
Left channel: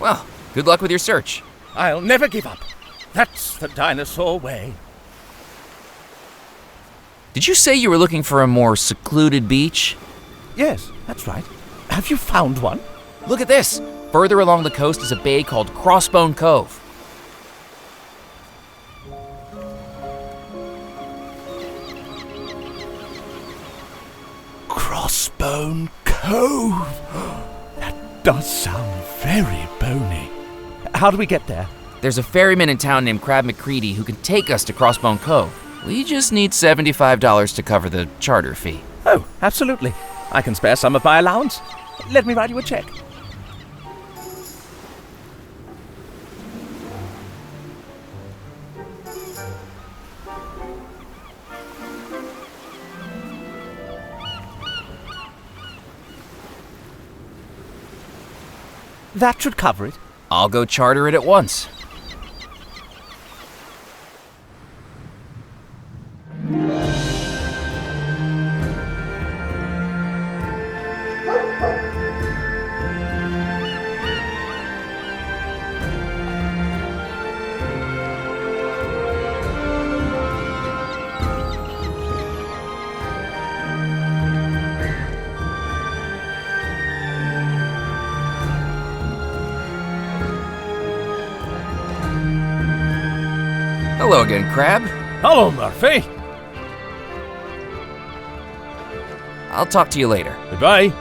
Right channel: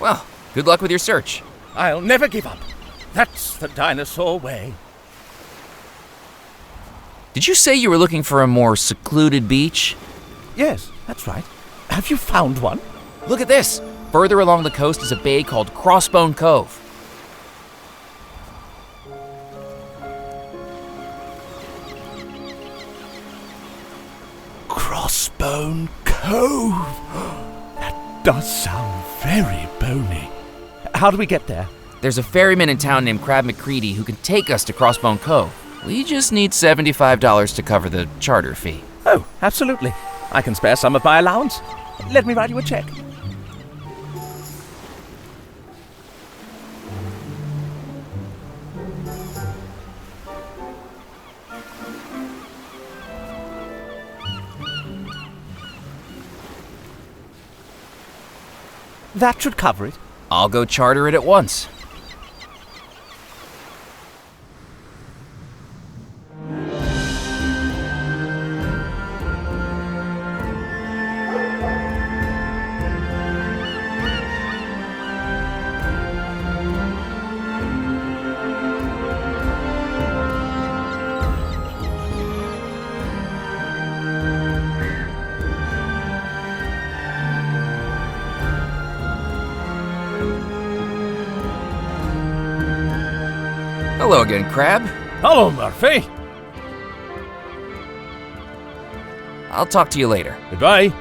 Well, good luck with your search. I'll never give up. That's the dinosaur way. Did you say you were looking for a more secluded beach? Yes, that's right. Have you found one? Look at this. Further along the coast is a bay called Crossbone Cove. Crossbone Cove. That does sound very bony. How do we get there? There's a ferryman in town named Crab McCready who can take us to Crossbone Cove. We just need $75 to cover the charter fee. Oh, absolutely. I can spare some of my allowance. Let me write you a check. That should cover it. I'll go charter it at once. Hello again, Crab. Hello, Murphy. I'll talk to you later. Goodbye.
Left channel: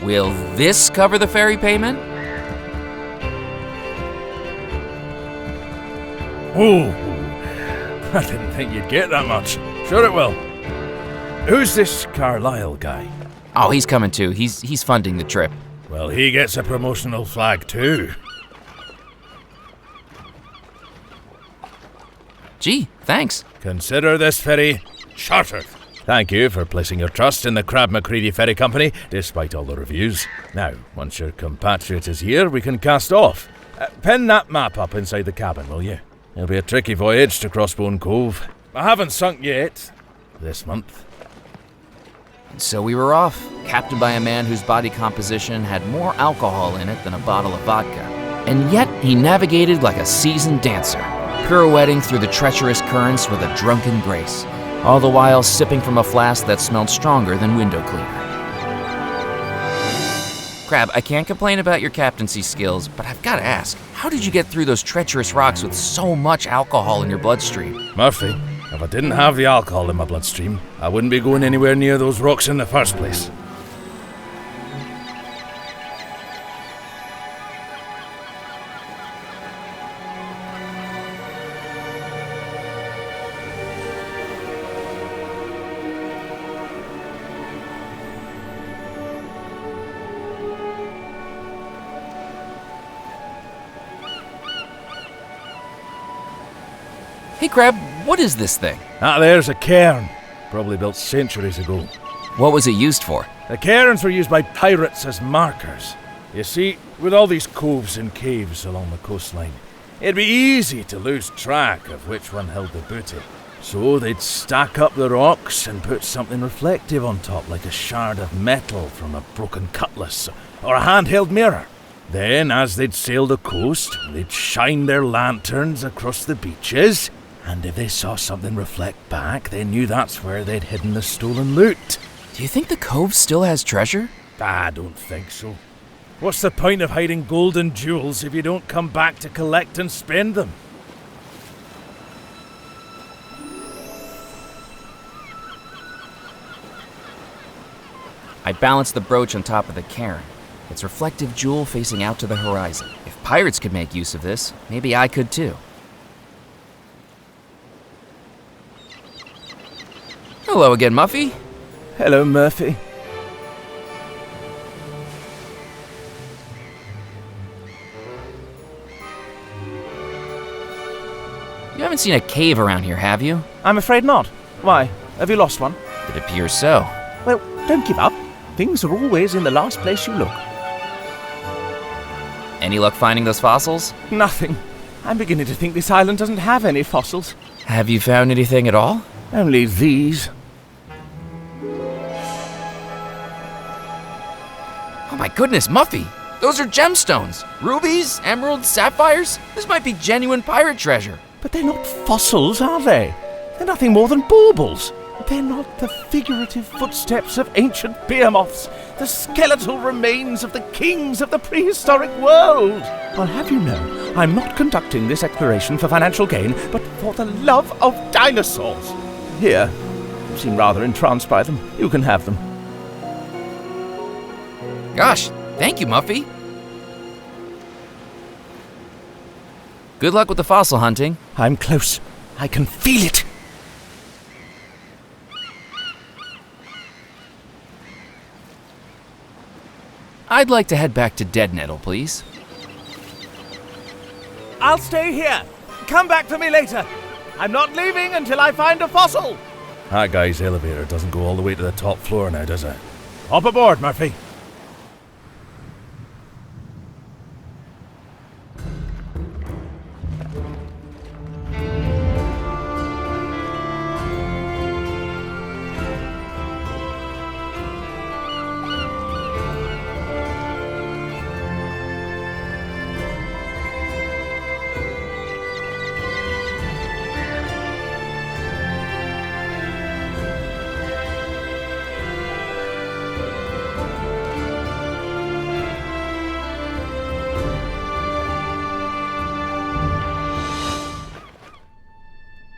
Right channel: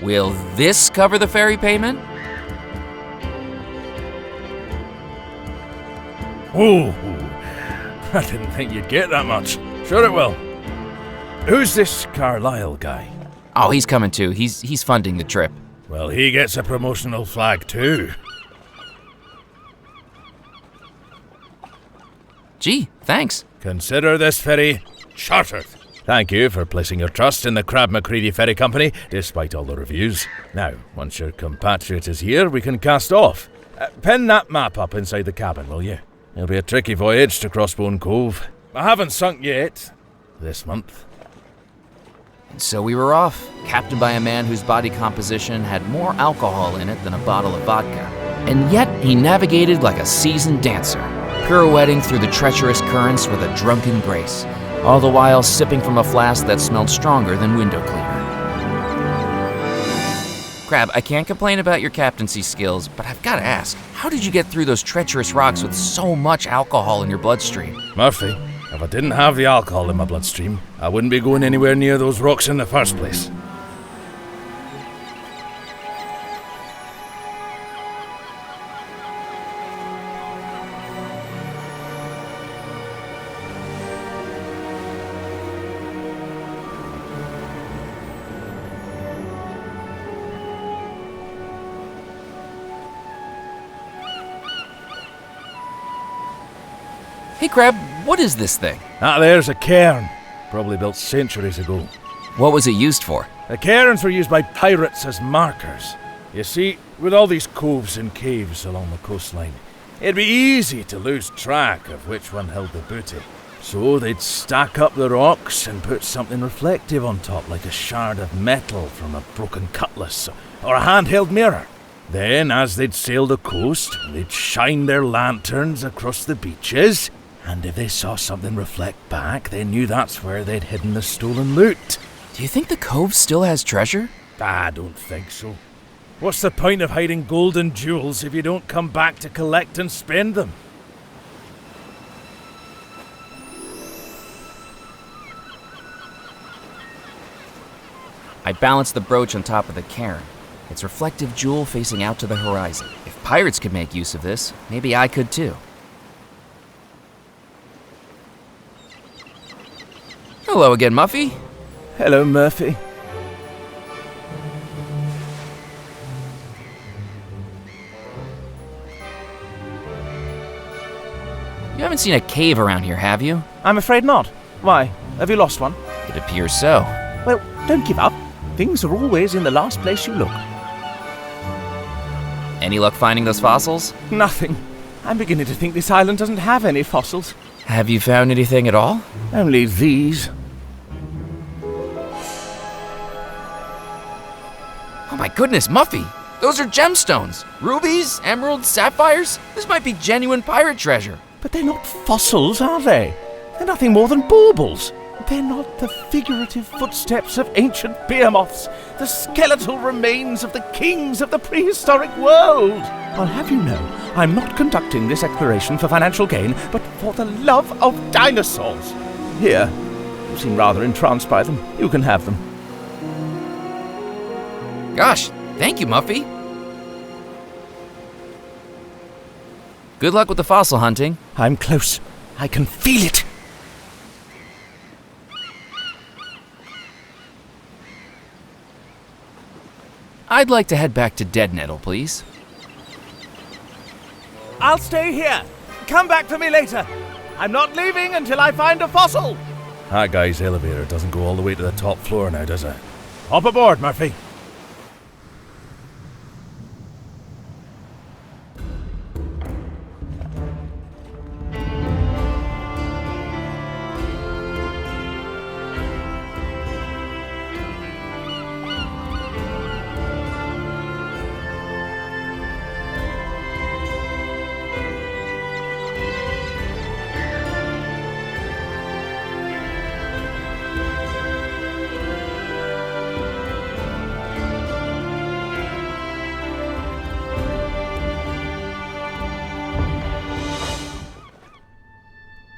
Will this cover the ferry payment? Ooh, I didn't think you'd get that much. Sure it will. Who's this Carlisle guy? Oh, he's coming too. He's funding the trip. Well, he gets a promotional flag too. Gee, thanks. Consider this ferry chartered. Thank you for placing your trust in the Crab McCready Ferry Company, despite all the reviews. Now, once your compatriot is here, we can cast off. Pin that map up inside the cabin, will you? It'll be a tricky voyage to Crossbone Cove. I haven't sunk yet. This month. And so we were off, captained by a man whose body composition had more alcohol in it than a bottle of vodka. And yet he navigated like a seasoned dancer, pirouetting through the treacherous currents with a drunken grace, all the while sipping from a flask that smelled stronger than window cleaner. Crab, I can't complain about your captaincy skills, but I've got to ask, how did you get through those treacherous rocks with so much alcohol in your bloodstream? Murphy, if I didn't have the alcohol in my bloodstream, I wouldn't be going anywhere near those rocks in the first place. Hey, Crab, what is this thing? There's a cairn. Probably built centuries ago. What was it used for? The cairns were used by pirates as markers. You see, with all these coves and caves along the coastline, it'd be easy to lose track of which one held the booty. So they'd stack up the rocks and put something reflective on top, like a shard of metal from a broken cutlass or a handheld mirror. Then, as they'd sail the coast, they'd shine their lanterns across the beaches, and if they saw something reflect back, they knew that's where they'd hidden the stolen loot. Do you think the cove still has treasure? I don't think so. What's the point of hiding gold and jewels if you don't come back to collect and spend them? I balanced the brooch on top of the cairn, its reflective jewel facing out to the horizon. If pirates could make use of this, maybe I could too. Hello again, Muffy. Hello, Murphy. You haven't seen a cave around here, have you? I'm afraid not. Why? Have you lost one? It appears so. Well, don't give up. Things are always in the last place you look. Any luck finding those fossils? Nothing. I'm beginning to think this island doesn't have any fossils. Have you found anything at all? Only these. Oh my goodness, Muffy! Those are gemstones! Rubies, emeralds, sapphires? This might be genuine pirate treasure. But they're not fossils, are they? They're nothing more than baubles. They're not the figurative footsteps of ancient behemoths, the skeletal remains of the kings of the prehistoric world. I'll have you know, I'm not conducting this exploration for financial gain, but for the love of dinosaurs. Here, you seem rather entranced by them. You can have them. Gosh, thank you, Muffy. Good luck with the fossil hunting. I'm close. I can feel it. I'd like to head back to Dead Nettle, please. I'll stay here. Come back for me later. I'm not leaving until I find a fossil. That guy's elevator doesn't go all the way to the top floor now, does it? Hop aboard, Murphy.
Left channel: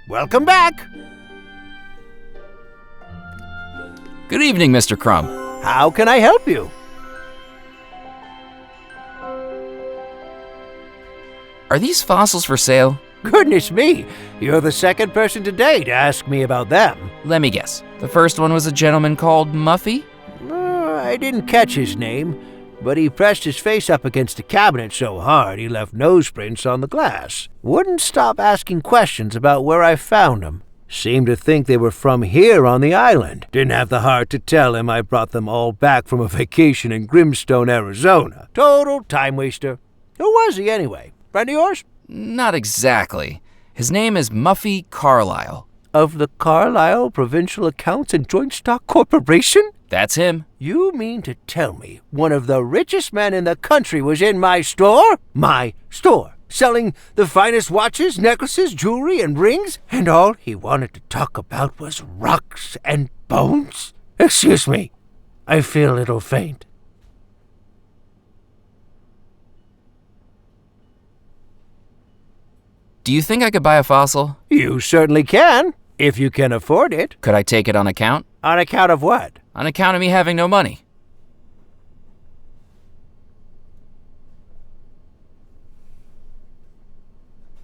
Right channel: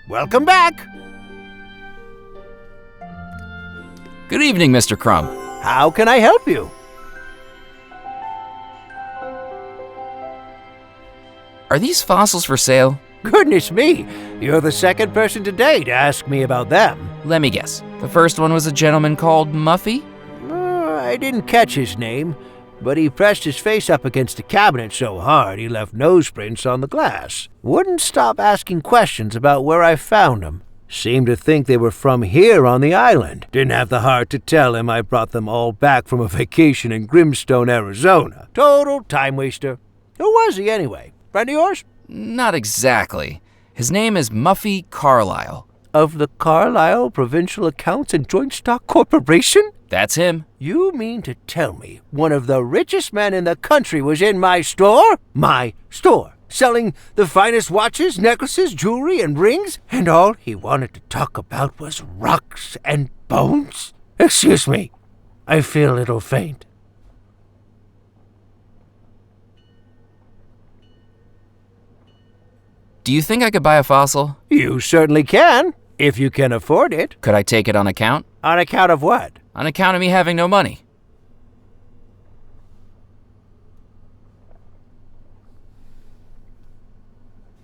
Welcome back. Good evening, Mr. Crumb. How can I help you? Are these fossils for sale? Goodness me, you're the second person today to ask me about them. Let me guess. The first one was a gentleman called Muffy? I didn't catch his name, but he pressed his face up against the cabinet so hard he left nose prints on the glass. Wouldn't stop asking questions about where I found them. Seemed to think they were from here on the island. Didn't have the heart to tell him I brought them all back from a vacation in Grimstone, Arizona. Total time waster. Who was he anyway? Friend of yours? Not exactly. His name is Muffy Carlyle. Of the Carlisle Provincial Accounts and Joint Stock Corporation? That's him. You mean to tell me one of the richest men in the country was in my store? My store. Selling the finest watches, necklaces, jewelry, and rings? And all he wanted to talk about was rocks and bones? Excuse me. I feel a little faint. Do you think I could buy a fossil? You certainly can, if you can afford it. Could I take it on account? On account of what? On account of me having no money.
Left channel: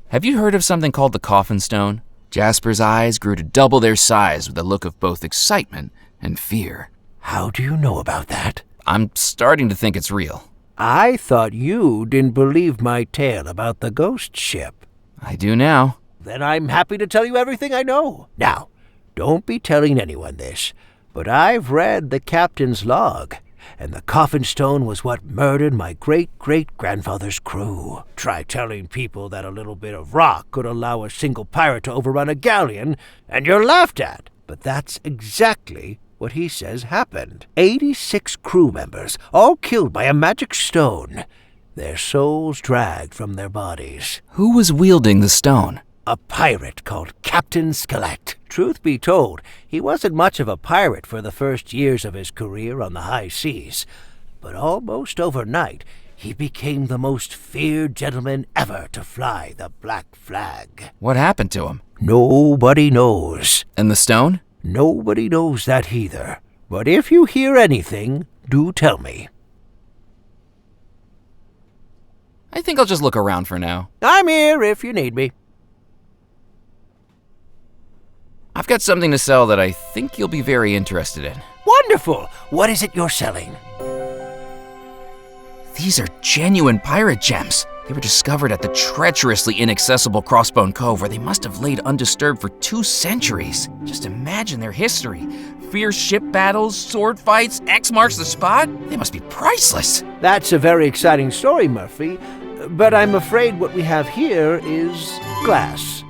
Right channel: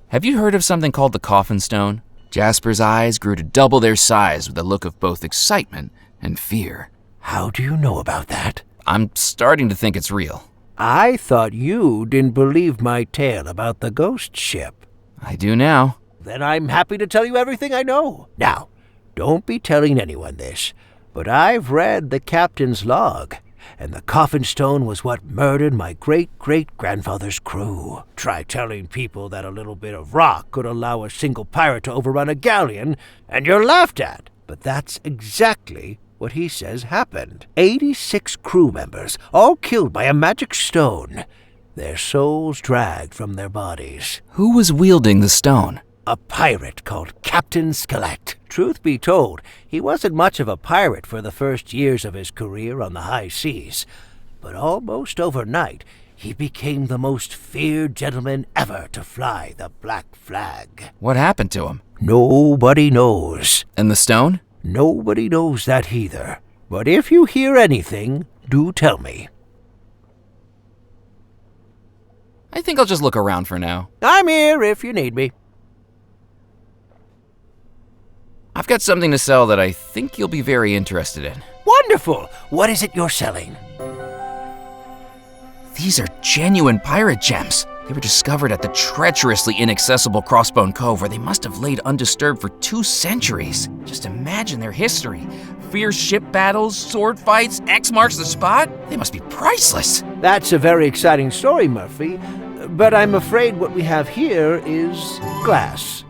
Have you heard of something called the coffin stone? Jasper's eyes grew to double their size with a look of both excitement and fear. How do you know about that? I'm starting to think it's real. I thought you didn't believe my tale about the ghost ship. I do now. Then I'm happy to tell you everything I know. Now, don't be telling anyone this, but I've read the captain's log, and the coffin stone was what murdered my great-great-grandfather's crew. Try telling people that a little bit of rock could allow a single pirate to overrun a galleon, and you're laughed at. But that's exactly what he says happened. 86 crew members, all killed by a magic stone. Their souls dragged from their bodies. Who was wielding the stone? A pirate called Captain Skelet. Truth be told, he wasn't much of a pirate for the first years of his career on the high seas. But almost overnight, he became the most feared gentleman ever to fly the black flag. What happened to him? Nobody knows. And the stone? Nobody knows that either. But if you hear anything, do tell me. I think I'll just look around for now. I'm here if you need me. I've got something to sell that I think you'll be very interested in. Wonderful! What is it you're selling? These are genuine pirate gems. They were discovered at the treacherously inaccessible Crossbone Cove, where they must have laid undisturbed for 2 centuries. Just imagine their history. Fierce ship battles, sword fights, X marks the spot. They must be priceless. That's a very exciting story, Murphy. But I'm afraid what we have here is glass.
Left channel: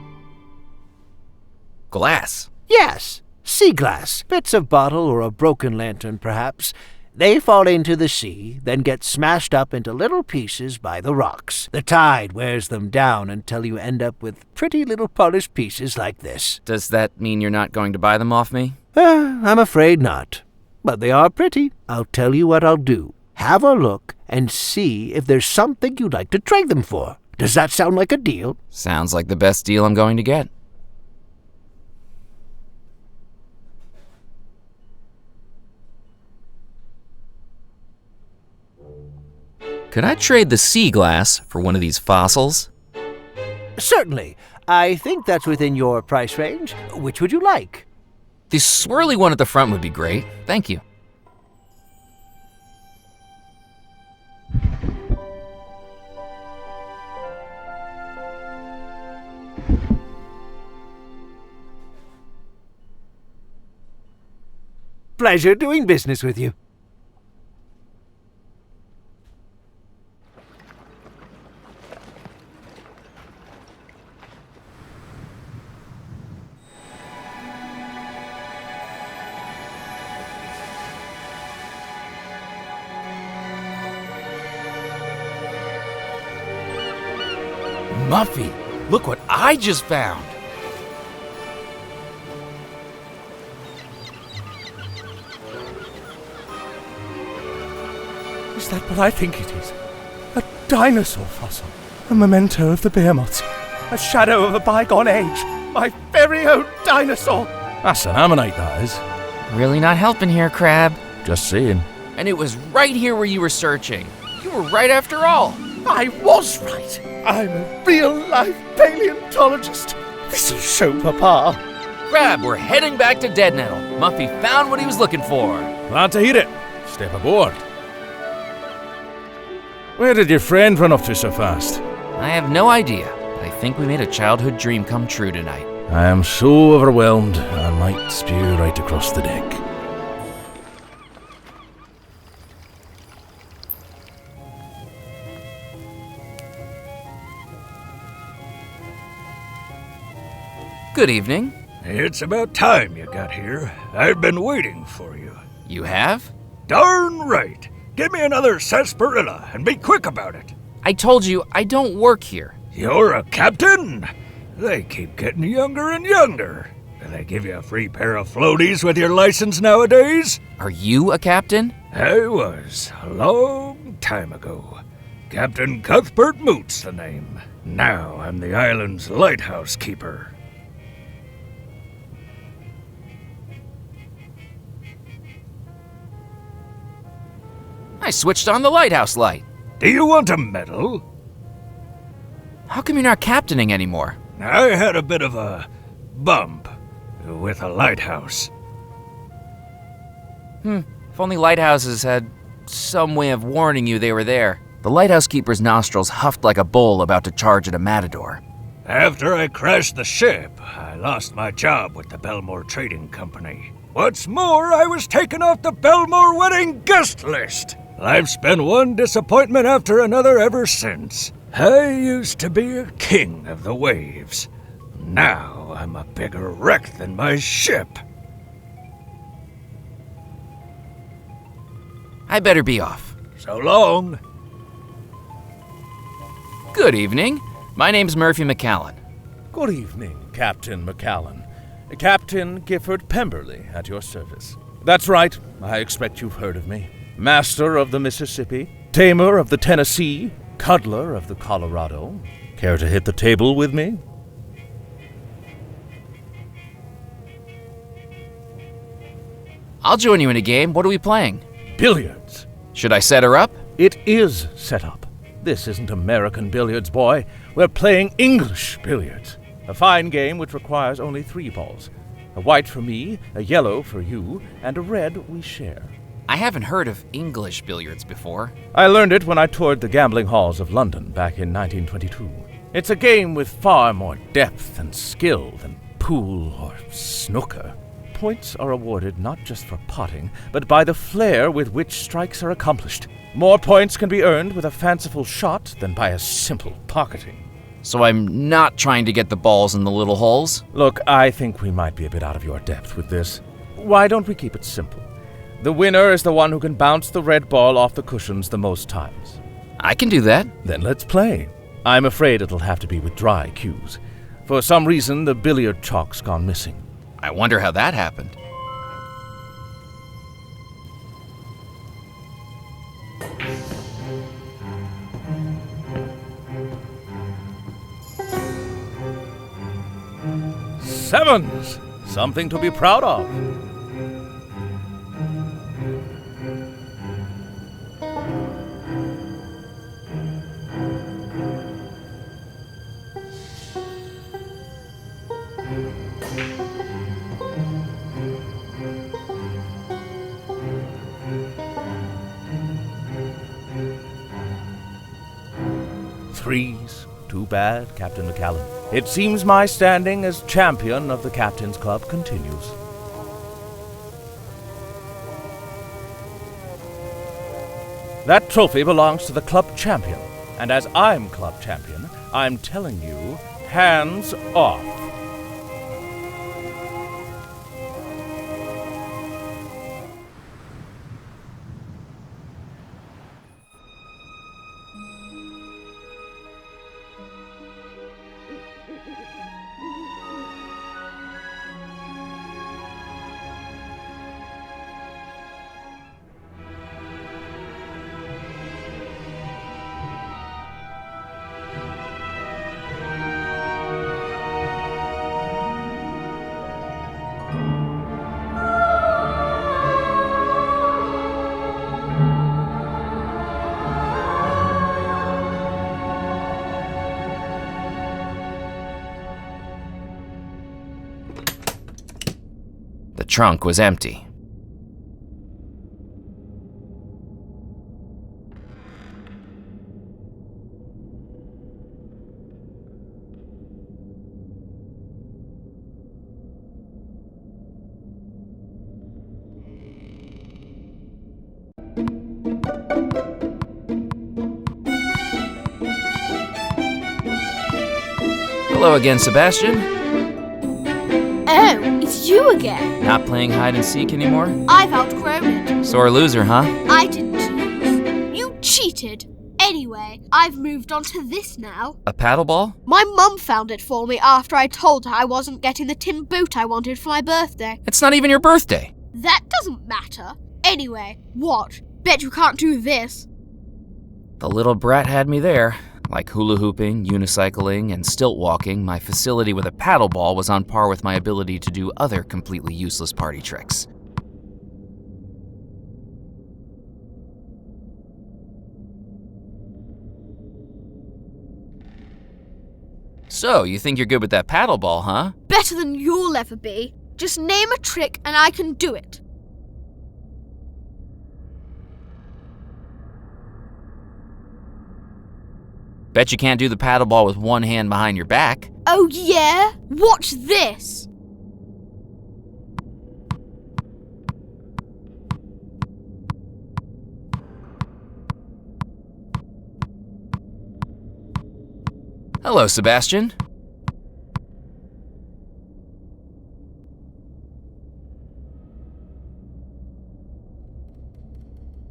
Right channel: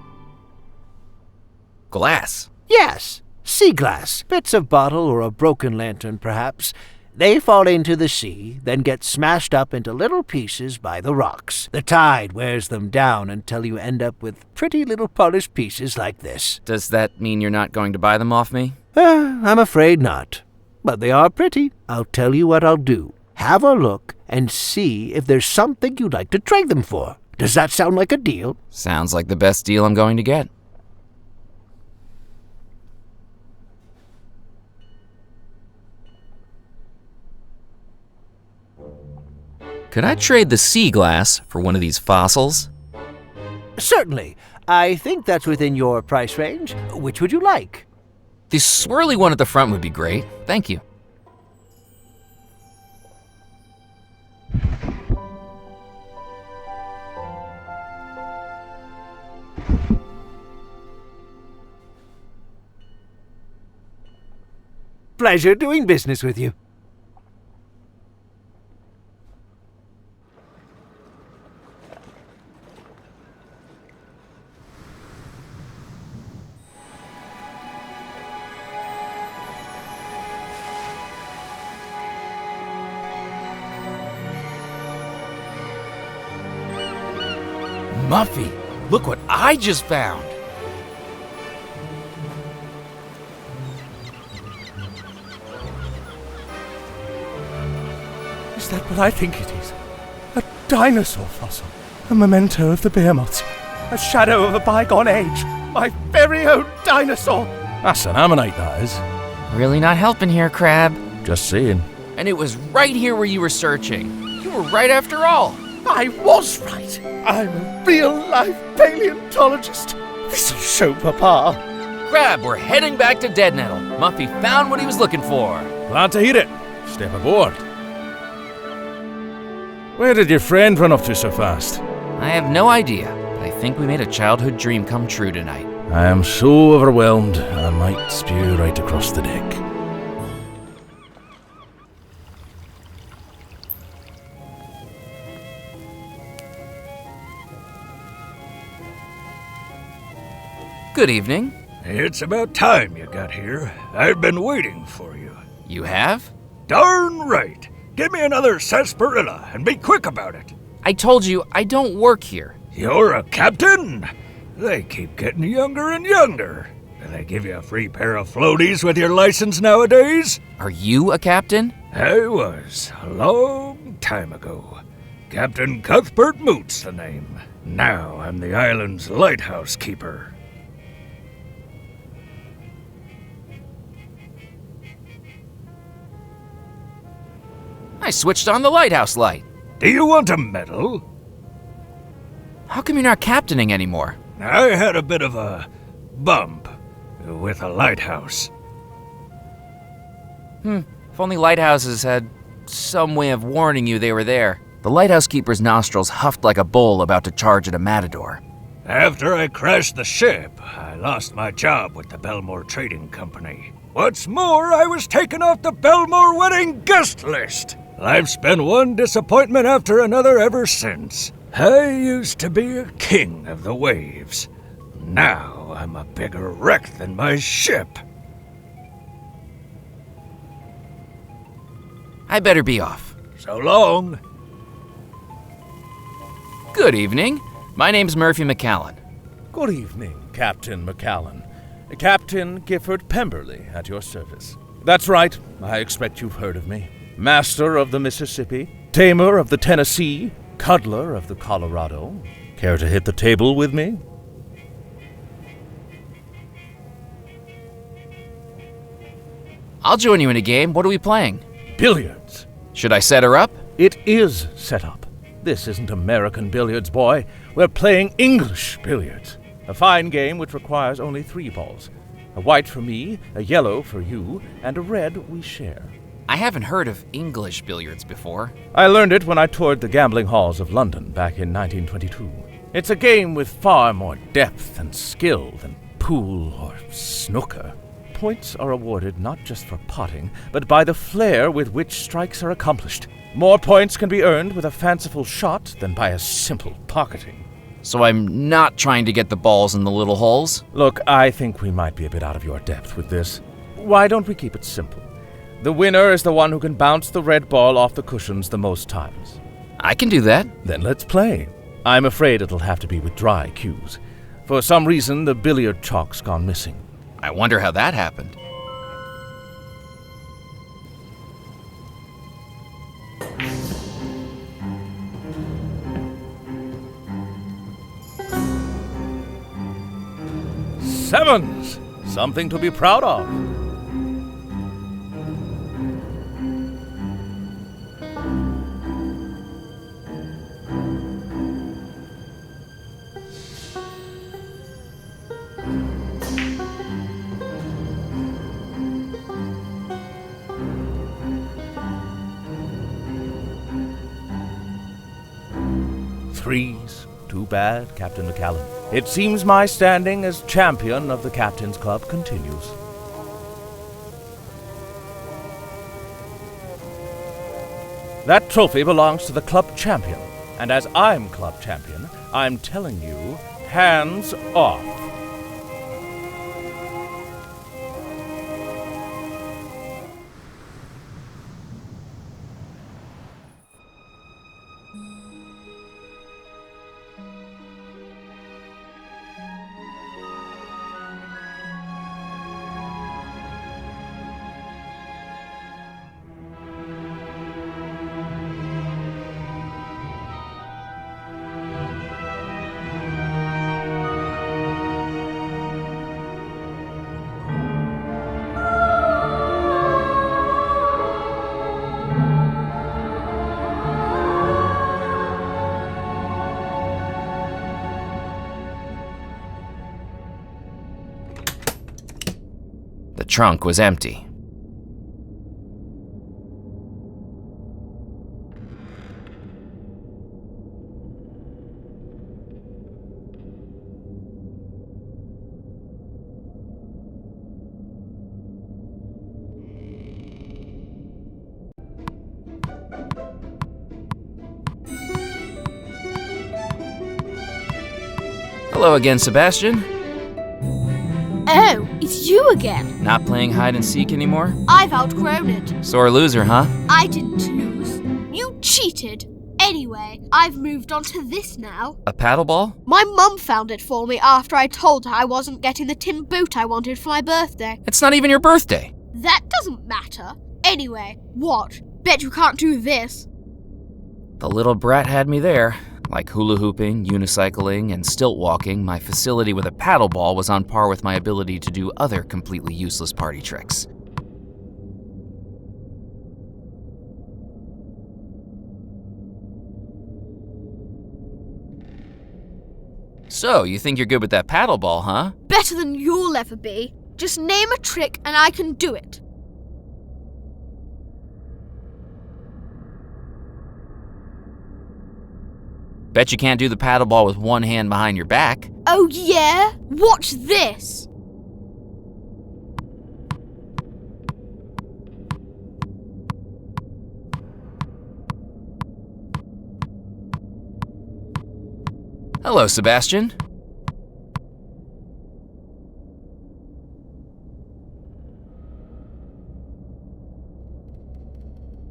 Glass? Yes, sea glass. Bits of bottle or a broken lantern, perhaps. They fall into the sea, then get smashed up into little pieces by the rocks. The tide wears them down until you end up with pretty little polished pieces like this. Does that mean you're not going to buy them off me? I'm afraid not. But they are pretty. I'll tell you what I'll do. Have a look and see if there's something you'd like to trade them for. Does that sound like a deal? Sounds like the best deal I'm going to get. Could I trade the sea glass for one of these fossils? Certainly. I think that's within your price range. Which would you like? The swirly one at the front would be great. Thank you. Pleasure doing business with you. Muffy, look what I just found! Is that what I think it is? A dinosaur fossil. A memento of the behemoths. A shadow of a bygone age. My very own dinosaur! That's an ammonite, that is. Really not helping here, Crab. Just saying. And it was right here where you were searching. You were right after all. I was right. I'm a real-life paleontologist. This'll show Papa. Crab, we're heading back to Dead Nettle. Muffy found what he was looking for. Glad to hear it. Step aboard. Where did your friend run off to so fast? I have no idea, but I think we made a childhood dream come true tonight. I am so overwhelmed, I might spew right across the deck. Good evening. It's about time you got here. I've been waiting for you. You have? Darn right. Give me another sarsaparilla and be quick about it. I told you I don't work here. You're a captain? They keep getting younger and younger. Do they give you a free pair of floaties with your license nowadays? Are you a captain? I was, a long time ago. Captain Cuthbert Moot's the name. Now I'm the island's lighthouse keeper. I switched on the lighthouse light. Do you want a medal? How come you're not captaining anymore? I had a bit of a bump with a lighthouse. If only lighthouses had some way of warning you they were there. The lighthouse keeper's nostrils huffed like a bull about to charge at a matador. After I crashed the ship, I lost my job with the Belmore Trading Company. What's more, I was taken off the Belmore wedding guest list. I've spent one disappointment after another ever since. I used to be a king of the waves. Now I'm a bigger wreck than my ship. I better be off. So long. Good evening. My name's Murphy McCallan. Good evening, Captain McCallan. Captain Gifford Pemberley at your service. That's right, I expect you've heard of me. Master of the Mississippi, tamer of the Tennessee, cuddler of the Colorado. Care to hit the table with me? I'll join you in a game. What are we playing? Billiards. Should I set her up? It is set up. This isn't American billiards, boy. We're playing English billiards. A fine game which requires only 3 balls. A white for me, a yellow for you, and a red we share. I haven't heard of English billiards before. I learned it when I toured the gambling halls of London back in 1922. It's a game with far more depth and skill than pool or snooker. Points are awarded not just for potting, but by the flair with which strikes are accomplished. More points can be earned with a fanciful shot than by a simple pocketing. So I'm not trying to get the balls in the little holes? Look, I think we might be a bit out of your depth with this. Why don't we keep it simple? The winner is the one who can bounce the red ball off the cushions the most times. I can do that. Then let's play. I'm afraid it'll have to be with dry cues. For some reason, the billiard chalk's gone missing. I wonder how that happened. Sevens! Something to be proud of. Threes. Too bad, Captain McCallan. It seems my standing as champion of the Captain's Club continues. That trophy belongs to the club champion, and as I'm club champion, I'm telling you, hands off. The trunk was empty. Hello again, Sebastian. Oh, it's you again. Not playing hide and seek anymore? I've outgrown it. Sore loser, huh? I didn't lose. You cheated. Anyway, I've moved on to this now. A paddleball? My mum found it for me after I told her I wasn't getting the tin boot I wanted for my birthday. It's not even your birthday. That doesn't matter. Anyway, what? Bet you can't do this. The little brat had me there. Like hula hooping, unicycling, and stilt walking, my facility with a paddleball was on par with my ability to do other completely useless party tricks. So, you think you're good with that paddleball, huh? Better than you'll ever be. Just name a trick and I can do it. Bet you can't do the paddleball with one hand behind your back. Oh yeah? Watch this! Hello, Sebastian.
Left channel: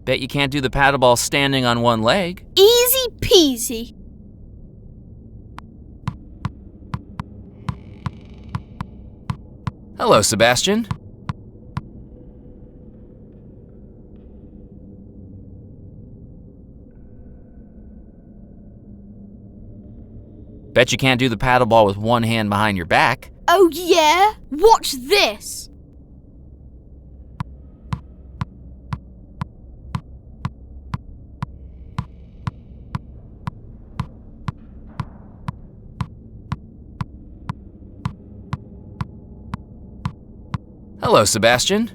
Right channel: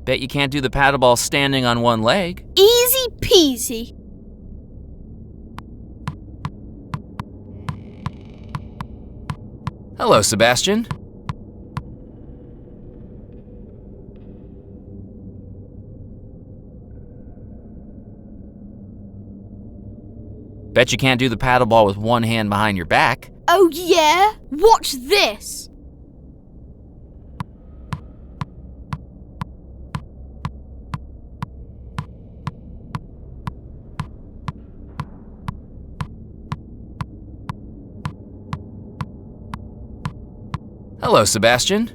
Bet you can't do the paddleball standing on one leg. Easy peasy. Hello, Sebastian. Bet you can't do the paddleball with one hand behind your back. Oh yeah? Watch this! Hello, Sebastian.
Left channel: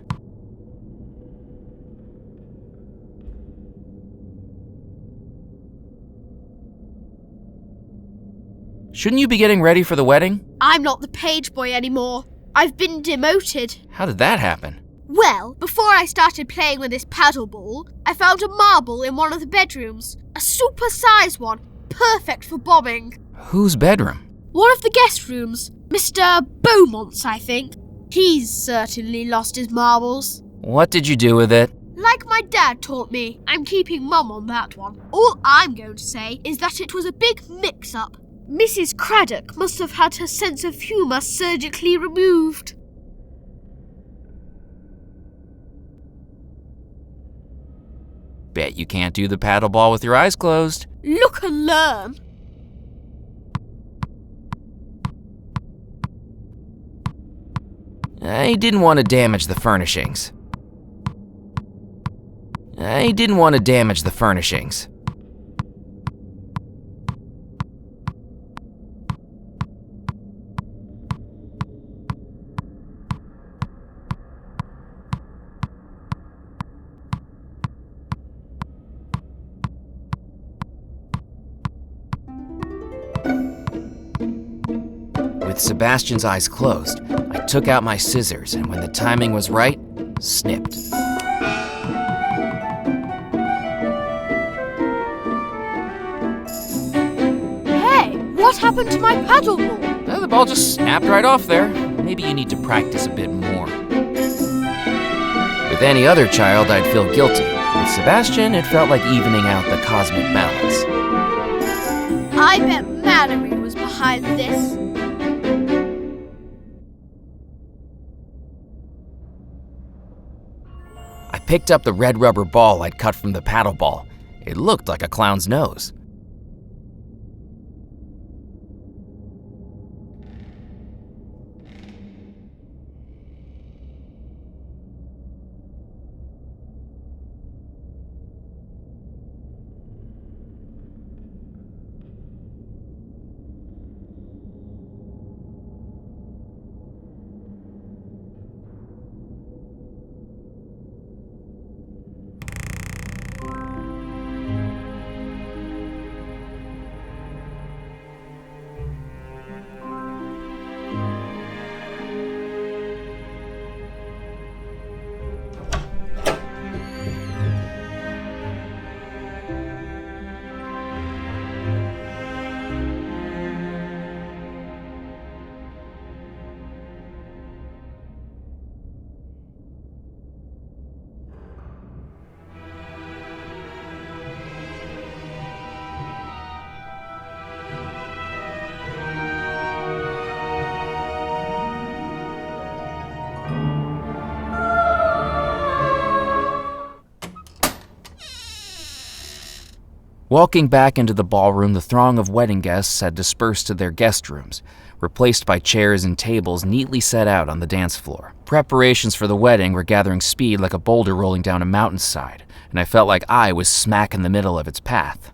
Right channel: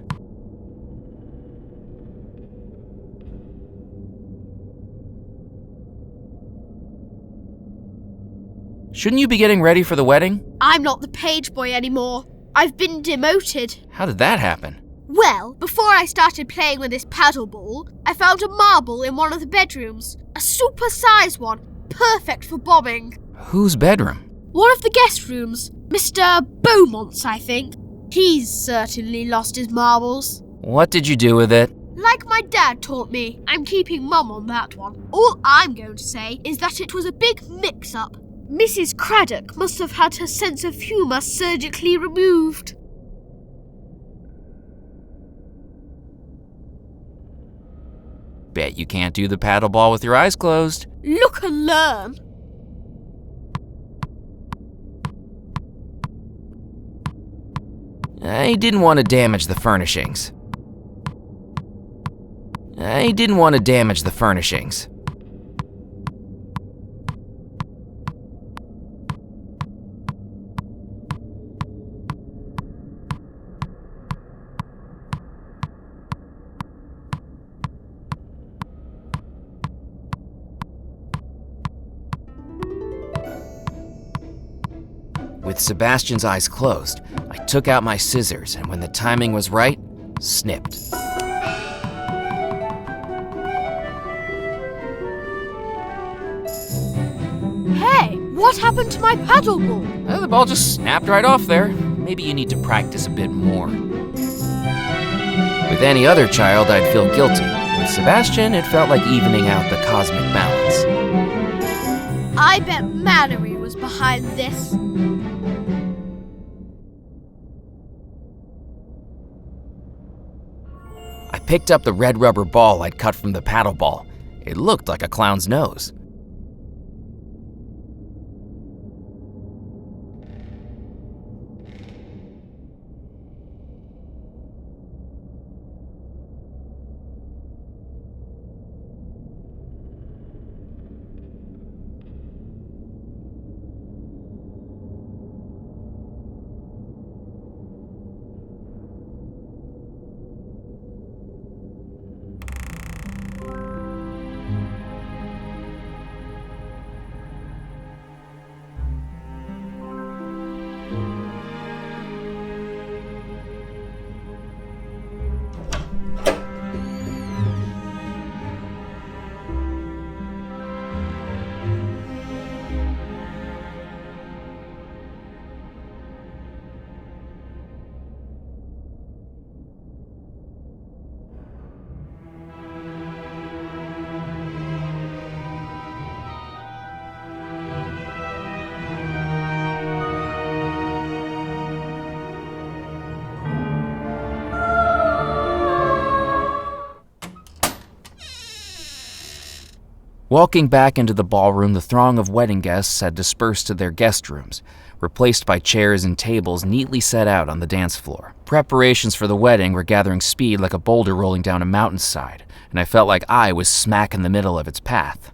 Shouldn't you be getting ready for the wedding? I'm not the page boy anymore. I've been demoted. How did that happen? Well, before I started playing with this paddleball, I found a marble in one of the bedrooms. A super-sized one, perfect for bombing. Whose bedroom? One of the guest rooms. Mr. Beaumont's, I think. He's certainly lost his marbles. What did you do with it? Like my dad taught me, I'm keeping Mum on that one. All I'm going to say is that it was a big mix-up. Mrs. Craddock must have had her sense of humour surgically removed. Bet you can't do the paddleball with your eyes closed. Look and learn. I didn't want to damage the furnishings. With Sebastian's eyes closed, I took out my scissors and when the timing was right, snipped. Hey, what happened to my paddleball? The ball just snapped right off there. Maybe you need to practice a bit more. With any other child, I'd feel guilty. With Sebastian, it felt like evening out the cosmic balance. I bet Mallory was behind this. I picked up the red rubber ball I'd cut from the paddleball. It looked like a clown's nose. Walking back into the ballroom, the throng of wedding guests had dispersed to their guest rooms, replaced by chairs and tables neatly set out on the dance floor. Preparations for the wedding were gathering speed like a boulder rolling down a mountainside, and I felt like I was smack in the middle of its path.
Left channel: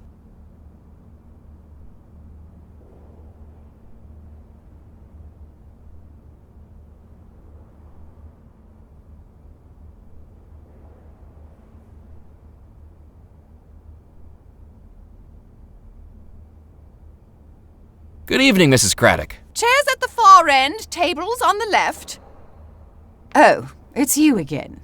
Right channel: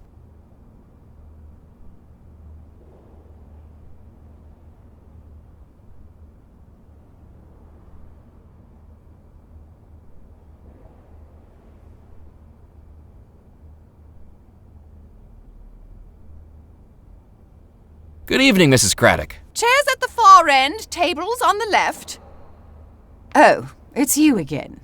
Good evening, Mrs. Craddock. Chairs at the far end, tables on the left. Oh, it's you again.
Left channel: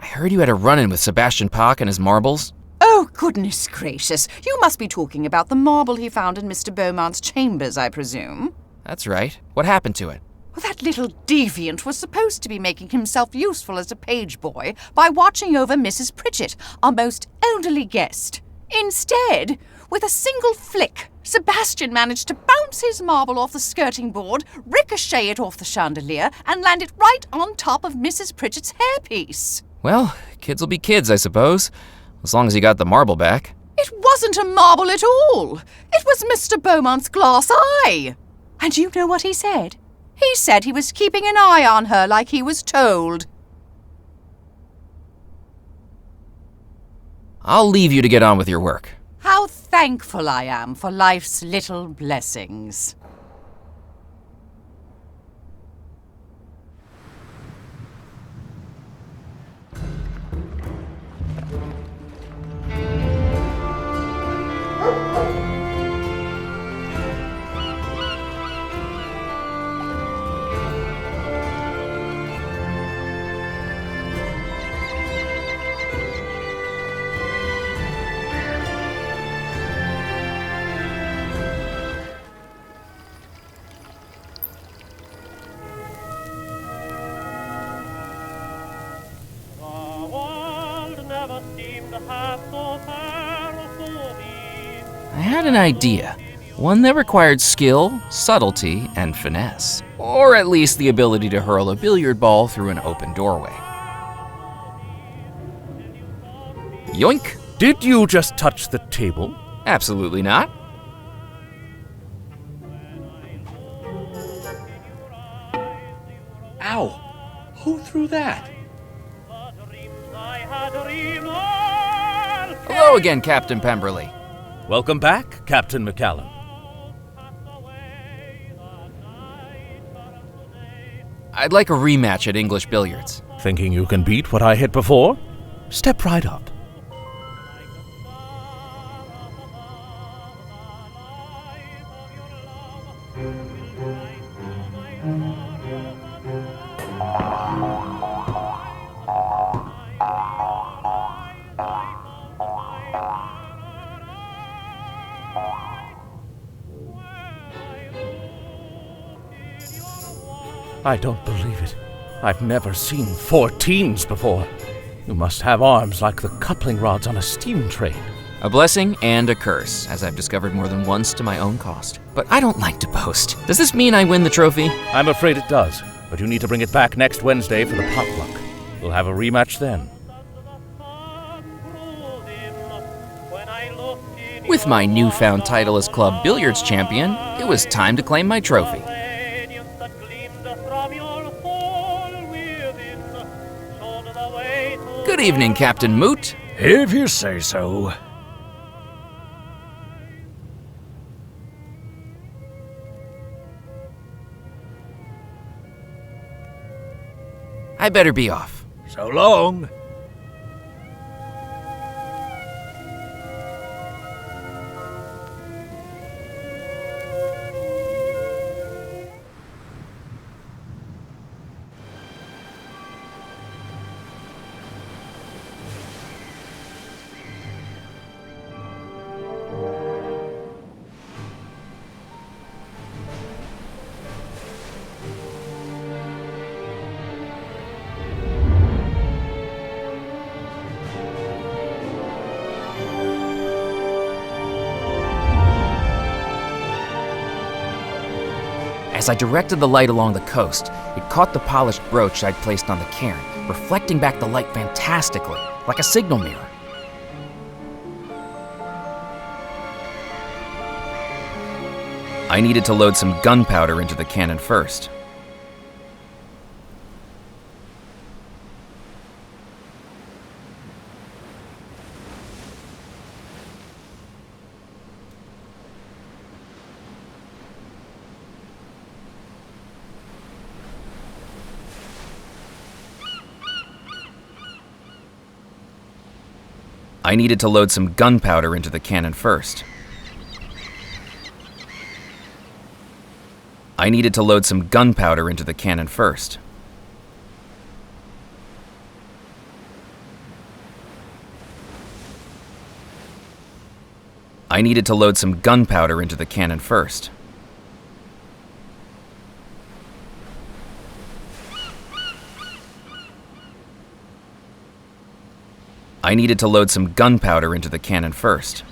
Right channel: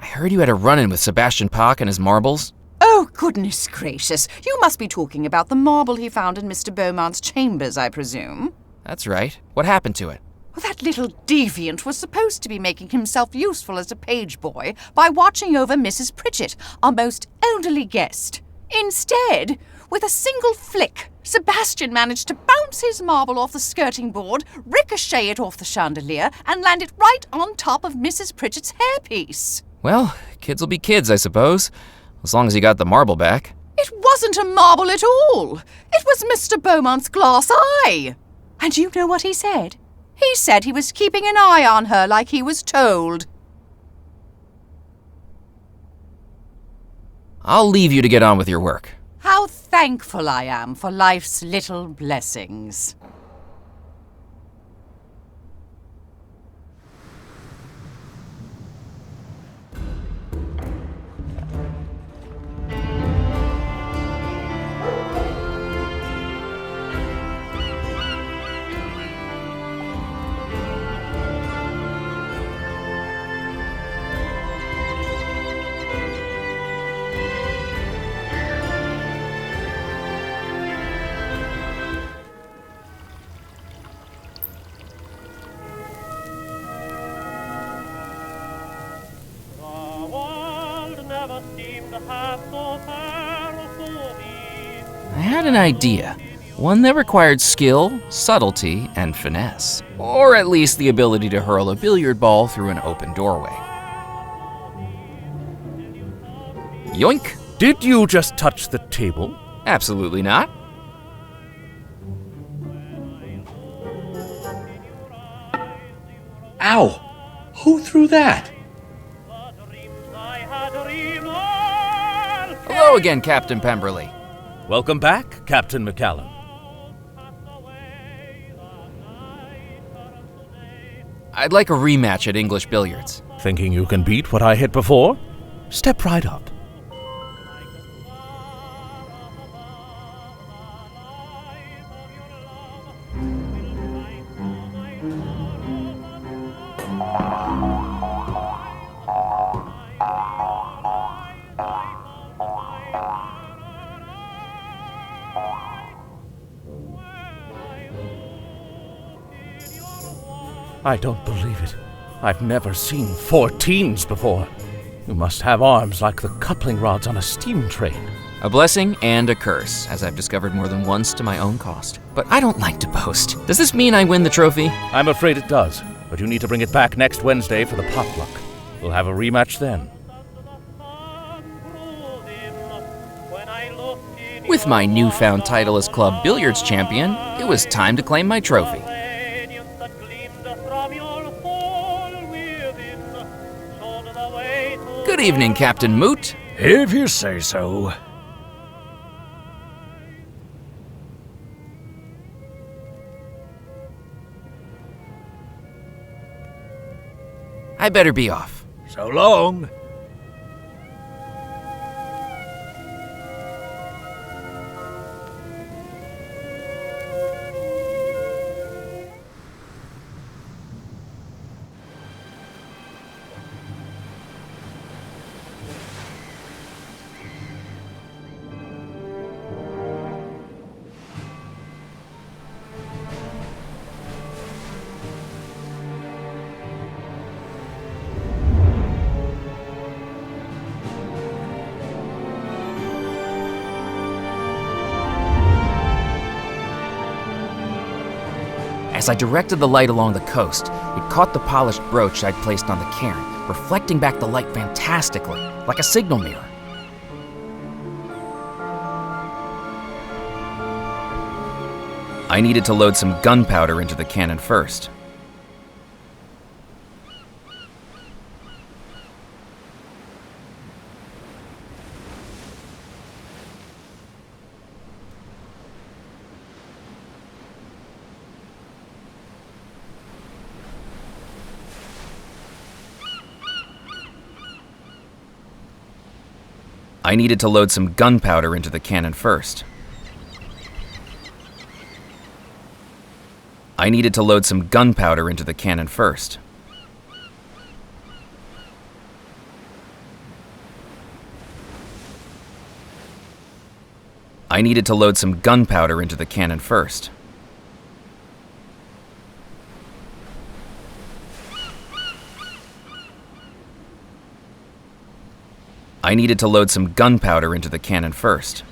I heard you had a run-in with Sebastian Bach and his marbles. Oh, goodness gracious. You must be talking about the marble he found in Mr. Beaumont's chambers, I presume. That's right. What happened to it? Well, that little deviant was supposed to be making himself useful as a page boy by watching over Mrs. Pritchett, our most elderly guest. Instead, with a single flick, Sebastian managed to bounce his marble off the skirting board, ricochet it off the chandelier, and land it right on top of Mrs. Pritchett's hairpiece. Well, kids will be kids, I suppose, as long as he got the marble back. It wasn't a marble at all. It was Mr. Beaumont's glass eye. And you know what he said? He said he was keeping an eye on her like he was told. I'll leave you to get on with your work. How thankful I am for life's little blessings. I had an idea. One that required skill, subtlety, and finesse. Or at least the ability to hurl a billiard ball through an open doorway. Yoink! Did you just touch the table? Absolutely not. Ow! Who threw that? Hello again, Captain Pemberley. Welcome back, Captain McCallum. I'd like a rematch at English billiards. Thinking you can beat what I hit before? Step right up. I don't believe it. I've never seen 14s before. You must have arms like the coupling rods on a steam train. A blessing and a curse, as I've discovered more than once to my own cost. But I don't like to boast. Does this mean I win the trophy? I'm afraid it does, but you need to bring it back next Wednesday for the potluck. We'll have a rematch then. With my newfound title as Club Billiards Champion, it was time to claim my trophy. Good evening, Captain Moot. If you say so. I better be off. So long. As I directed the light along the coast, it caught the polished brooch I'd placed on the cairn, reflecting back the light fantastically, like a signal mirror. I needed to load some gunpowder into the cannon first. I needed to load some gunpowder into the cannon first. I needed to load some gunpowder into the cannon first. I needed to load some gunpowder into the cannon first. I needed to load some gunpowder into the cannon first.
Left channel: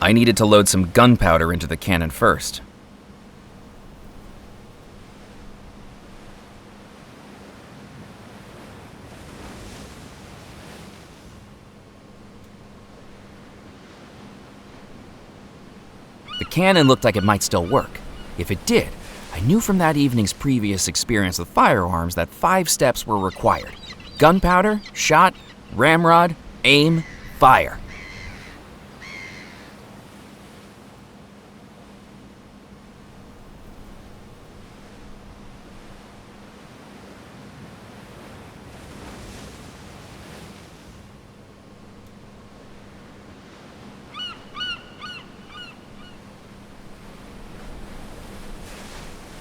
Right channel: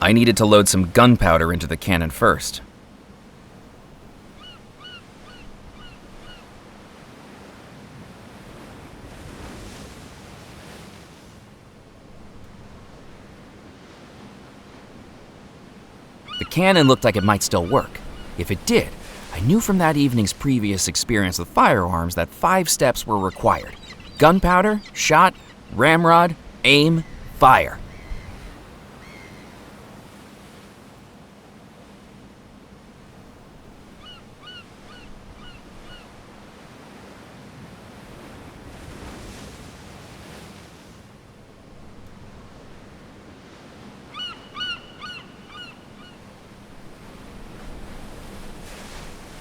I needed to load some gunpowder into the cannon first. The cannon looked like it might still work. If it did, I knew from that evening's previous experience with firearms that 5 steps were required: gunpowder, shot, ramrod, aim, fire.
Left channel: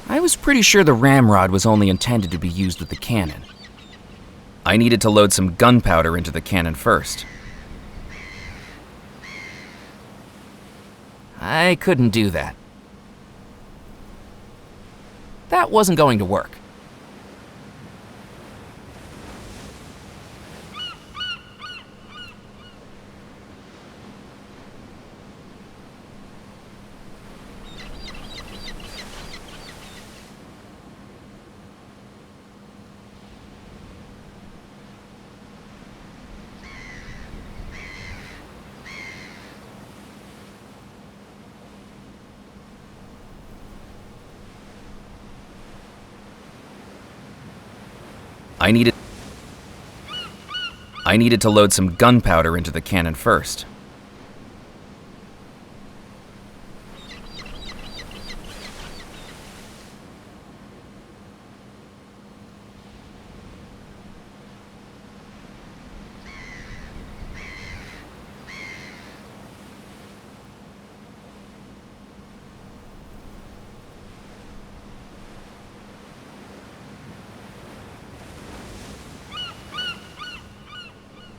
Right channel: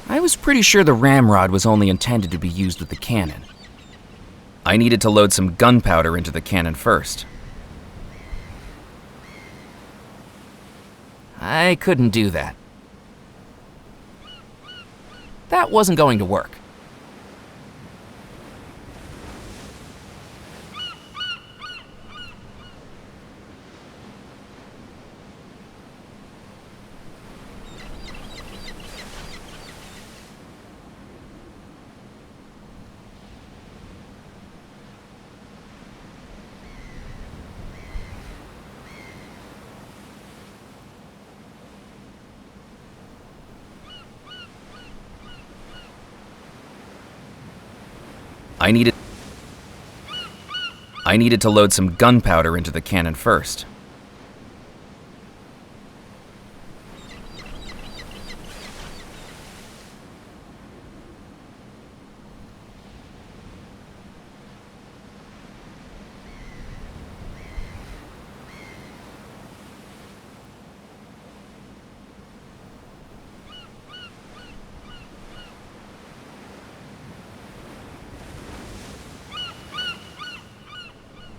I was pretty sure the ramrod was only intended to be used with the cannon. I needed to load some gunpowder into the cannon first. I couldn't do that. That wasn't going to work. I needed to load some gunpowder into the cannon first.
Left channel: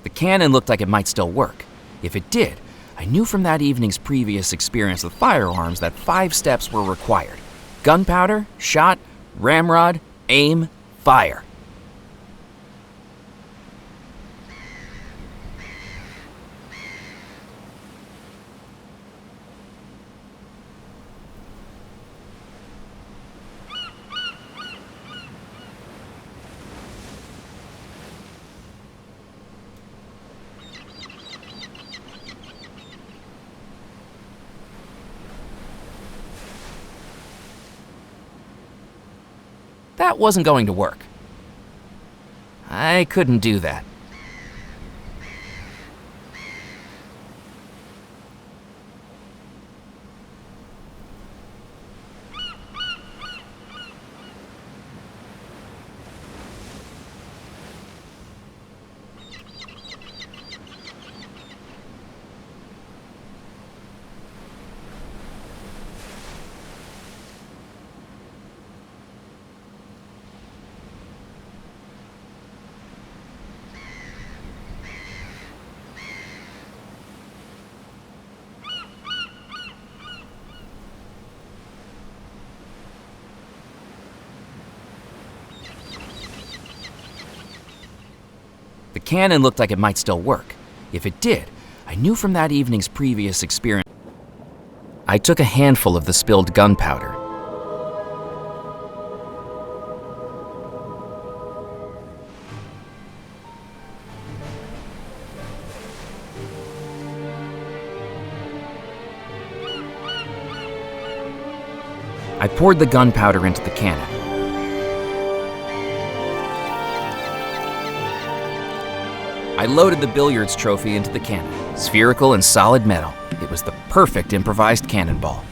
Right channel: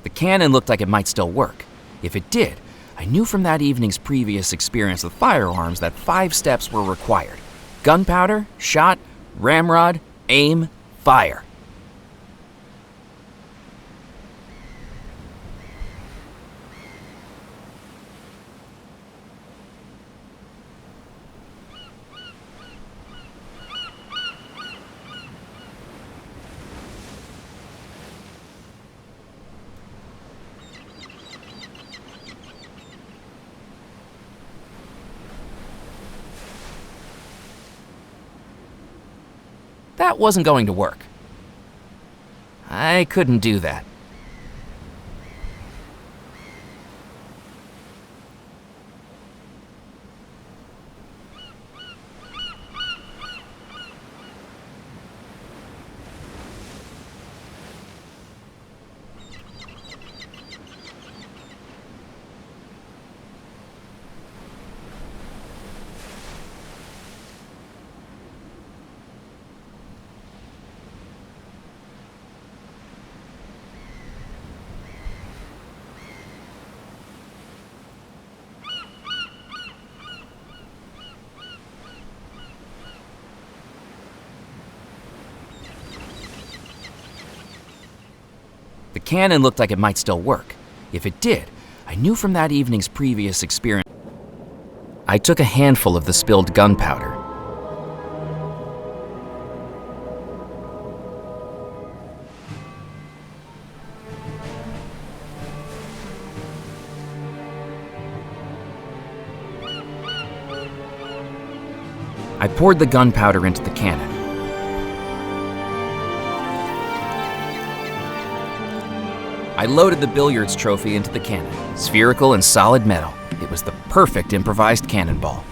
The cannon looked like it might still work. If it did, I knew from that evening's previous experience with firearms that 5 steps were required: gunpowder, shot, ramrod, aim, fire. That wasn't going to work. I couldn't do that. The cannon looked like it might still work. If it did, I knew from that evening's previous experience. I took a handful of the spilled gunpowder. I poured the gunpowder into the cannon. I loaded the billiards trophy into the cannon, spherical and solid metal. It was the perfect improvised cannonball.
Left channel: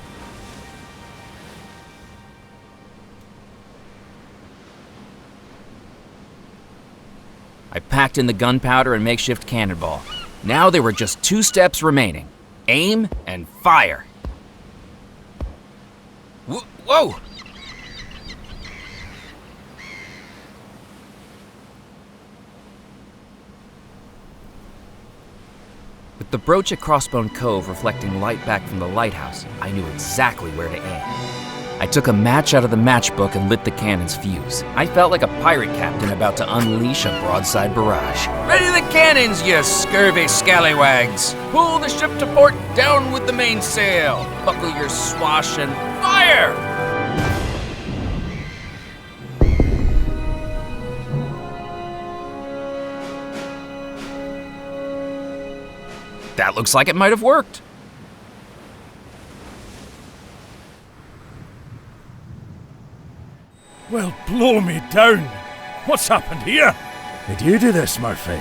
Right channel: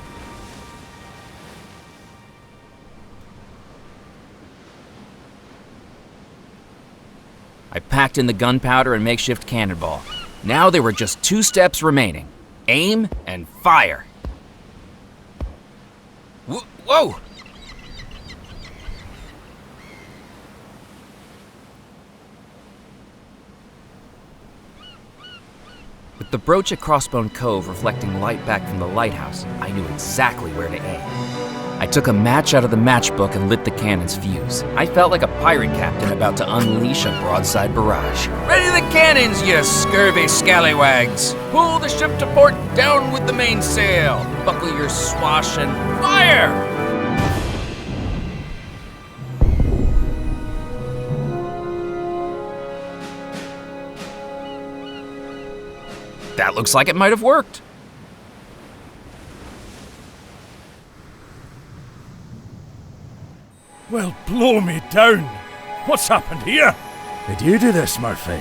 I packed in the gunpowder and makeshift cannonball. Now there were just 2 steps remaining. Aim and fire. Whoa! With the brooch at Crossbone Cove reflecting light back from the lighthouse, I knew exactly where to aim. I took a match out of the matchbook and lit the cannon's fuse. I felt like a pirate captain about to unleash a broadside barrage. Ready the cannons, you scurvy scallywags! Pull the ship to port, down with the mainsail! Buckle your swash and fire! That looks like it might have worked. Well, blow me down. What's happened here? Did you do this, Murphy?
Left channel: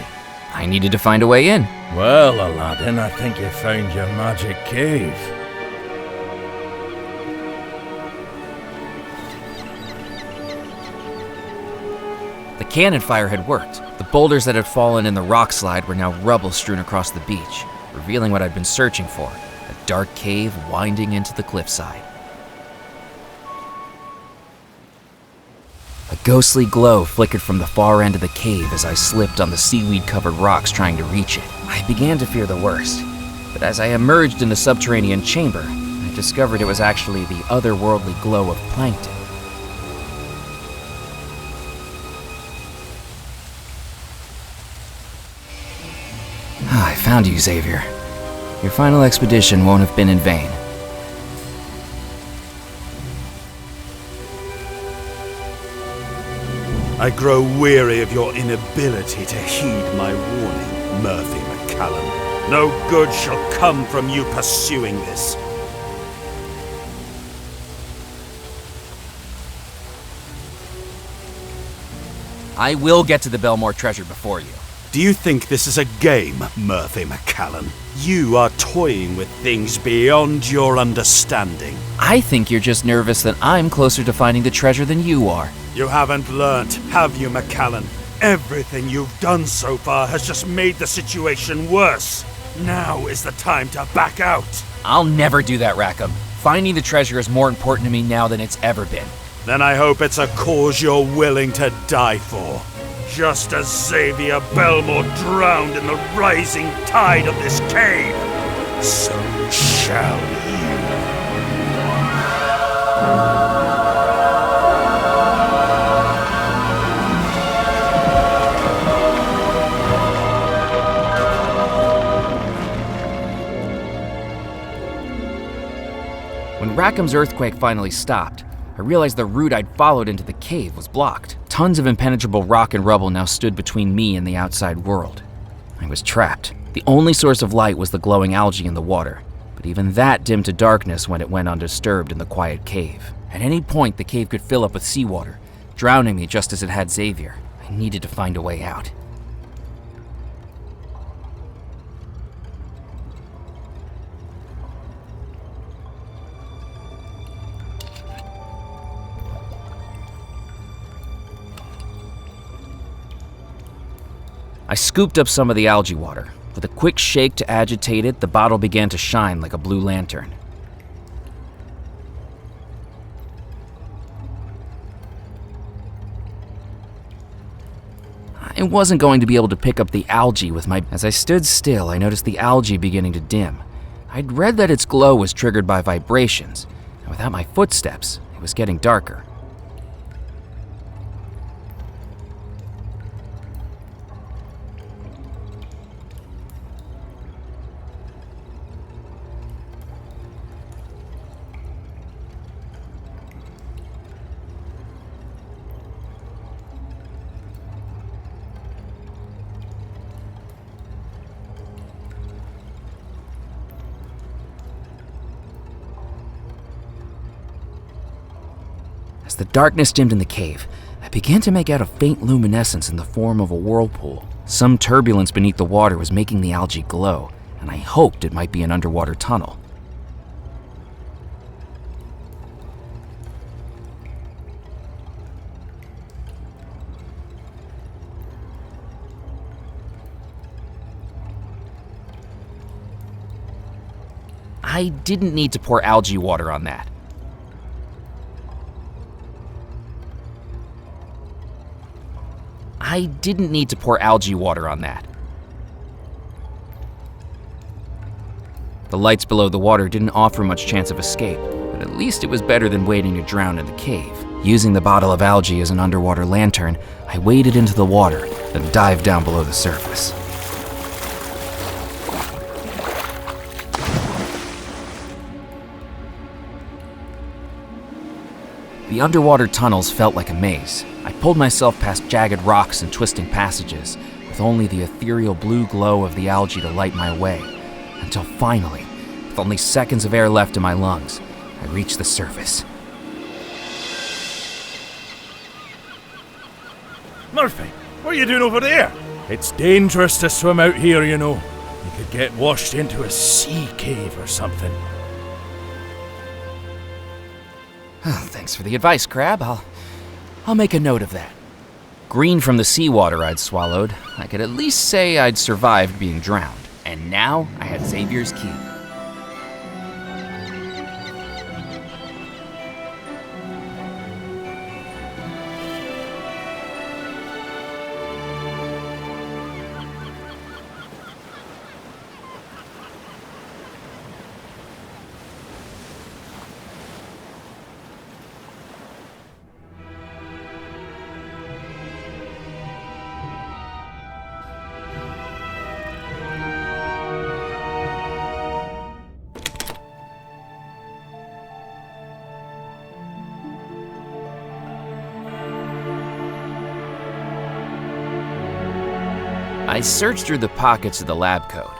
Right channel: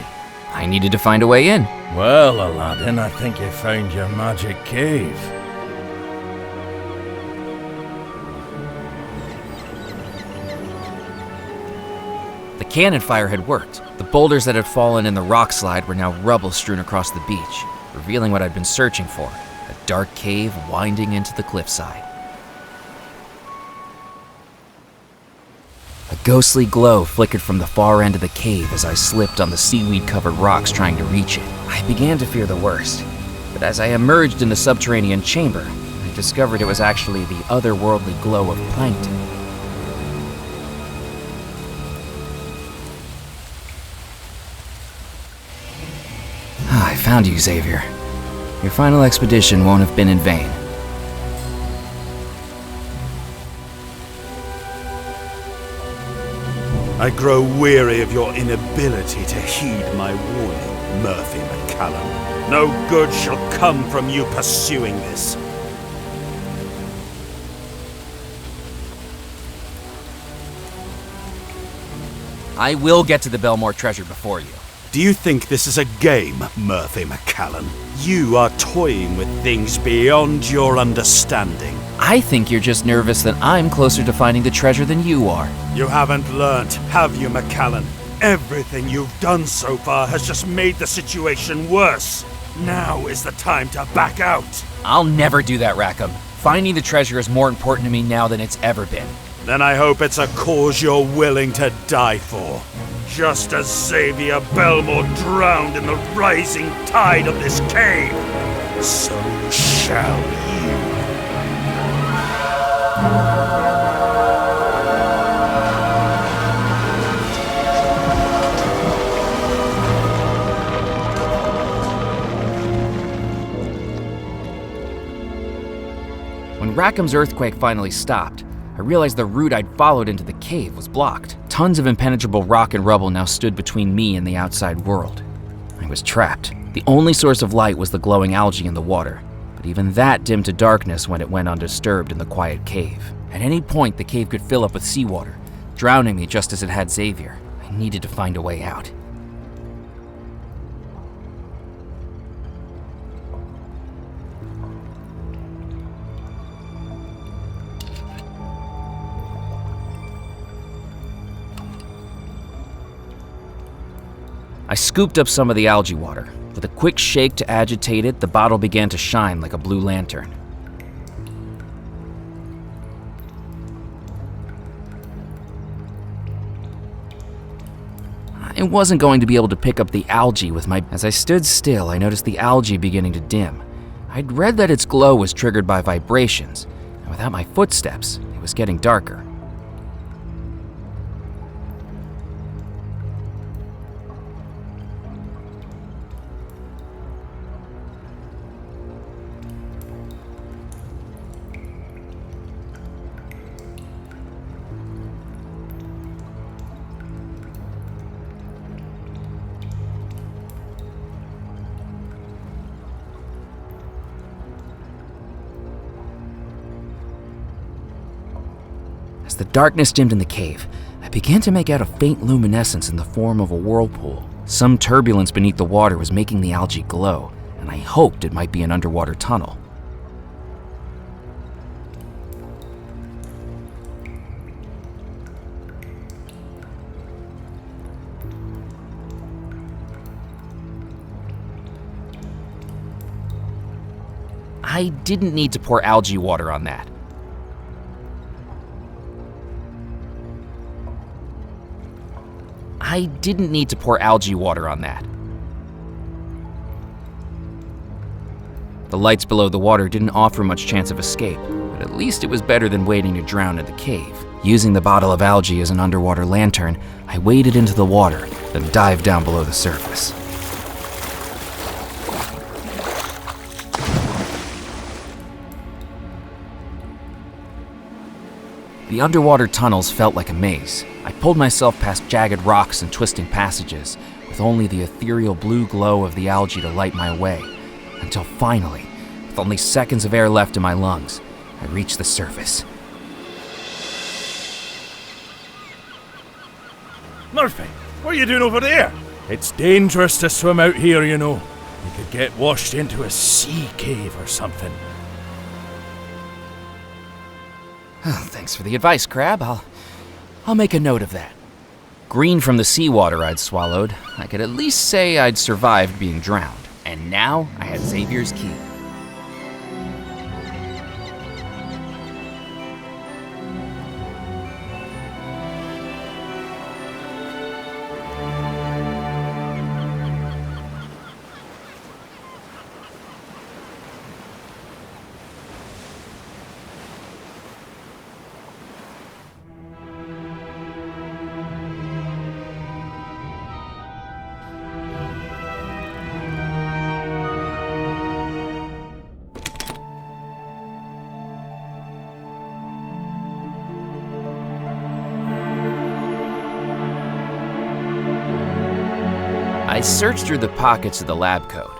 I needed to find a way in. Well, Aladdin, I think you found your magic cave. The cannon fire had worked. The boulders that had fallen in the rock slide were now rubble strewn across the beach, revealing what I'd been searching for, a dark cave winding into the cliffside. A ghostly glow flickered from the far end of the cave as I slipped on the seaweed-covered rocks trying to reach it. I began to fear the worst, but as I emerged in the subterranean chamber, I discovered it was actually the otherworldly glow of plankton. I found you, Xavier. Your final expedition won't have been in vain. I grow weary of your inability to heed my warning, Murphy McCallum. No good shall come from you pursuing this. I will get to the Belmore treasure before you. Do you think this is a game, Murphy McCallum? You are toying with things beyond your understanding. I think you're just nervous that I'm closer to finding the treasure than you are. You haven't learnt, have you, McCallum? Everything you've done so far has just made the situation worse. Now is the time to back out. I'll never do that, Rackham. Finding the treasure is more important to me now than it's ever been. Then I hope it's a cause you're willing to die for. Just as Xavier Belmore drowned in the rising tide of this cave, so shall you. When Rackham's earthquake finally stopped, I realized the route I'd followed into the cave was blocked. Tons of impenetrable rock and rubble now stood between me and the outside world. I was trapped. The only source of light was the glowing algae in the water, but even that dimmed to darkness when it went undisturbed in the quiet cave. At any point, the cave could fill up with seawater, drowning me just as it had Xavier. I needed to find a way out. I scooped up some of the algae water. With a quick shake to agitate it, the bottle began to shine like a blue lantern. I wasn't going to be able to pick up the algae with my... As I stood still, I noticed the algae beginning to dim. I'd read that its glow was triggered by vibrations, and without my footsteps, it was getting darker. the darkness dimmed in the cave, I began to make out a faint luminescence in the form of a whirlpool. Some turbulence beneath the water was making the algae glow, and I hoped it might be an underwater tunnel. I didn't need to pour algae water on that. I didn't need to pour algae water on that. The lights below the water didn't offer much chance of escape, but at least it was better than waiting to drown in the cave. Using the bottle of algae as an underwater lantern, I waded into the water, then dived down below the surface. The underwater tunnels felt like a maze. I pulled myself past jagged rocks and twisting passages, with only the ethereal blue glow of the algae to light my way, until finally, with only seconds of air left in my lungs, I reached the surface. Murphy, what are you doing over there? It's dangerous to swim out here, you know. You could get washed into a sea cave or something. Thanks for the advice, Crab. I'll make a note of that. Green from the seawater I'd swallowed, I could at least say I'd survived being drowned. And now I had Xavier's key. I searched through the pockets of the lab coat.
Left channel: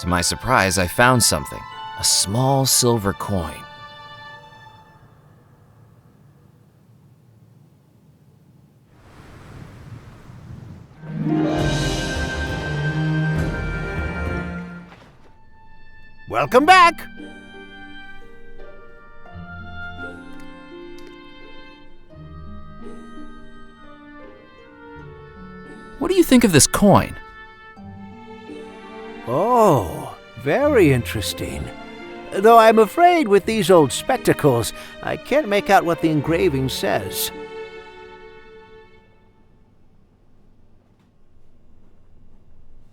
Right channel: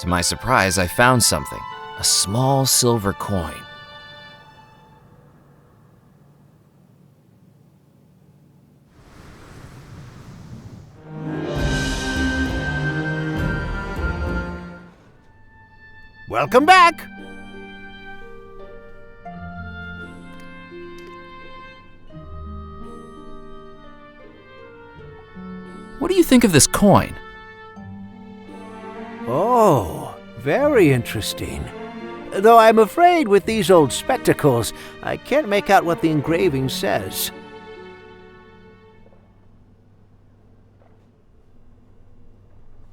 To my surprise, I found something, a small silver coin. Welcome back! What do you think of this coin? Oh, very interesting. Though I'm afraid with these old spectacles, I can't make out what the engraving says.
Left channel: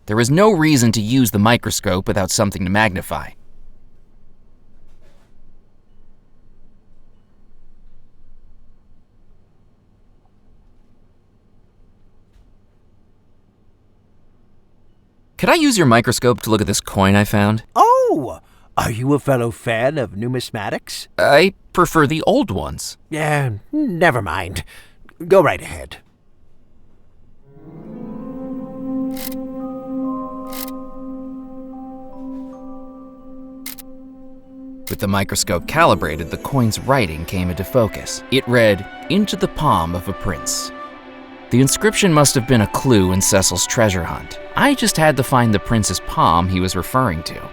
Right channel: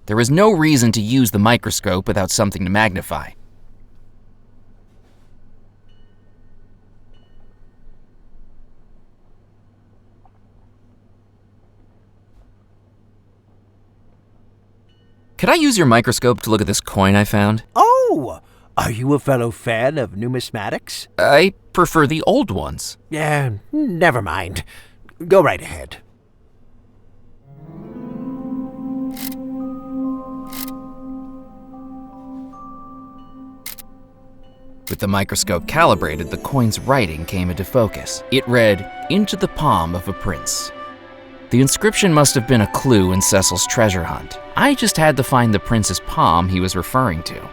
There is no reason to use the microscope without something to magnify. Could I use your microscope to look at this coin I found? Oh! Are you a fellow fan of numismatics? I prefer the old ones. Yeah, never mind. Go right ahead. With the microscope calibrated, the coin's writing came into focus. It read, "Into the palm of a prince." The inscription must have been a clue in Cecil's treasure hunt. I just had to find the prince's palm he was referring to.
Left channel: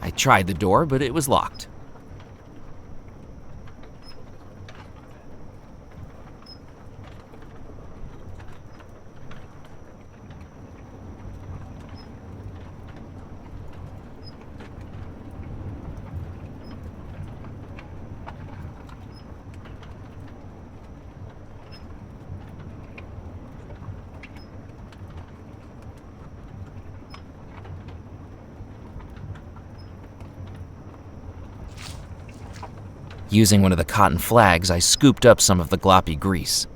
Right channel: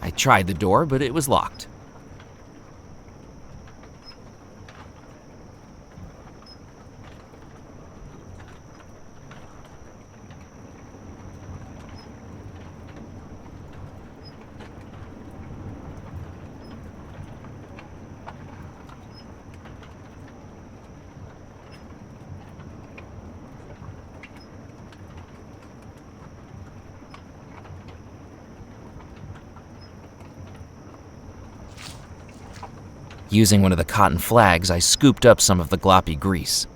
I tried the door, but it was locked. Using one of the cotton flags, I scooped up some of the gloppy grease.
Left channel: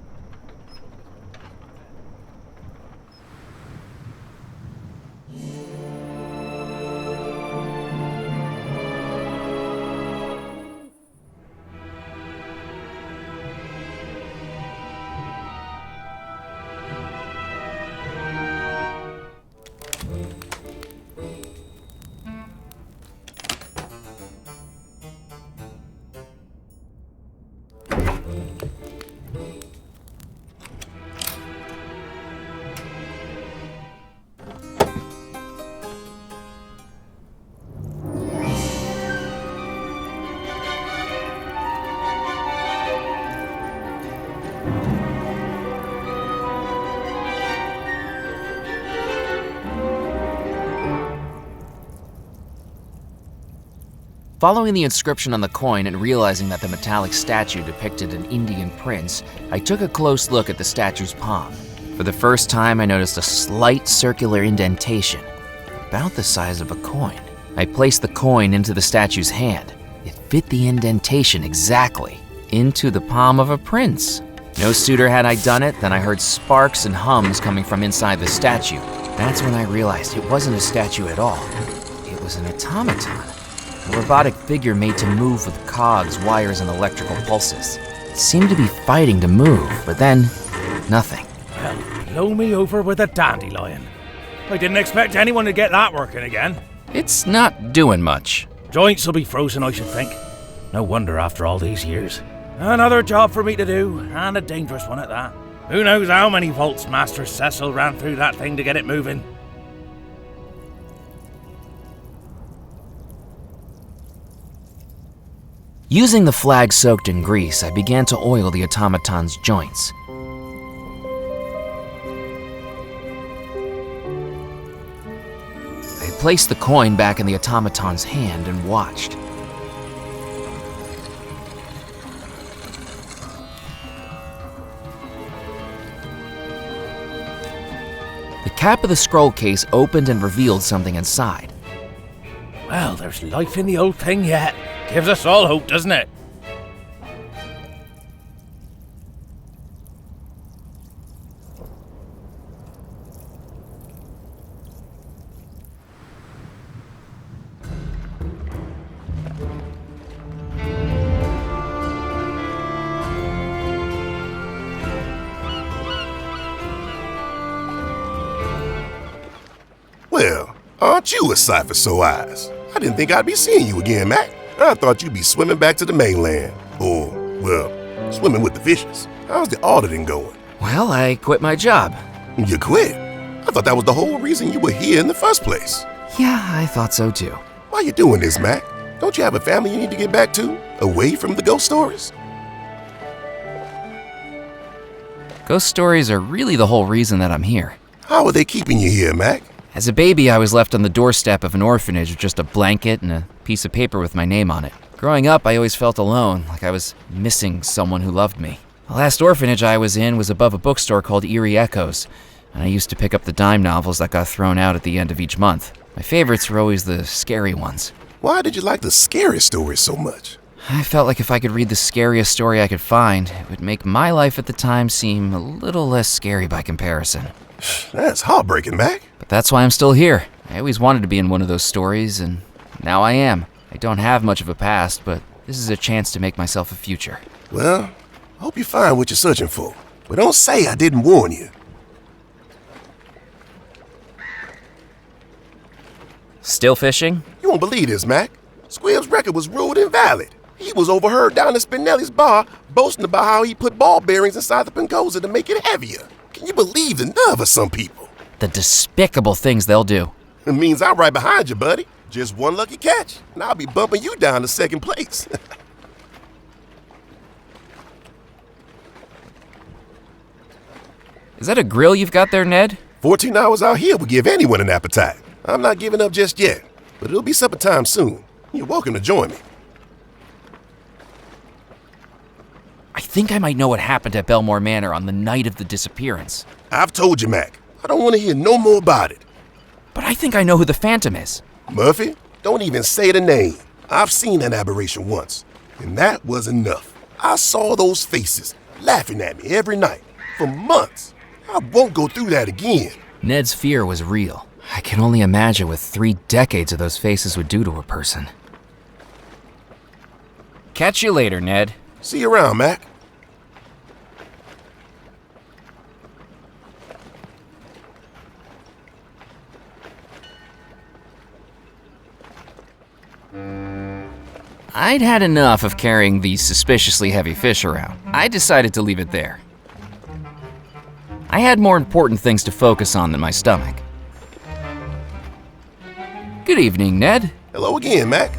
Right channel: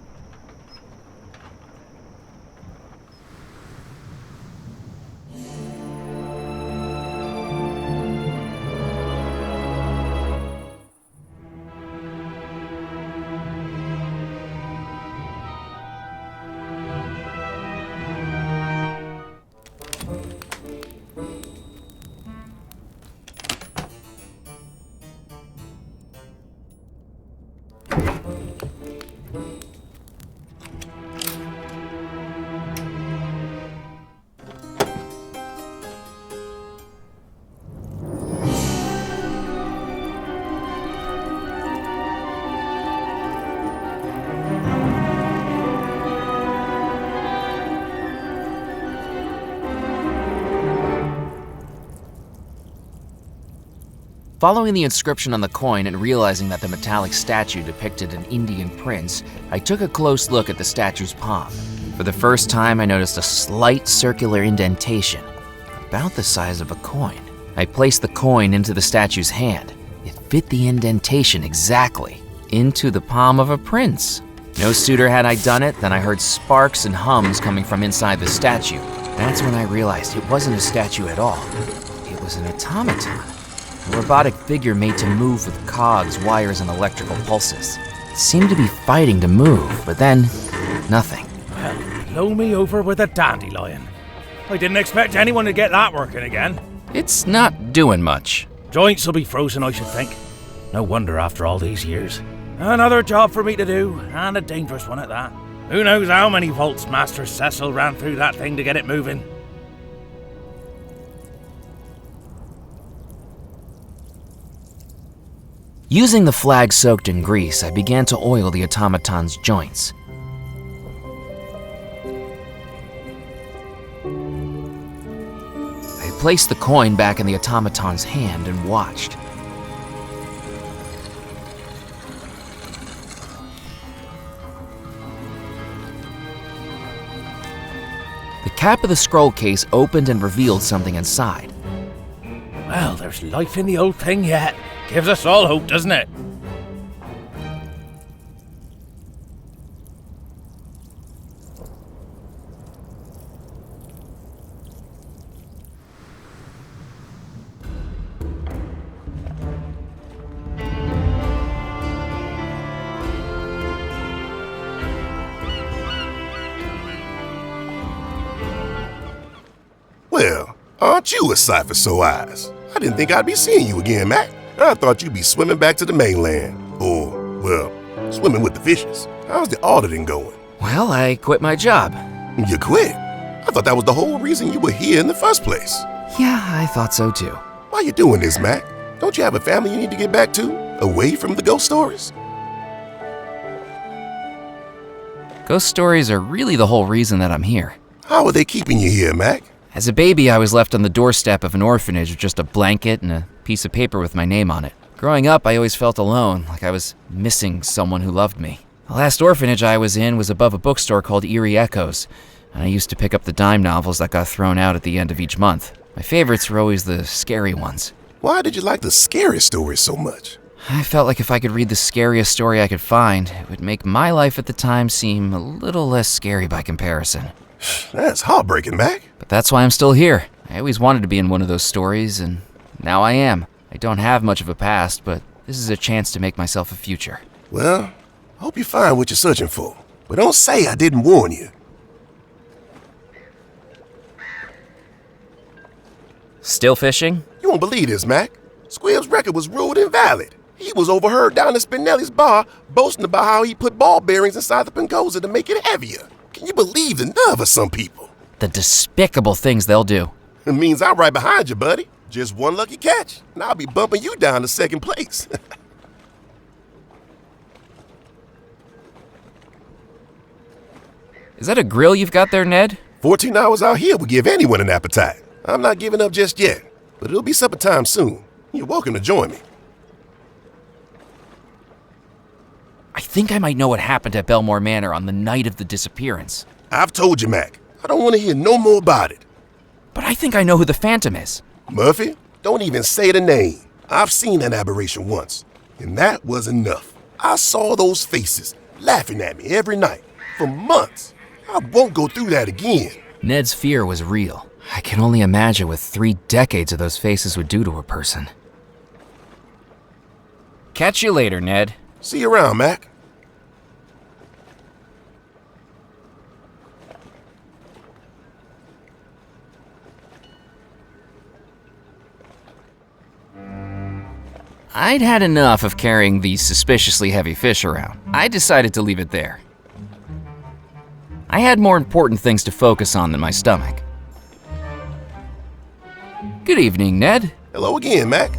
Following the inscription on the coin and realizing that the metallic statue depicted an Indian prince, I took a close look at the statue's palm. For the first time, I noticed a slight circular indentation, about the size of a coin. I placed the coin into the statue's hand. It fit the indentation exactly, into the palm of a prince. No sooner had I done it than I heard sparks and hums coming from inside the statue. That's when I realized it wasn't a statue at all. It was an automaton. A robotic figure made to move with cogs, wires, and electrical pulses. It seemed to be fighting to move, but then, nothing. Well, blow me over with a dandelion. I didn't expect anyone to get that working again. It's not doing much. Joints will be frozen, I should think. No wonder after all these years. Another job for me to do, and a dangerous one at that. Who knows how many volts Master Cecil ran through that thing to get it moving. Using the flag soaked in grease, I began to oil the automaton's joints. I placed the coin back in the automaton's hand and watched. The cap of the scroll case opened and revealed something inside. Well, there's life in the old thing yet. Gives us all hope, doesn't it? Well, aren't you a sight for sore eyes? I didn't think I'd be seeing you again, Mac. I thought you'd be swimming back to the mainland. Or, well, swimming with the fishes. How's the auditing going? Well, I quit my job. You quit? I thought that was the whole reason you were here in the first place. Yeah, I thought so too. Why you doing this, Mac? Don't you have a family you need to get back to? Away from the ghost stories? Ghost stories are really the whole reason that I'm here. How are they keeping you here, Mac? As a baby, I was left on the doorstep of an orphanage with just a blanket and a piece of paper with my name on it. Growing up, I always felt alone, like I was missing someone who loved me. The last orphanage I was in was above a bookstore called Eerie Echoes, and I used to pick up the dime novels that got thrown out at the end of each month. My favorites were always the scary ones. Why did you like the scary stories so much? I felt like if I could read the scariest story I could find, it would make my life at the time seem a little less scary by comparison. That's heartbreaking, Mac. But that's why I'm still here. I always wanted to be in one of those stories, and now I am. I don't have much of a past, but this is a chance to make myself a future. Well, I hope you find what you're searching for. But don't say I didn't warn you. Still fishing? You won't believe this, Mac. Squibb's record was ruled invalid. He was overheard down at Spinelli's bar boasting about how he put ball bearings inside the Pancosa to make it heavier. Can you believe the nerve of some people? The despicable things they'll do. It means I'm right behind you, buddy. Just one lucky catch, and I'll be bumping you down to second place. Is that a grill you've got there, Ned? 14 hours out here will give anyone an appetite. I'm not giving up just yet, but it'll be supper time soon. You're welcome to join me. I think I might know what happened at Belmore Manor on the night of the disappearance. I've told you, Mac. I don't want to hear no more about it. But I think I know who the Phantom is. Murphy, don't even say the name. I've seen that aberration once. And that was enough. I saw those faces laughing at me every night for months. I won't go through that again. Ned's fear was real. I can only imagine what 3 decades of those faces would do to a person. Catch you later, Ned. See you around, Mac. I'd had enough of carrying these suspiciously heavy fish around. I decided to leave it there. I had more important things to focus on than my stomach. Good evening, Ned. Hello again, Mac.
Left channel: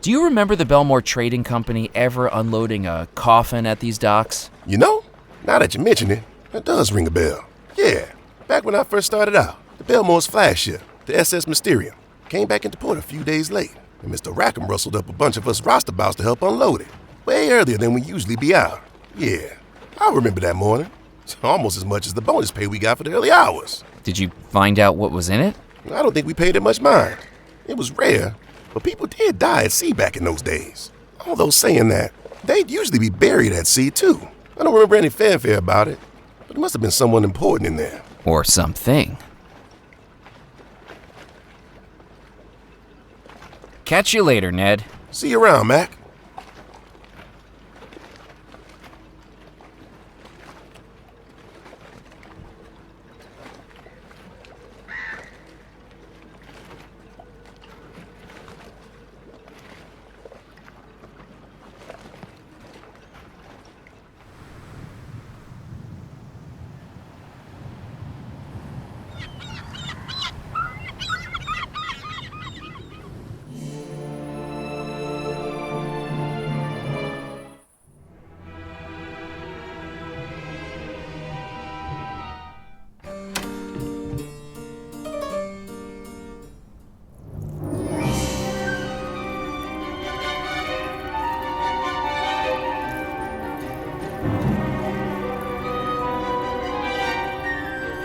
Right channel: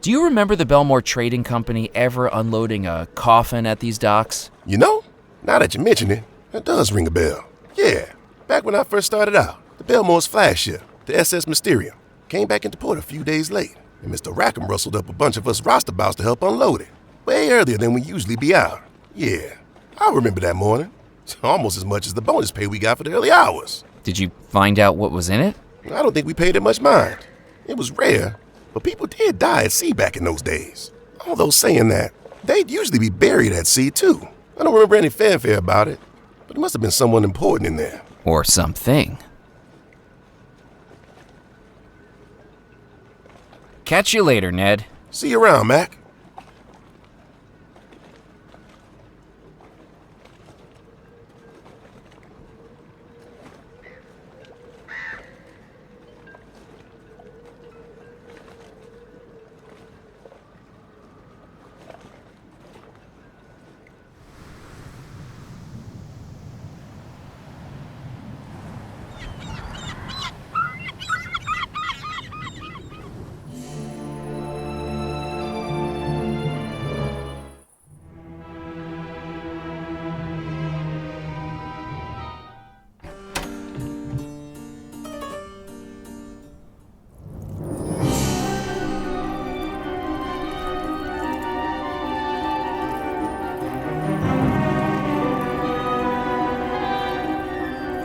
Do you remember the Belmore Trading Company ever unloading a coffin at these docks? You know, now that you mention it, that does ring a bell. Yeah, back when I first started out, the Belmore's flagship, the SS Mysterium, came back into port a few days late, and Mr. Rackham rustled up a bunch of us roustabouts to help unload it, way earlier than we usually be out. Yeah, I remember that morning. It's almost as much as the bonus pay we got for the early hours. Did you find out what was in it? I don't think we paid it much mind. It was rare, but people did die at sea back in those days. Although saying that, they'd usually be buried at sea too. I don't remember any fanfare about it, but it must have been someone important in there. Or something. Catch you later, Ned. See you around, Mac.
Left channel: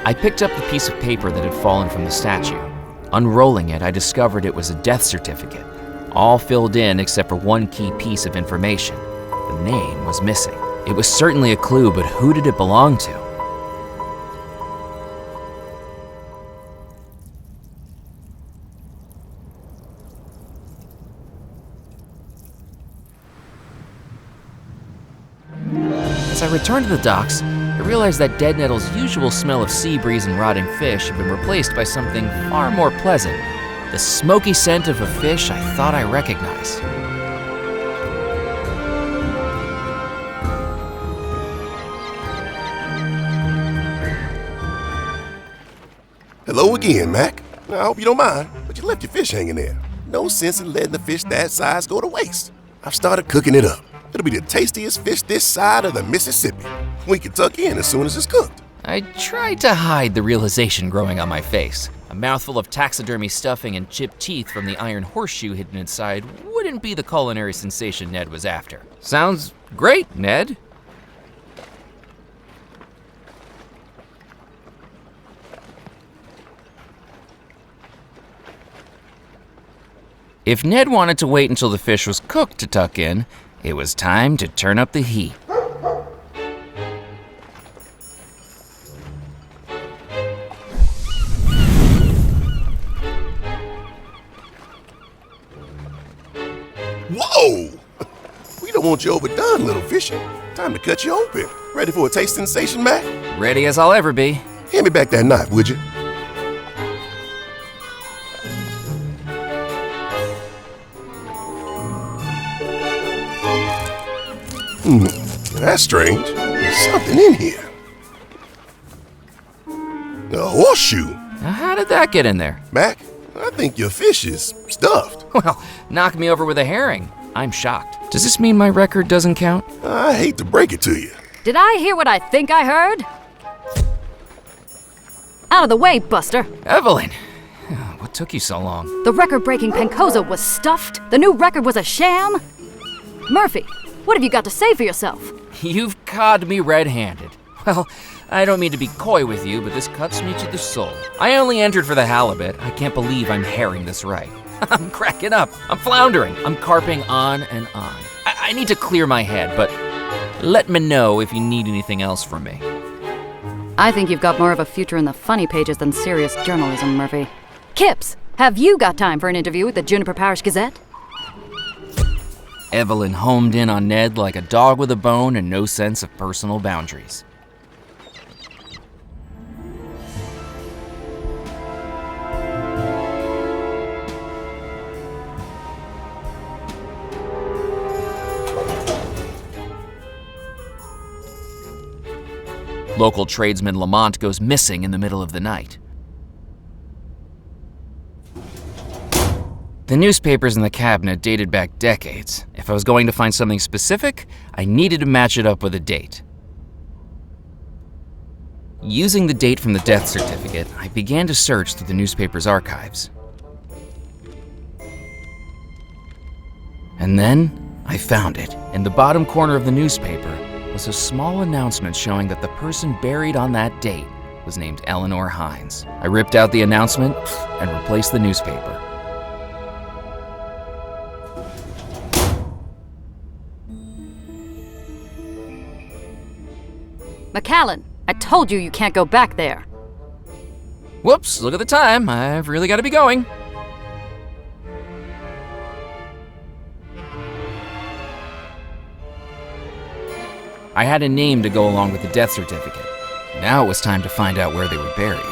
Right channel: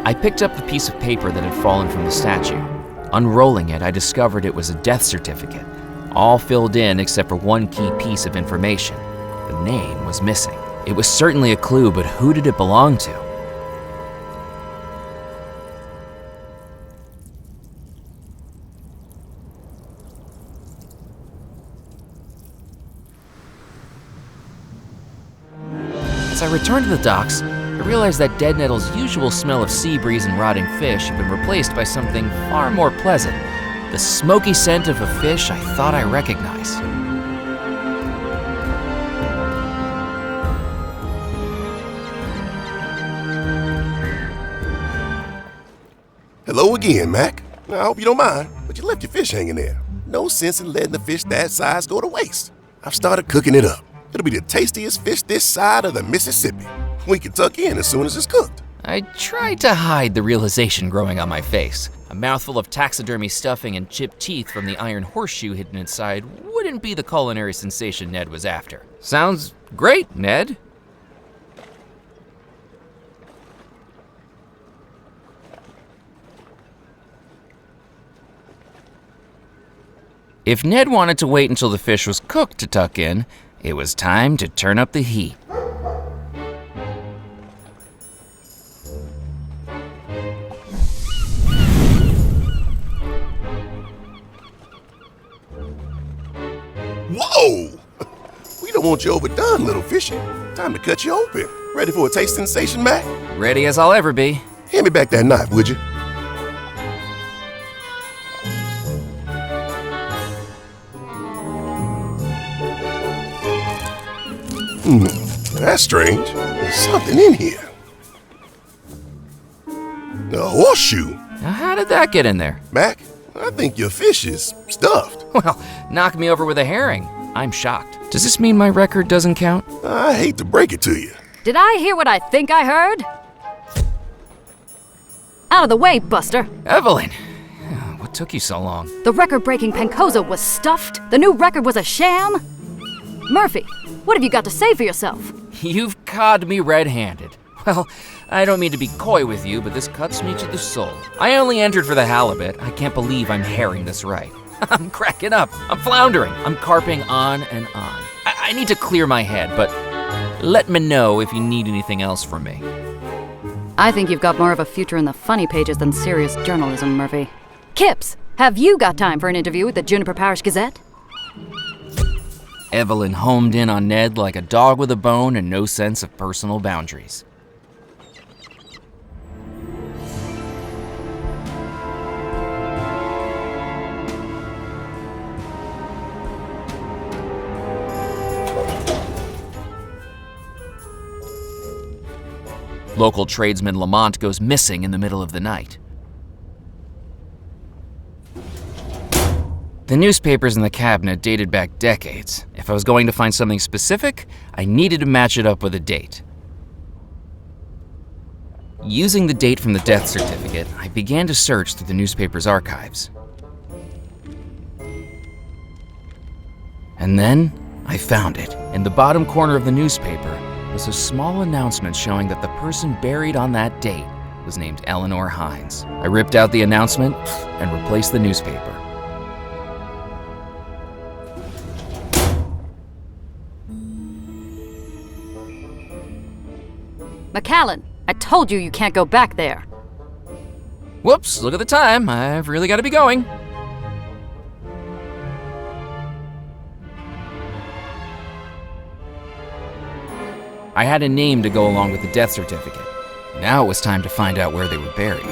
I picked up the piece of paper that had fallen from the statue. Unrolling it, I discovered it was a death certificate, all filled in except for one key piece of information. The name was missing. It was certainly a clue, but who did it belong to? As I returned to the docks, I realized that Dead Nettle's usual smell of sea breeze and rotting fish had been replaced by something far more pleasant, the smoky scent of a fish I thought I recognized. Hello again, Mac. I hope you don't mind, but you left your fish hanging there. No sense in letting the fish that size go to waste. I've started cooking it up. It'll be the tastiest fish this side of the Mississippi. We can tuck in as soon as it's cooked. I tried to hide the realization growing on my face. A mouthful of taxidermy stuffing and chipped teeth from the iron horseshoe hidden inside wouldn't be the culinary sensation Ned was after. Sounds great, Ned. If Ned wanted to wait until the fish was cooked to tuck in, it was time to turn up the heat. Whoa! We don't want you overdone, little fishy. Time to cut you open. Ready for a taste sensation, Mac? Ready as I'll ever be. Hand me back that knife, would you? That's strange. There's something in here. A horseshoe. Now how did that get in there? Mac, I think your fish is stuffed. Well, knock me over with a herring. I'm shocked. Does this mean my record doesn't count? I hate to break it to you. Did I hear what I think I heard? Out of the way, Buster. Evelyn, what took you so long? The record-breaking Pencosa was stuffed? The new record was a sham? Murphy, what have you got to say for yourself? You've caught me red-handed. Well, I don't mean to be coy with you, but this cuts me to the soul. I only entered for the halibut. I can't believe I'm herring this right. I'm cracking up. I'm floundering. I'm carping on and on. I need to clear my head, but let me know if you need anything else from me. I think you've got more of a future in the funny pages than serious journalism, Murphy. Kips, have you got time for an interview with the Juniper Parish Gazette? Evelyn homed in on Ned like a dog with a bone and no sense of personal boundaries. Local tradesman Lamont goes missing in the middle of the night. The newspapers in the cabinet dated back decades. If I was going to find something specific, I needed to match it up with a date. Using the date from the death certificate, I began to search through the newspaper's archives. And then, I found it. In the bottom corner of the newspaper was a small announcement showing that the person buried on that date was named Eleanor Hines. I ripped out the announcement and replaced the newspaper. McAllen, I told you can't go back there. Whoops, look at the time. I've really got to be going. I had a name to go along with the death certificate. Now it was time to find out where they were buried.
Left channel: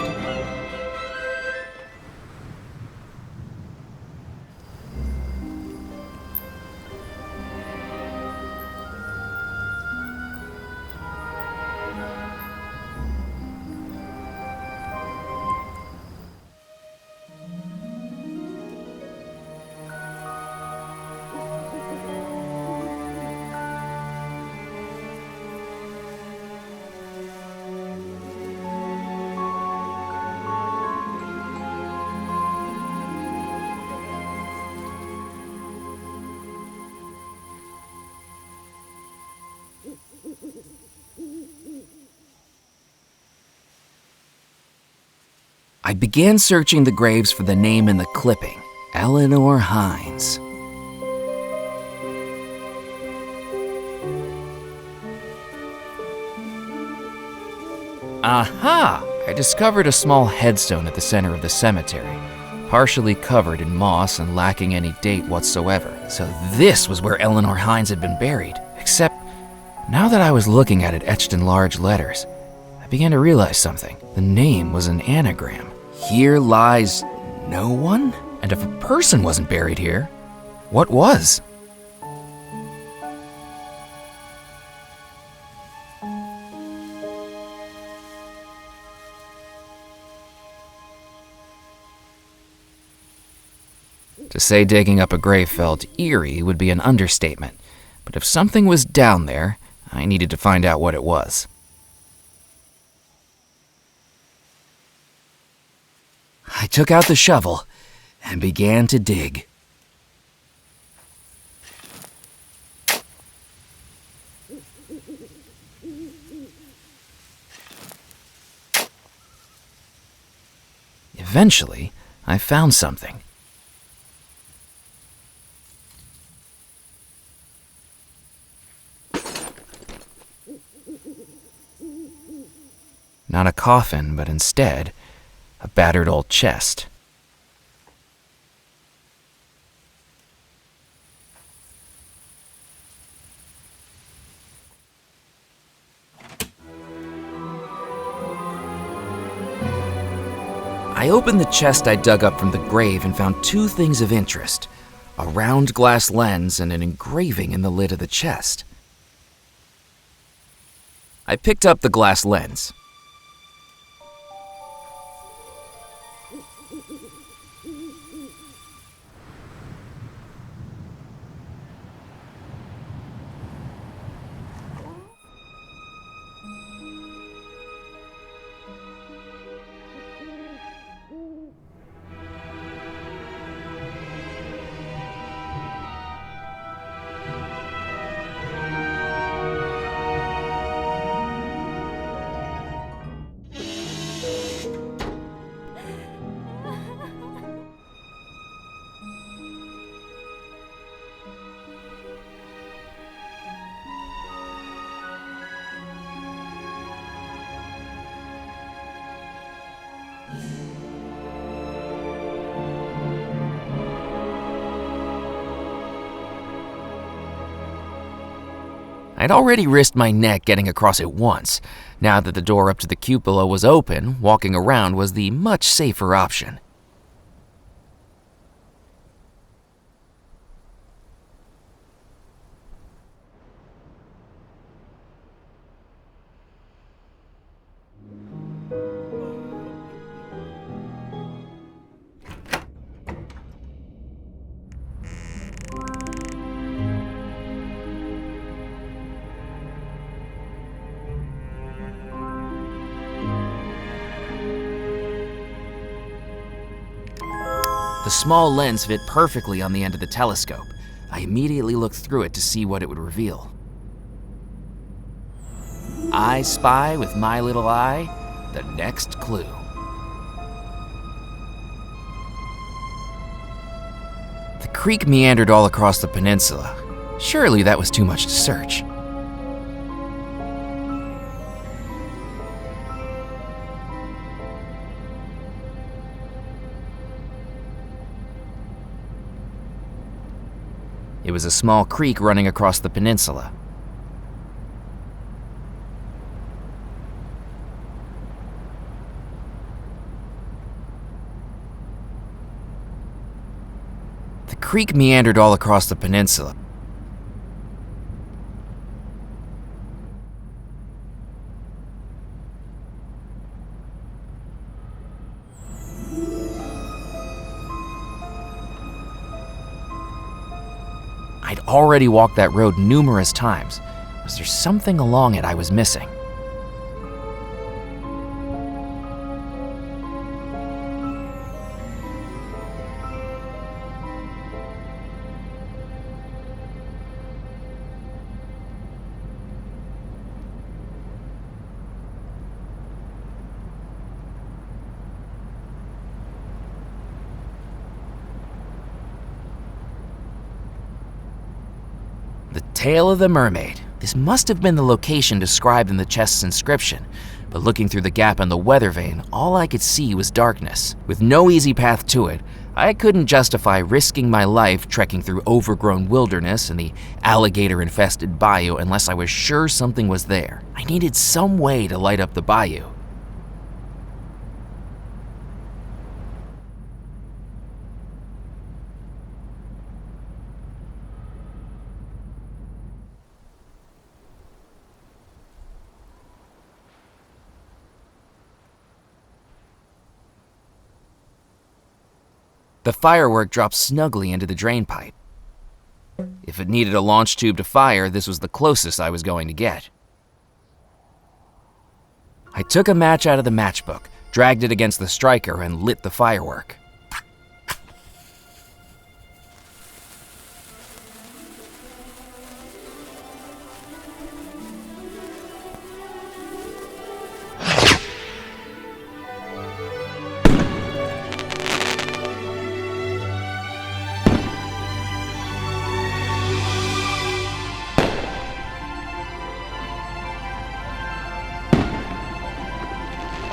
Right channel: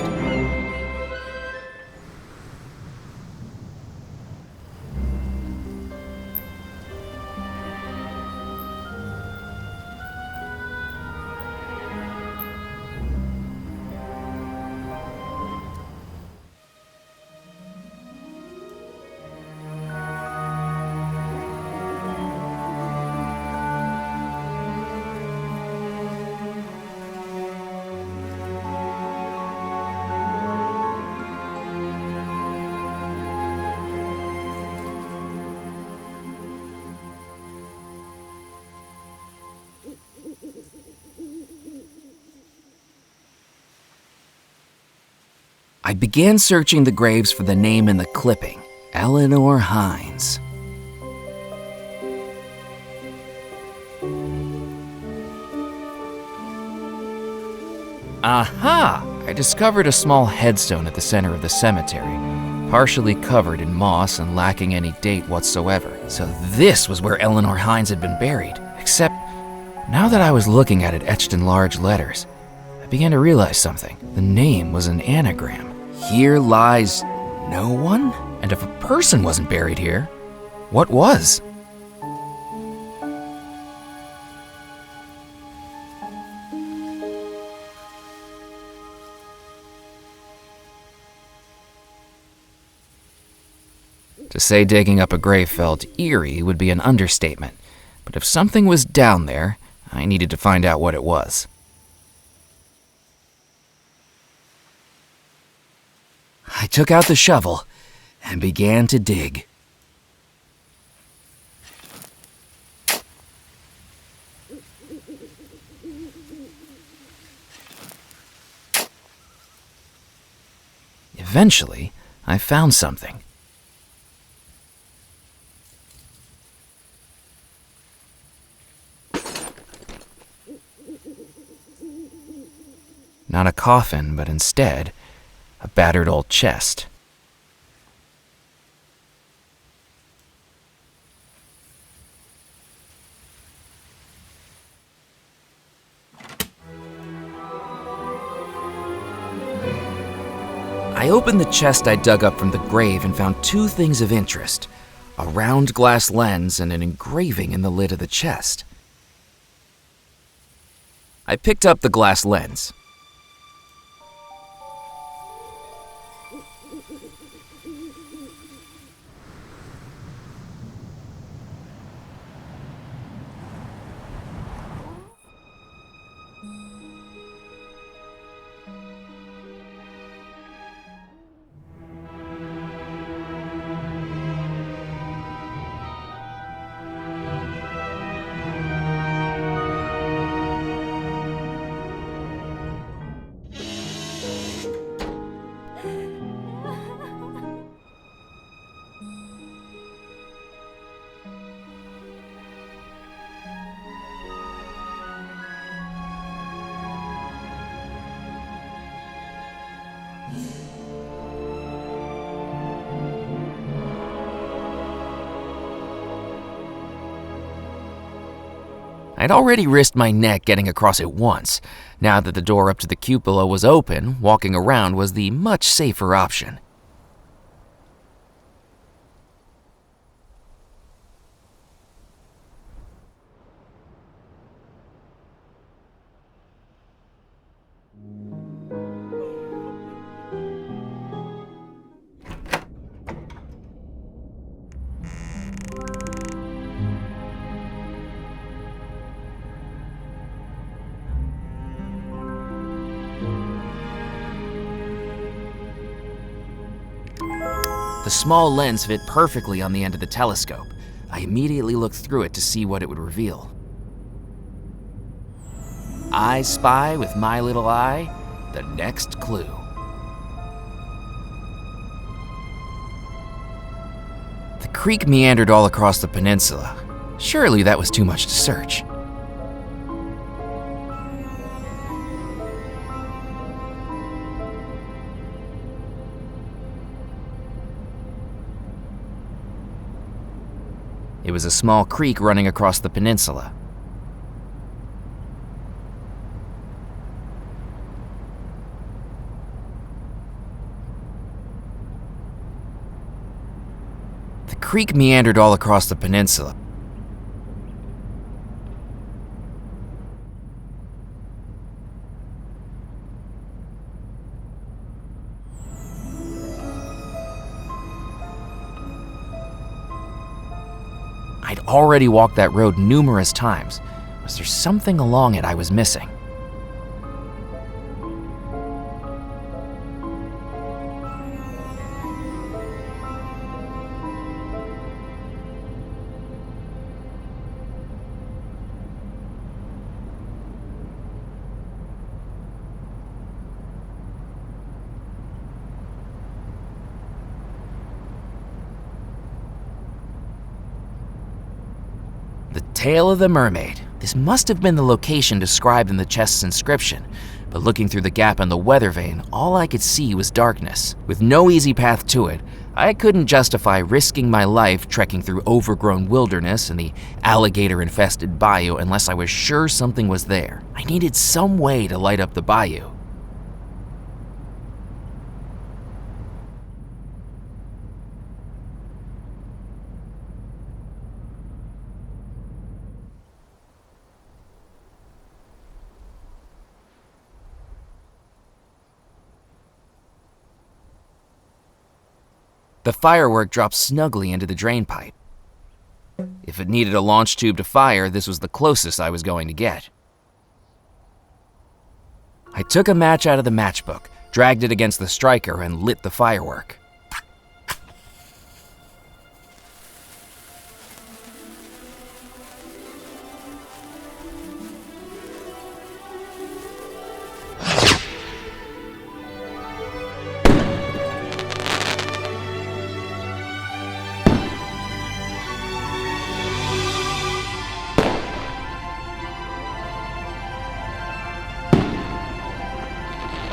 I began searching the graves for the name in the clipping, Eleanor Hines. Aha! I discovered a small headstone at the center of the cemetery, partially covered in moss and lacking any date whatsoever. So this was where Eleanor Hines had been buried, except now that I was looking at it etched in large letters, I began to realize something. The name was an anagram. Here lies no one? And if a person wasn't buried here, what was? To say digging up a grave felt eerie would be an understatement, but if something was down there, I needed to find out what it was. I took out the shovel and began to dig. Eventually, I found something. Not a coffin, but instead, a battered old chest. I opened the chest I dug up from the grave and found two things of interest: a round glass lens and an engraving in the lid of the chest. I picked up the glass lens. I'd already risked my neck getting across it once. Now that the door up to the cupola was open, walking around was the much safer option. The small lens fit perfectly on the end of the telescope. I immediately looked through it to see what it would reveal. I spy with my little eye the next clue. The creek meandered all across the peninsula. Surely that was too much to search. It was a small creek running across the peninsula. The creek meandered all across the peninsula. I'd already walked that road numerous times. Was there something along it I was missing? The Tale of the Mermaid. This must have been the location described in the chest's inscription, but looking through the gap in the weather vane, all I could see was darkness. With no easy path to it, I couldn't justify risking my life trekking through overgrown wilderness and the alligator-infested bayou unless I was sure something was there. I needed some way to light up the bayou. The firework dropped snugly into the drain pipe. If it needed a launch tube to fire, this was the closest I was going to get. I took a match out of the matchbook, dragged it against the striker, and lit the firework.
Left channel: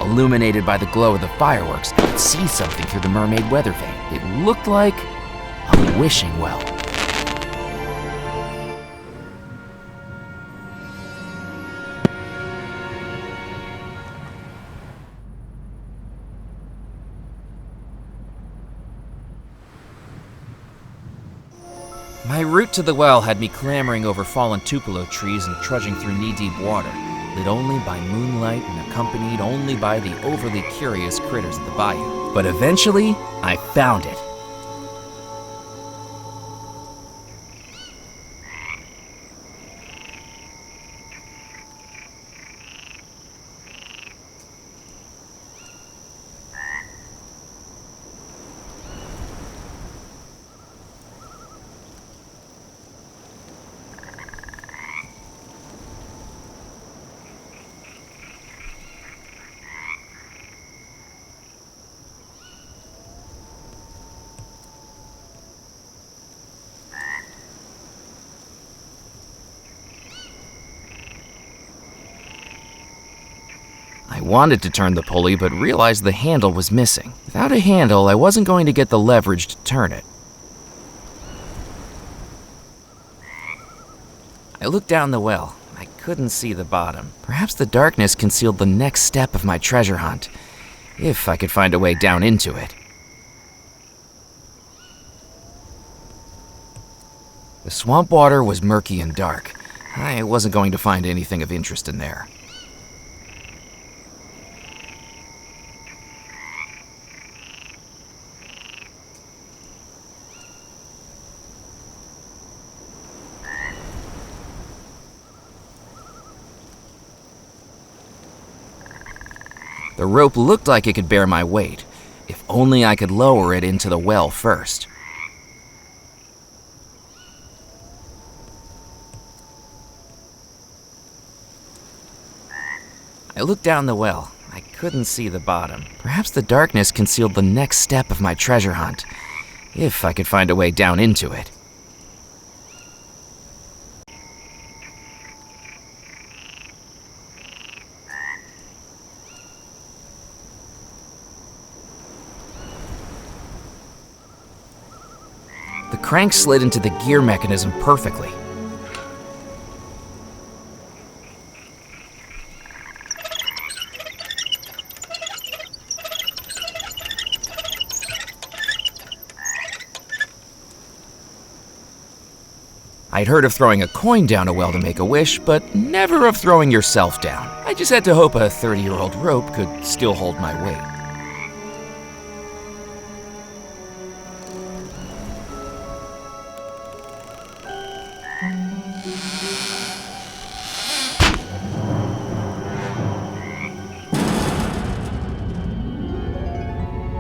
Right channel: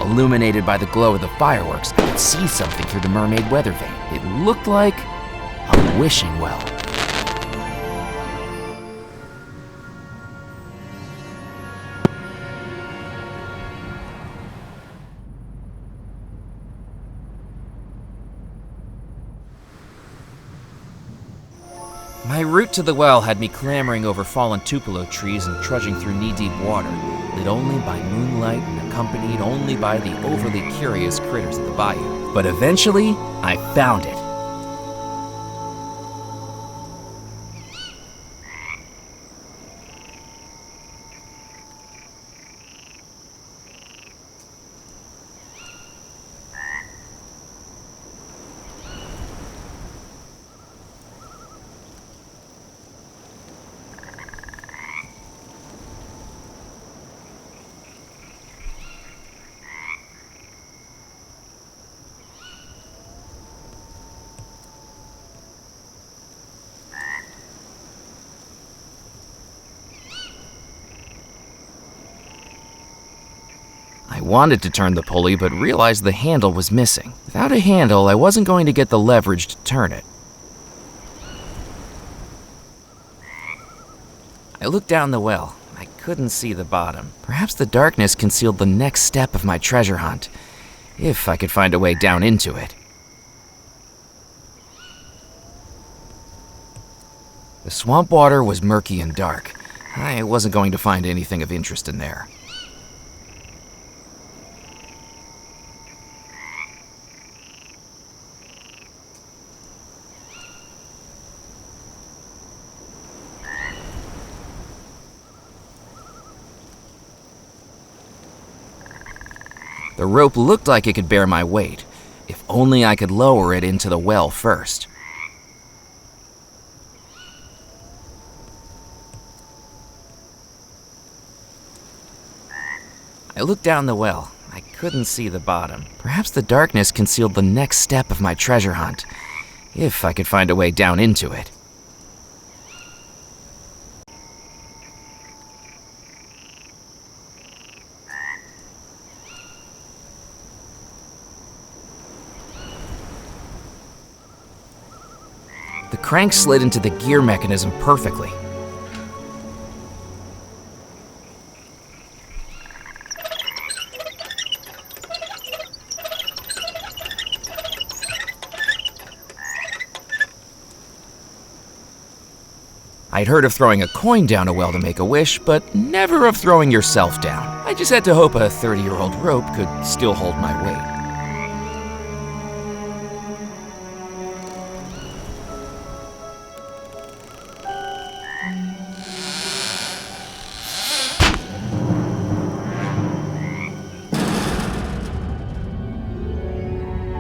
Illuminated by the glow of the fireworks, I could see something through the mermaid weather vane. It looked like a wishing well. My route to the well had me clambering over fallen tupelo trees and trudging through knee-deep water, lit only by moonlight and accompanied only by the overly curious critters of the bayou. But eventually, I found it. I wanted to turn the pulley, but realized the handle was missing. Without a handle, I wasn't going to get the leverage to turn it. I looked down the well. couldn't see the bottom. Perhaps the darkness concealed the next step of my treasure hunt, if I could find a way down into it. The swamp water was murky and dark. I wasn't going to find anything of interest in there. The rope looked like it could bear my weight, if only I could lower it into the well first. I looked down the well. I couldn't see the bottom. Perhaps the darkness concealed the next step of my treasure hunt, if I could find a way down into it. The crank slid into the gear mechanism perfectly. I'd heard of throwing a coin down a well to make a wish, but never of throwing yourself down. I just had to hope a 30-year-old rope could still hold my weight.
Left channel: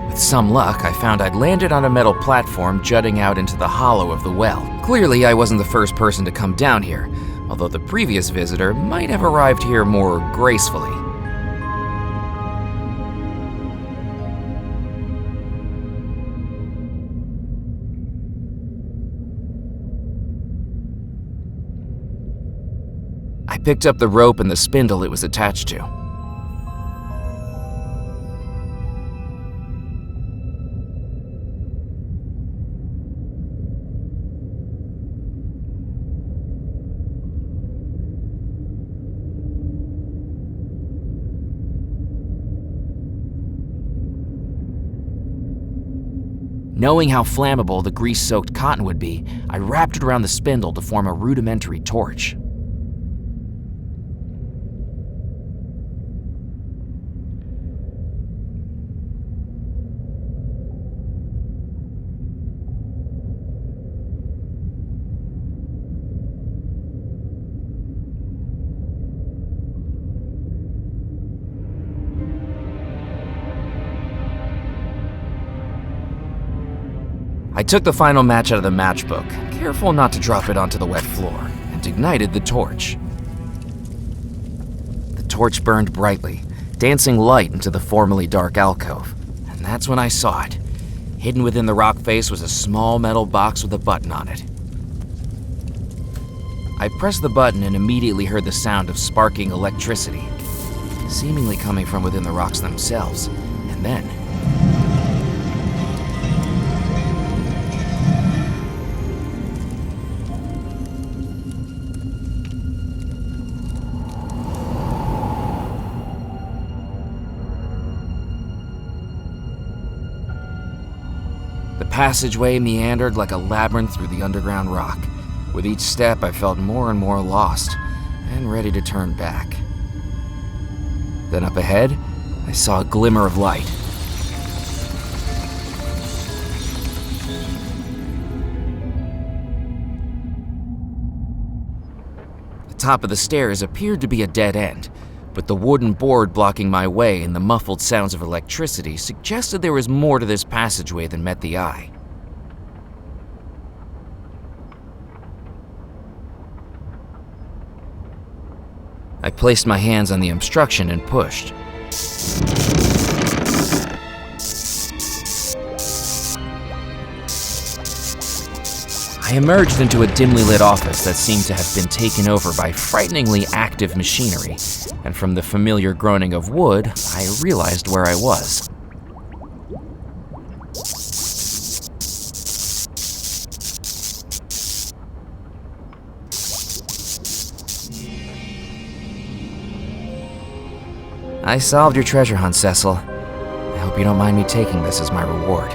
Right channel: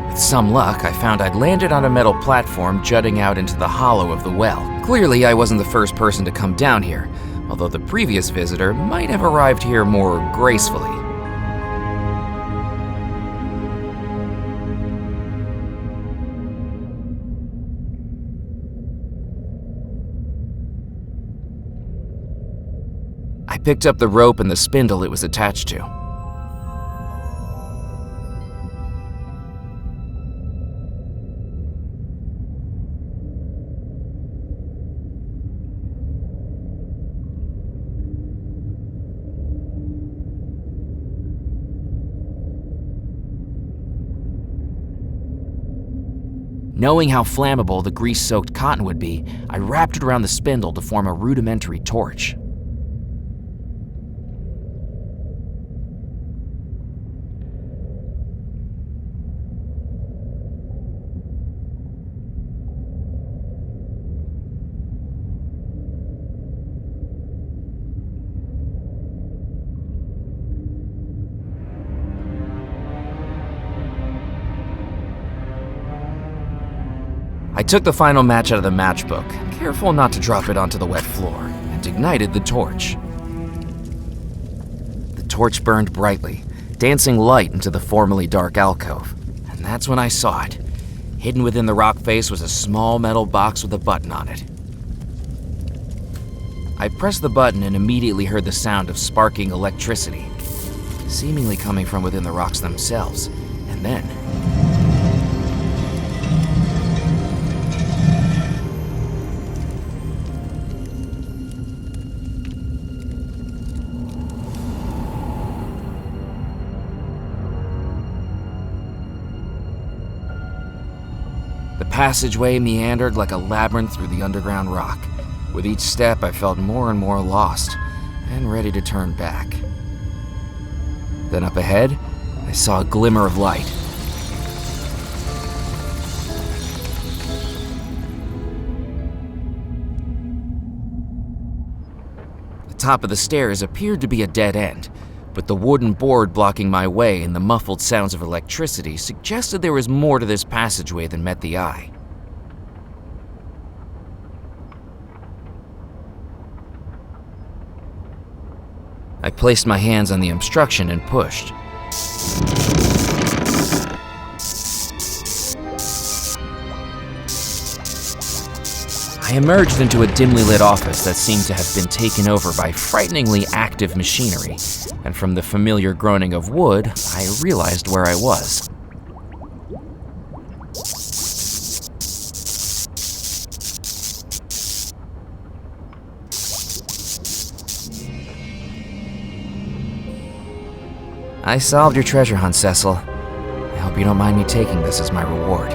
With some luck, I found I'd landed on a metal platform jutting out into the hollow of the well. Clearly, I wasn't the first person to come down here, although the previous visitor might have arrived here more gracefully. I picked up the rope and the spindle it was attached to. Knowing how flammable the grease-soaked cotton would be, I wrapped it around the spindle to form a rudimentary torch. I took the final match out of the matchbook, careful not to drop it onto the wet floor, and ignited the torch. The torch burned brightly, dancing light into the formerly dark alcove, and that's when I saw it. Hidden within the rock face was a small metal box with a button on it. I pressed the button and immediately heard the sound of sparking electricity, seemingly coming from within the rocks themselves, and then the passageway meandered like a labyrinth through the underground rock. With each step, I felt more and more lost, and ready to turn back. Then up ahead, I saw a glimmer of light. The top of the stairs appeared to be a dead end, but the wooden board blocking my way and the muffled sounds of electricity suggested there was more to this passageway than met the eye. I placed my hands on the obstruction and pushed. I emerged into a dimly lit office that seemed to have been taken over by frighteningly active machinery, and from the familiar groaning of wood, I realized where I was. I solved your treasure hunt, Cecil. I hope you don't mind me taking this as my reward.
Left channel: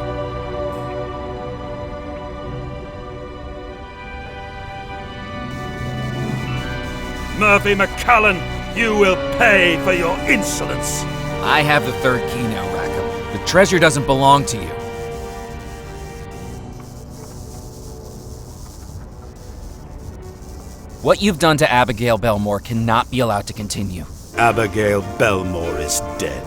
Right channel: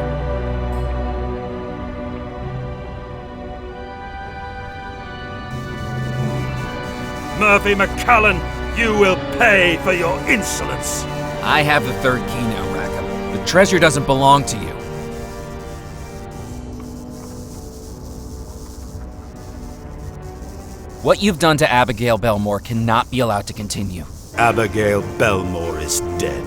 Murphy McCallan, you will pay for your insolence. I have the third key now, Rackham. The treasure doesn't belong to you. What you've done to Abigail Belmore cannot be allowed to continue. Abigail Belmore is dead,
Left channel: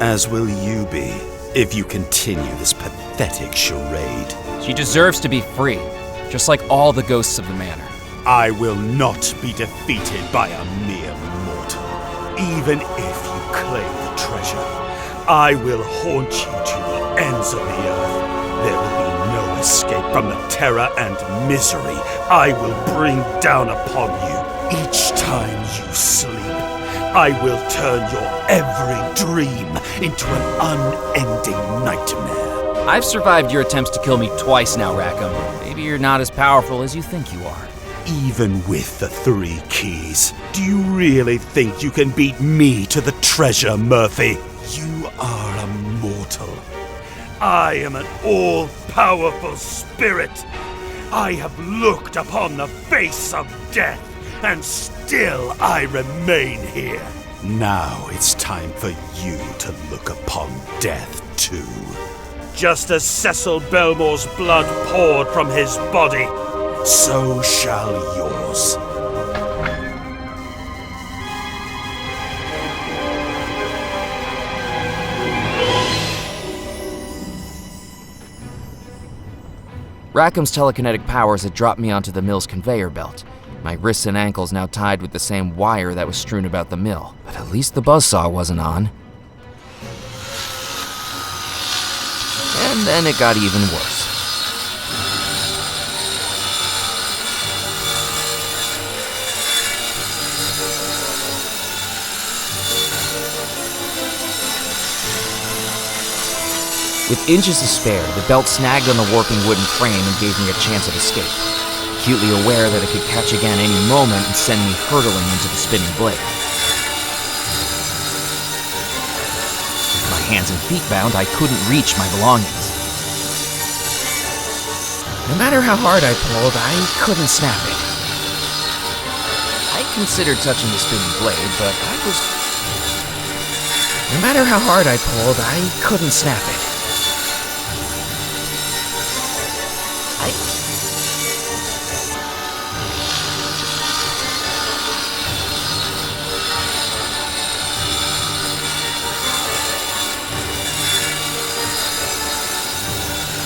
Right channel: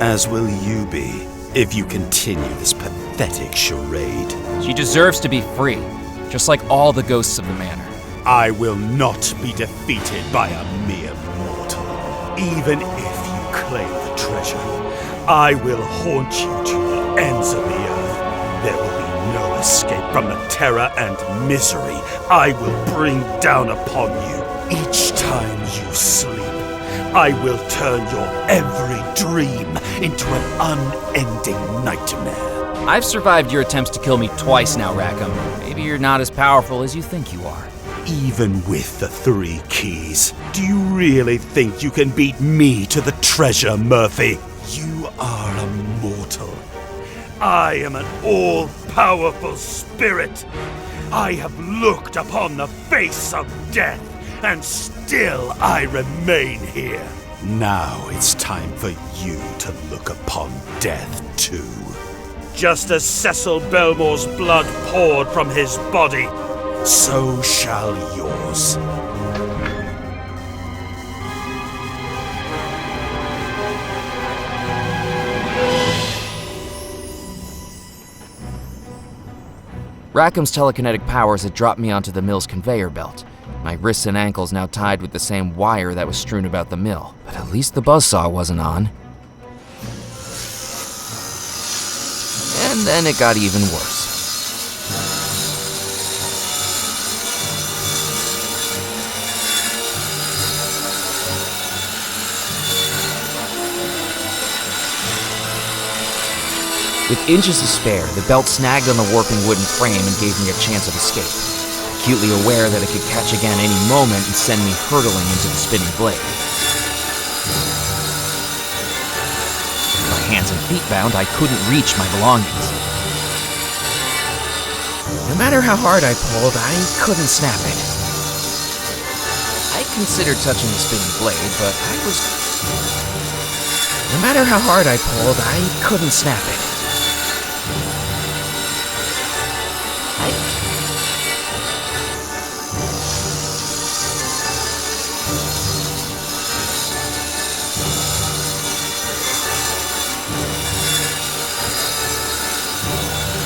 as will you be if you continue this pathetic charade. She deserves to be free, just like all the ghosts of the manor. I will not be defeated by a mere mortal. Even if you claim the treasure, I will haunt you to the ends of the earth. There will be no escape from the terror and misery I will bring down upon you. Each time you sleep, I will turn your every dream into an unending nightmare. I've survived your attempts to kill me twice now, Rackham. Maybe you're not as powerful as you think you are. Even with the 3 keys, do you really think you can beat me to the treasure, Murphy? You are a mortal. I am an all-powerful spirit. I have looked upon the face of death, and still I remain here. Now it's time for you to look upon death too. Just as Cecil Belmore's blood poured from his body, so shall yours. Rackham's telekinetic powers had dropped me onto the mill's conveyor belt. My wrists and ankles now tied with the same wire that was strewn about the mill. But at least the buzzsaw wasn't on. And then it got even worse. With inches to spare, the belt snagged on the warping wooden frame and gave me a chance of escape, acutely aware that it could catch again any moment and send me hurtling into the spinning blade. With my hands and feet bound, I couldn't reach my belongings. No matter how hard I pulled, I couldn't snap it. I considered touching the spinning blade, but No matter how hard I pulled, I couldn't snap it.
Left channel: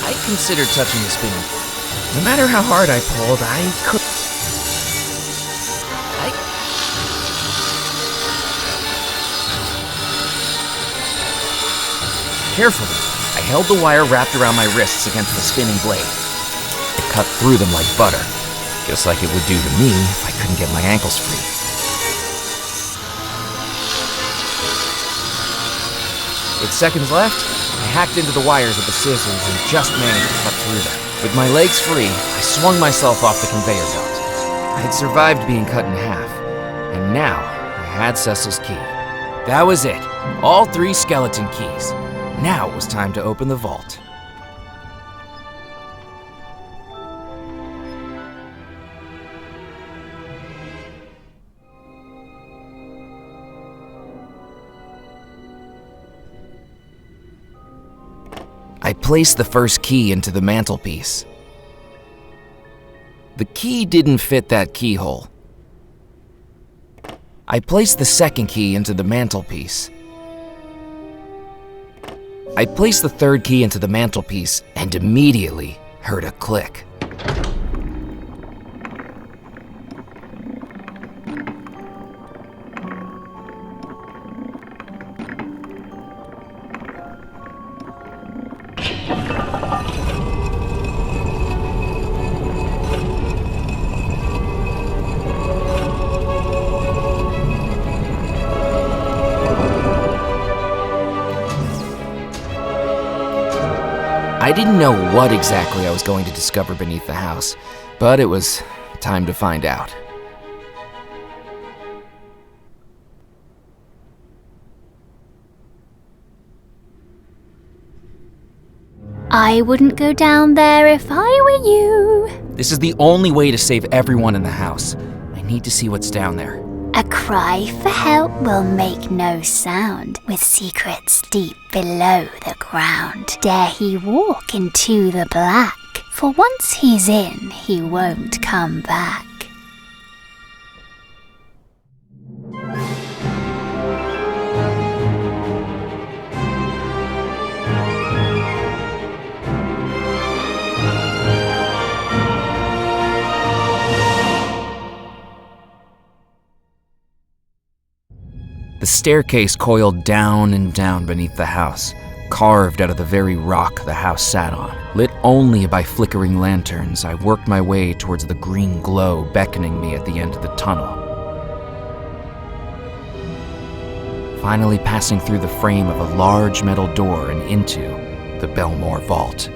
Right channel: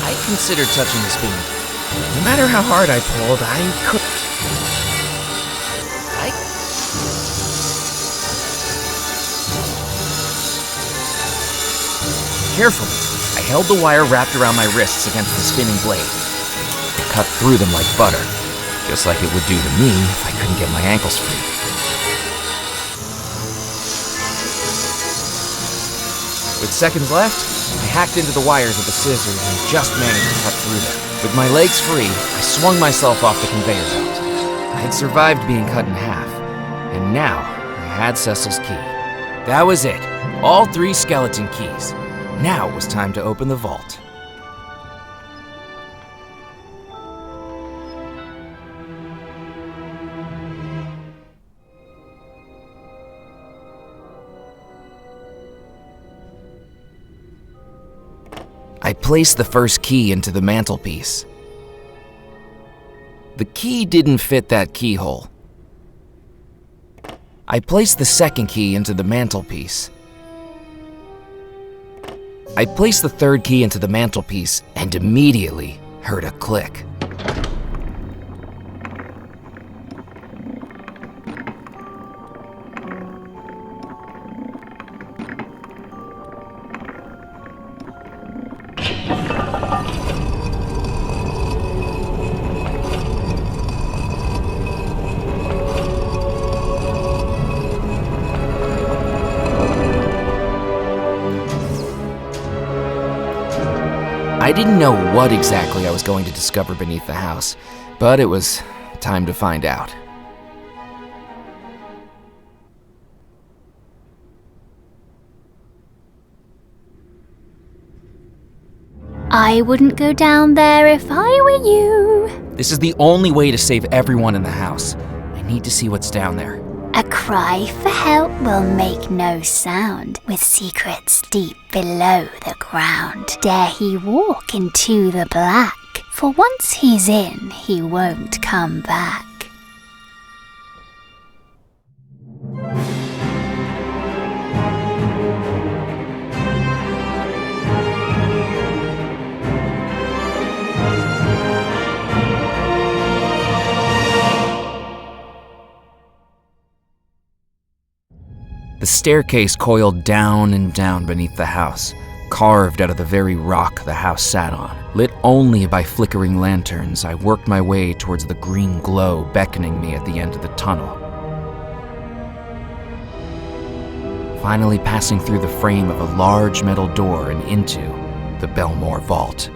I considered touching the spinning. No matter how hard I pulled, I could. Carefully, I held the wire wrapped around my wrists against the spinning blade. It cut through them like butter, just like it would do to me if I couldn't get my ankles free. With seconds left, I hacked into the wires with the scissors and just managed to cut through them. With my legs free, I swung myself off the conveyor belt. I had survived being cut in half, and now I had Cecil's key. That was it, all 3 skeleton keys. Now it was time to open the vault. I placed the first key into the mantelpiece. The key didn't fit that keyhole. I placed the second key into the mantelpiece. I placed the third key into the mantelpiece and immediately heard a click. I didn't know what exactly I was going to discover beneath the house, but it was time to find out. I wouldn't go down there if I were you. This is the only way to save everyone in the house. I need to see what's down there. A cry for help will make no sound, with secrets deep below the ground. Dare he walk into the black, for once he's in, he won't come back. The staircase coiled down and down beneath the house, carved out of the very rock the house sat on. Lit only by flickering lanterns, I worked my way towards the green glow beckoning me at the end of the tunnel. Finally passing through the frame of a large metal door and into the Belmore Vault.